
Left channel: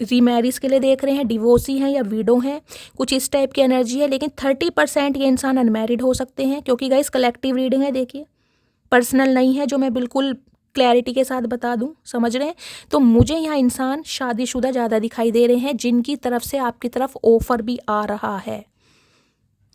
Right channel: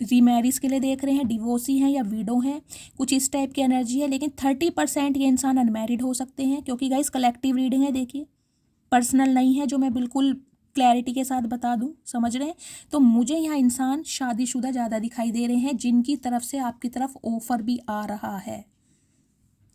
रीमैरिज के लिए देख रहे हैं, डिवोर्सी हैं या विडो हैं, कुछ इस टाइप की एनर्जी है। लेकिन 30% ये इंसान अनमैरिड हो सकते हैं, क्योंकि गाइस कलेक्टिव रीडिंग है, देखिए पर्सनल नहीं है, जो मैं बिल्कुल क्लैरिटी के साथ बता दूं, समझ रहे हैं। तो मुझे यहाँ इंसान शादीशुदा ज़्यादा दिखाई दे रहे हैं, जिनकी तरफ से आपकी तरफ ऑफर भी आ रहा है।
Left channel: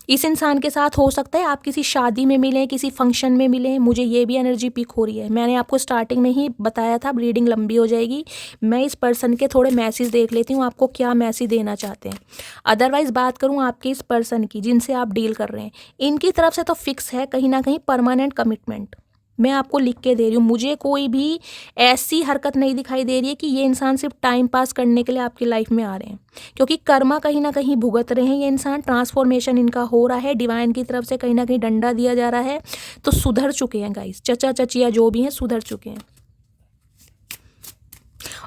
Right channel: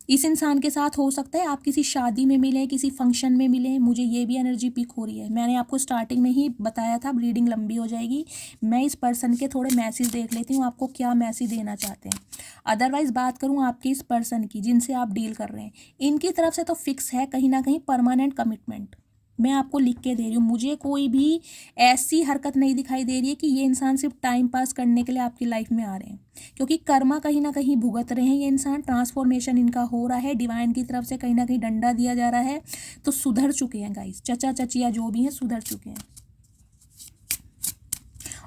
इस इंसान के साथ हो सकता है आप किसी शादी में मिलें, किसी फंक्शन में मिलें। मुझे ये भी एनर्जी पिक हो रही है। मैंने आपको स्टार्टिंग में ही बताया था रीडिंग लंबी हो जाएगी। मैं इस पर्सन के थोड़े मैसेज देख लेती हूँ, आपको क्या मैसेज देना चाहते हैं। अदरवाइज़ बात करूँ आपकी इस पर्सन की जिनसे आप डील कर रहे हैं, इनकी तरफ से तो फिक्स है कहीं ना कहीं परमानेंट कमिटमेंट। मैं आपको लिख के दे रही हूँ, मुझे कोई भी ऐसी हरकत नहीं दिखाई दे रही है कि ये इंसान सिर्फ टाइम पास करने के लिए आपकी लाइफ में आ रहे हैं, क्योंकि कर्मा कहीं ना कहीं भुगत रहे हैं ये इंसान। ट्रांसफॉर्मेशन इनका हो रहा है, डिवाइन की तरफ से कहीं ना कहीं डंडा दिया जा रहा है, तो सुधर चुके हैं गाइस। चचा चचिया जो भी हैं सुधर चुके हैं।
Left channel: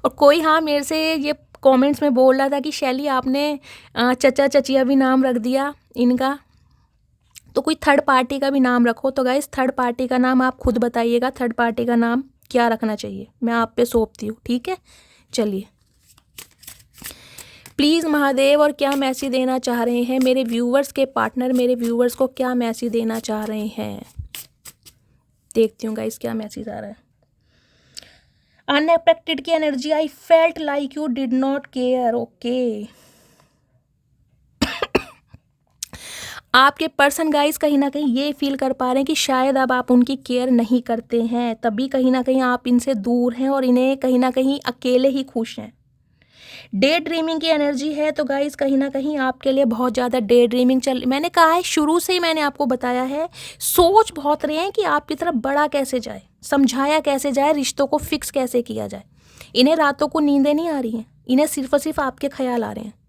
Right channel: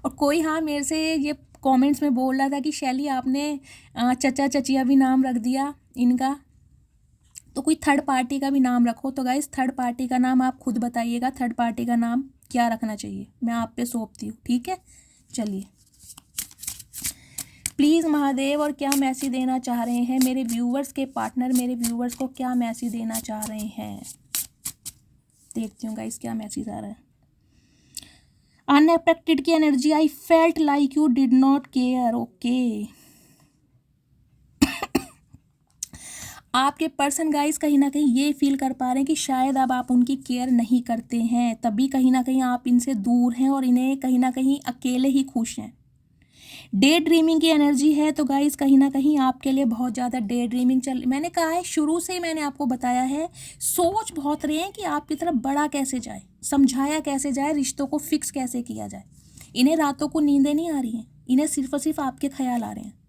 और कोई हाँ मेरे से ये कमेंट्स में बोल रहा था कि शैली आपने चचा चचिया भी नाम रख दिया इनका, तो कोई थर्ड पार्टी का भी नाम रखो। तो गाइस थर्ड पार्टी का नाम आप खुद बताइएगा, थर्ड पार्टी का नाम क्या रखना चाहिए, मैं आप पे सौंपती हूँ, ठीक है। चलिए प्लीज़ महादेव, और क्या मैसेज देना चाह रहे हैं मेरे व्यूवर्स के पार्टनर, मेरे व्यूवर्स को क्या मैसेज देना चाह रहे हैं, देखती हूँ गाइस क्या मैसेज आ रहा है। अनएक्सपेक्टेड की energy, I felt like you did not care. Okay, आपके पर्सन गाइस कहीं ना कहीं ये फील कर पा रहे हैं कि शायद अब आप उनकी केयर नहीं करते हैं, तभी कहीं ना कहीं आप इनसे दूर हैं और इन्हें कहीं ना कहीं अकेले ही खुश हैं। डे ड्रीमिंग की एनर्जी है, तो गाइस कहीं ना कहीं आपके लिए बहुत ज़्यादा डे ड्रीमिंग मैंने कहा है शुरू से ही, मैंने आपको बताया है, सोच बहुत रहे हैं कि आपकी तरफ बढ़ा कैसे जाए, समझाया कैसे जाए, रिश्तों को फिक्स कैसे किया जाए। इन्हें रातों को नींदें नहीं आ रही हैं, इन्हें सिर्फ और सिर्फ आपके ख्याल आ रहे हैं।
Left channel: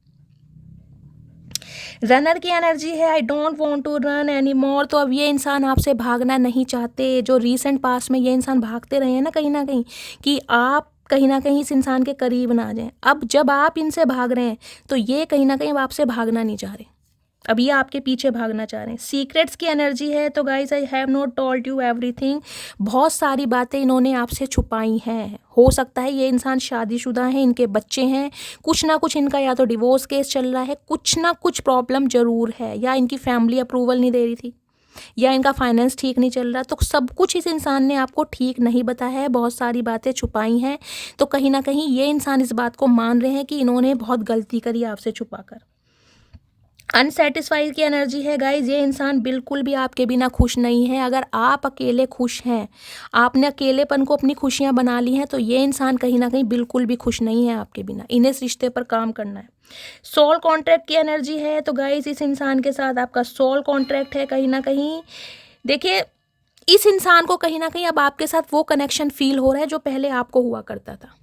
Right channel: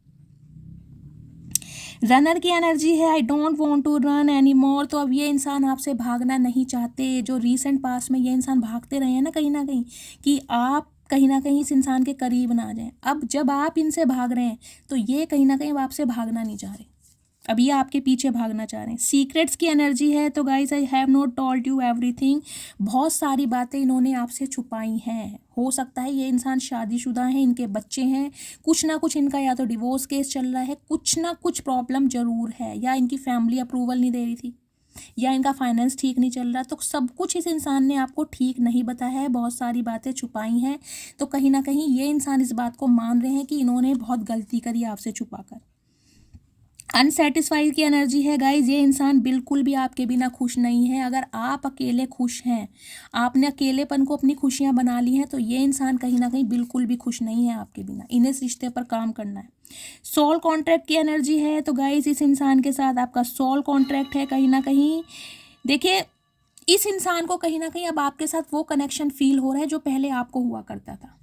रनर की एनर्जी है, I don't want to run any more. तो अब ये इंसान आपसे भागना नहीं चाहते। जो रीसेंट पास्ट में ये इंसान भागते रहे हैं ना कहीं कि आप कहीं ना कहीं इस इंसान के करीब ना आ जाएं। अब जब आप इनसे भाग रहे हैं तो ये कहीं ना कहीं अब आपसे भागना नहीं चाह रहे, अब ये आपके पीछे भागना चाह रहे हैं। सीक्रेट्स की एनर्जी है। तो guys I have not told you everything. बहुत सारी बातें इन्होंने आपसे छुपाई हैं। हो सकता है ये इंसान शादीशुदा है, इनके बच्चे हैं, कुछ ना कुछ इनका या तो डिवोर्स केस चल रहा है, कुछ ना कुछ प्रॉब्लम जरूर है, या इनकी फैमिली अप्रूवल नहीं दे रही थी, या इनका फाइनेंस ठीक नहीं चल रहा। तो सब कुछ इस इंसान ने आपको ठीक नहीं बताया है, बहुत सारी बातें छुपाई हैं। तो कहीं ना कहीं ये इंसान इस बात को मान रहे हैं कि इन्होंने बहुत गलती करी आपसे छुपाकर। अनसेटिस्फाइड की एनर्जी है गाइज। ये इंसान बिल्कुल भी आपके बिना खुश नहीं है। अगर आप अकेले खुश हैं, आपने अकेलेपन को अपनी खुशियां बना ली हैं, तो ये इंसान कहीं ना कहीं बिल्कुल भी खुश नहीं है आपके बिना। इन्हें इस रिश्ते पर काम करना है। सोल कॉन्ट्रैक्ट की एनर्जी है। तो गाइज इस इंसान के साथ आपका सोल कॉन्ट्रैक्ट है कहीं ना कहीं। देखिए, इस इंसान को कहीं ना कहीं अब आपके साथ वो कनेक्शन फील हो रहा है जो पहले आपको हुआ करता था।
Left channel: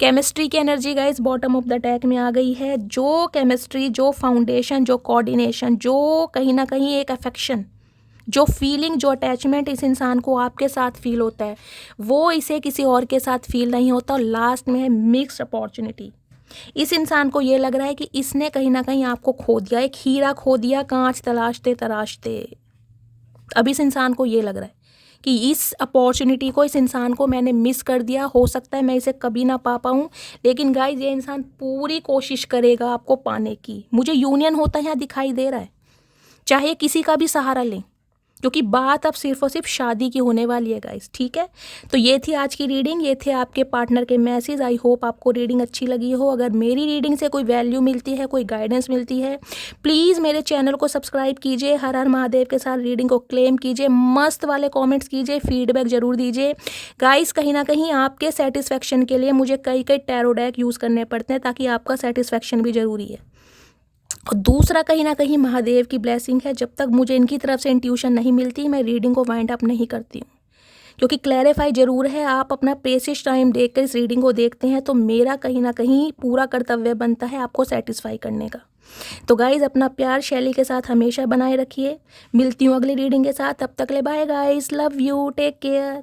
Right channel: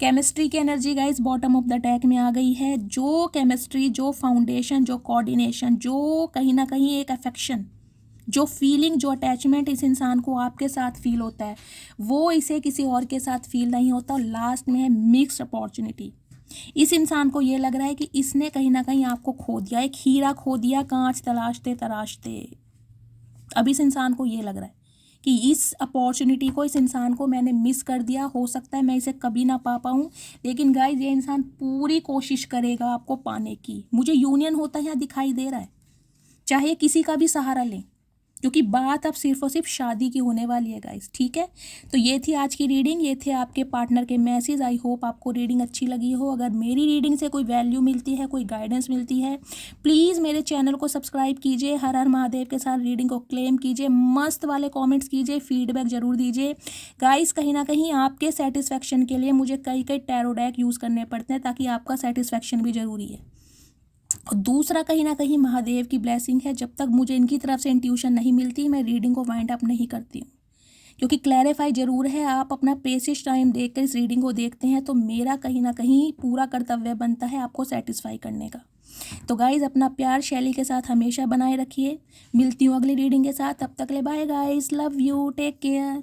केमिस्ट्री की energy guys bottom of the tag में आ गई है। जो केमिस्ट्री, जो फाउंडेशन, जो कोऑर्डिनेशन, जो कहीं ना कहीं एक अफेक्शन, जो फीलिंग, जो अटैचमेंट इस इंसान को आपके साथ फील होता है, वो इसे किसी और के साथ फील नहीं होता। और लास्ट में है मिक्स्ड अपॉर्चुनिटी। इस इंसान को ये लग रहा है कि इसने कहीं ना कहीं आपको खो दिया, एक हीरा खो दिया कांच तलाशते तराशते। अब इस इंसान को ये लग रहा है कि इस अपॉर्चुनिटी को, इस इंसान को मैंने मिस कर दिया, हो सकता है मैं इसे कभी ना पा पाऊँ। लेकिन गाइज ये इंसान पूरी कोशिश करेगा आपको पाने की। मुझे यूनियन होता है यहाँ दिखाई दे रहा है, चाहे किसी का भी सहारा लें, क्योंकि बात अब सिर्फ और सिर्फ शादी की होने वाली है गाइस। ठीक है, तो ये थी आज की रीडिंग, ये थे आपके पार्टनर के मैसेज। आई होप आपको रीडिंग अच्छी लगी हो। अगर मेरी रीडिंग से कोई वैल्यू मिलती है, कोई गाइडेंस मिलती है, प्लीज़ मेरे चैनल को सब्सक्राइब कीजिए। हर हर महादेव के साथ रीडिंग को क्लेम कीजिए, मस्त वाले कॉमेंट्स कीजिए, फीडबैक ज़रूर दीजिए गाइस। कहीं ना कहीं आपके सेटिस्फेक्शन के लिए मुझे कई टैरो डेक यूज़ करने पड़ते हैं, ताकि आपका सेटिस्फेक्शन भी ज़रूरी है। और दूसरा कहीं ना कहीं महादेव की ब्लेसिंग है। जब तक मुझे इनकी तरफ से इंट्यूशन नहीं मिलती, मैं रीडिंग को वाइंड अप नहीं करती हूँ, क्योंकि क्लैरिफाई ज़रूर है। आप अपना प्रेशियस टाइम देखकर इस रीडिंग को देखते हैं, तो मेरा कहीं ना कहीं पूरा कर्तव्य बनता है आपको सेटिस्फाई करने का। तो गाइज़ अपना प्यार शैली के साथ हमेशा बनाए रखिए। मिलती हूँ अगली रीडिंग के साथ, तब तक ले bye guys, love you, take care.